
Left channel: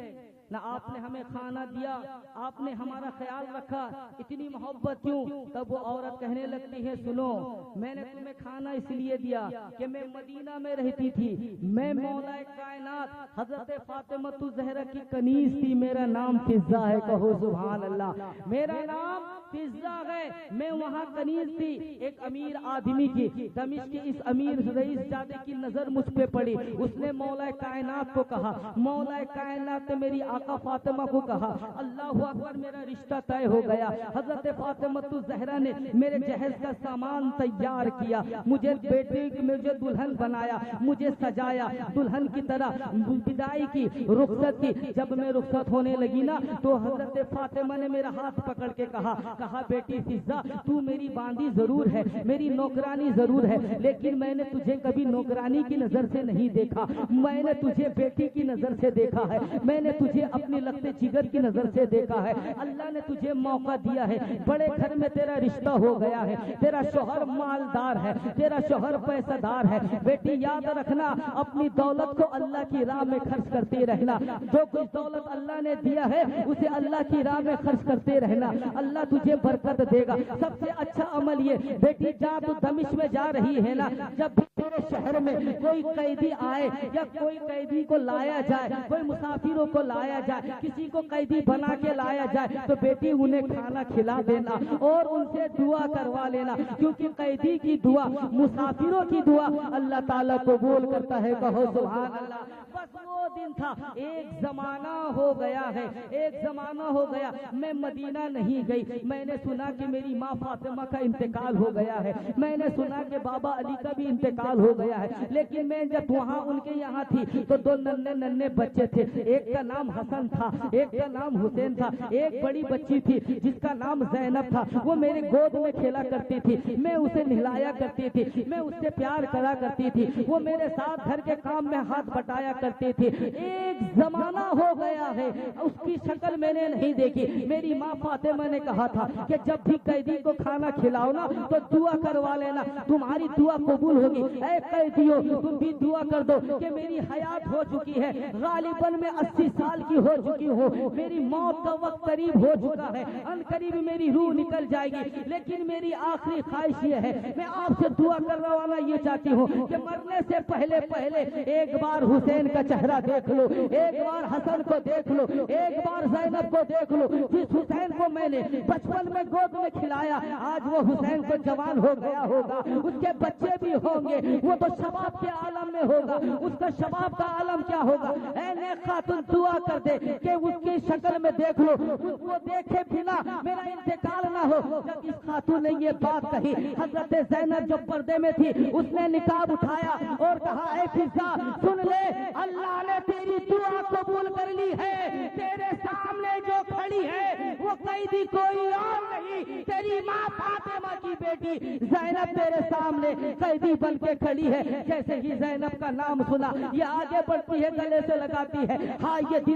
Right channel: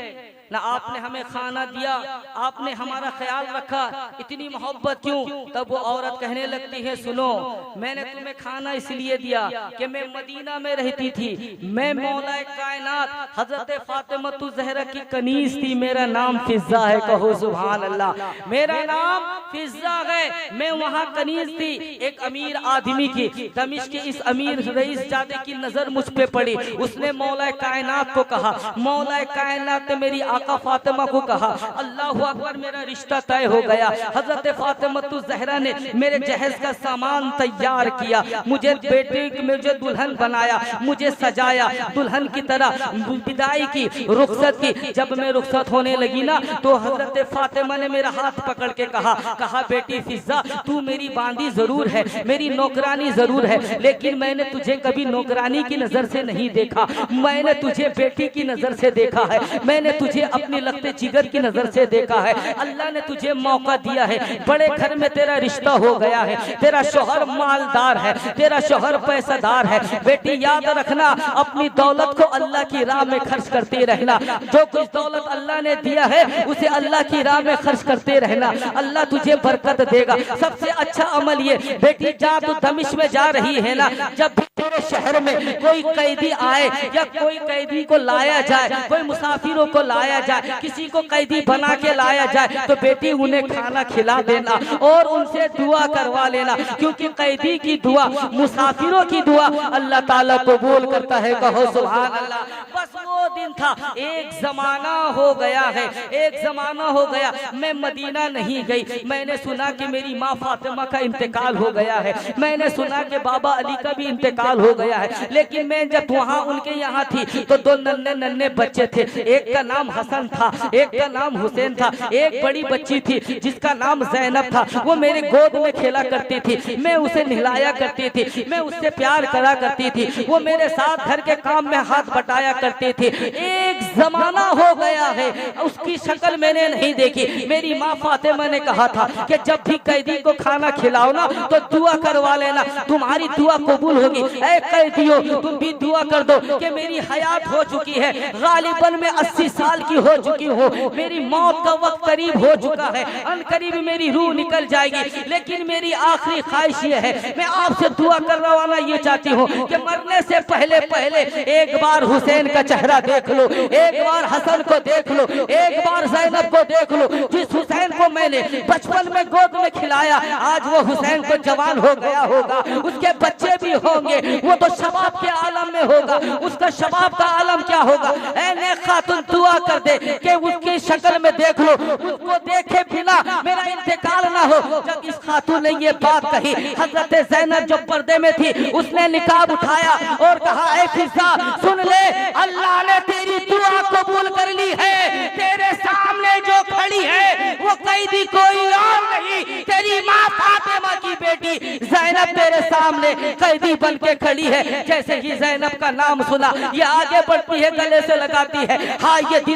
ना आपने हमें खाना दिया, आपने हमारा ख्याल रखा, इतनी मोहब्बत क्यों? तब वो औरत कहने लगती है सुनो, मैंने तुम्हें खाना इसलिए दिया कि मैं मदीना में रहती थी, मैं मौलाए कायनात हजरत फातिमतु ज़हरा की कनीज थी, मेरा नाम फिज़्ज़ा है, कहो सुभान अल्लाह। मेरा नाम फिज़्ज़ा है, मैं वहाँ कनीज थी। एक अमीर आदमी की, दमिश्क के इस अमीर रईस जादे की नजर मुझ पे पड़ी, उसने मौलाए कायनात को कहा, मौलाए कायनात ने मेरी आका फातिमा को कहा अल्लाहु अकबर, मेरा रिश्ता तय हो गया। हजरत फातिमतु ज़हरा ने मेरे जहेज का सामान तैयार किया, मुझे बेटे मुझे दुल्हन बनाया, मुझे सजाया, दुल्हन की तरह विदाई की, रुखसत की। जब मैं रुखसत होने लगी ना तो हजरत फातिमा ने मेरा हाथ पकड़ के कहा बेटी फिज़्ज़ा तू मेरी बांदी जरूर है, मेरी नौकरानी जरूर है, लेकिन मैंने तुझे कभी नौकरानी की नजर से नहीं देखा, मैंने तुझे बेटी की नजर से देखा है, मैंने तुझे अपने लगते जिगर की नजर से देखा है। अल्लाह ने तुझे मौका दिया है, बड़े घर में तेरा रिश्ता हो गया है, तेरा शौहर मालदार है, तेरा शौहर पैसादार है। बेटी याद रखना, अपनी दौलत को अल्लाह की राह में खर्च करते रहना, जो कुछ दौलत अल्लाह ने दिया है उसे अल्लाह की राह में खर्च करते रहना, अल्लाह तुझे बरकत देगा। सबसे अच्छा अमल ये बेटी, जा तू दमिश्क में जा रही है ना, जब भी तेरे शहर में कोई कैदी आए या कोई कैदी को लाया जाए, कोई मुसाफिरों को लाया जाए, किसी को कैदी बना के लाया जाए, तो बेटी उन्हें खाना खिला देना और उनसे दुआ करवा लेना, क्योंकि कैदी की दुआ, मुसाफिरों की दुआ अल्लाह ताला कबूल करता है, कहो सुभान अल्लाह। बस वो दिन था, एक जमाना हो गया है, एक जमाना हो गया, मैं मदीना नहीं गई। मैंने सुना कि मेरी माँ फातिमा का इंतकाल हो गया है, मैंने सुना कि बाबा अली का भी इंतकाल हो गया है, लेकिन मैं जब वहाँ उनके यहाँ थी तो दो नन्हे नन्हे बच्चे थे, एक का नाम हसन था, एक का नाम हुसैन था, एक बड़ी बच्ची थी जिसका नाम ज़ैनब था, वो मेरे गोद में खेला करती थी, मैं उसे नहलाया करती थी, मैं उससे प्यार करा करती थी, वो मेरे साथ घर के काम में हाथ बटाया करती थी। एक जमाना हो गया है, उसकी शक्ल मैंने नहीं देखी। मेरी माँ फातिमा ने कहा था कि जब भी कैदी को खाना खिलाओ ना तो दुआ करवा लेना, तुम्हारी दुआ कबूल होगी। ऐ कैदियों, तुम भी दुआ कर दो कि मेरी हयात हो चुकी है, गालिबन मैं 80 साल की हो चुकी हूँ, मेरी मौत का वक्त करीब हो चुका है, अनकरीब मेरी रूह निकल जाएगी, लेकिन मेरी आखिरी ख्वाहिश ये है, मैं आपसे दुआ करवाना ये चाहती हूँ कि मरने से पहले पहले एक बार हुसैन का चेहरा देख लो, एक बार हसन को देख लो, एक बार ज़ैनब को देख लो। जिस हुसैन को मैंने बचपन में गोद में खिलाया, आज वो हुसैन को जवान हो गया होगा, उसके बच्चे भी होंगे, वो तो शबाब के आलम में होगा, उसका शबाब का आलम क्या होगा। ऐ नेक खातून दुआ कर दे कि उसकी शक्ल में देख लो, उसको देखे बिना मेरा इंतकाल ना हो। जब इस खातून ने ये बात कही, हजरत ज़ैनब जो पर्दे में थी उसने निकाब उठाया और कहा, ऐ फिजा सुन ले, अल्लाह ने तेरी दुआ कबूल कर ली है, तेरे सामने जो खड़ी है वो कैदी कोई और नहीं, तेरी माँ फातिमा की बेटी ज़ैनब तेरे सामने कैदी बन के खड़ी है। जैसे ही ज़ैनब का नाम सुना, ये आगे बढ़ती है, गले से लगाती है, हाँ ये दिल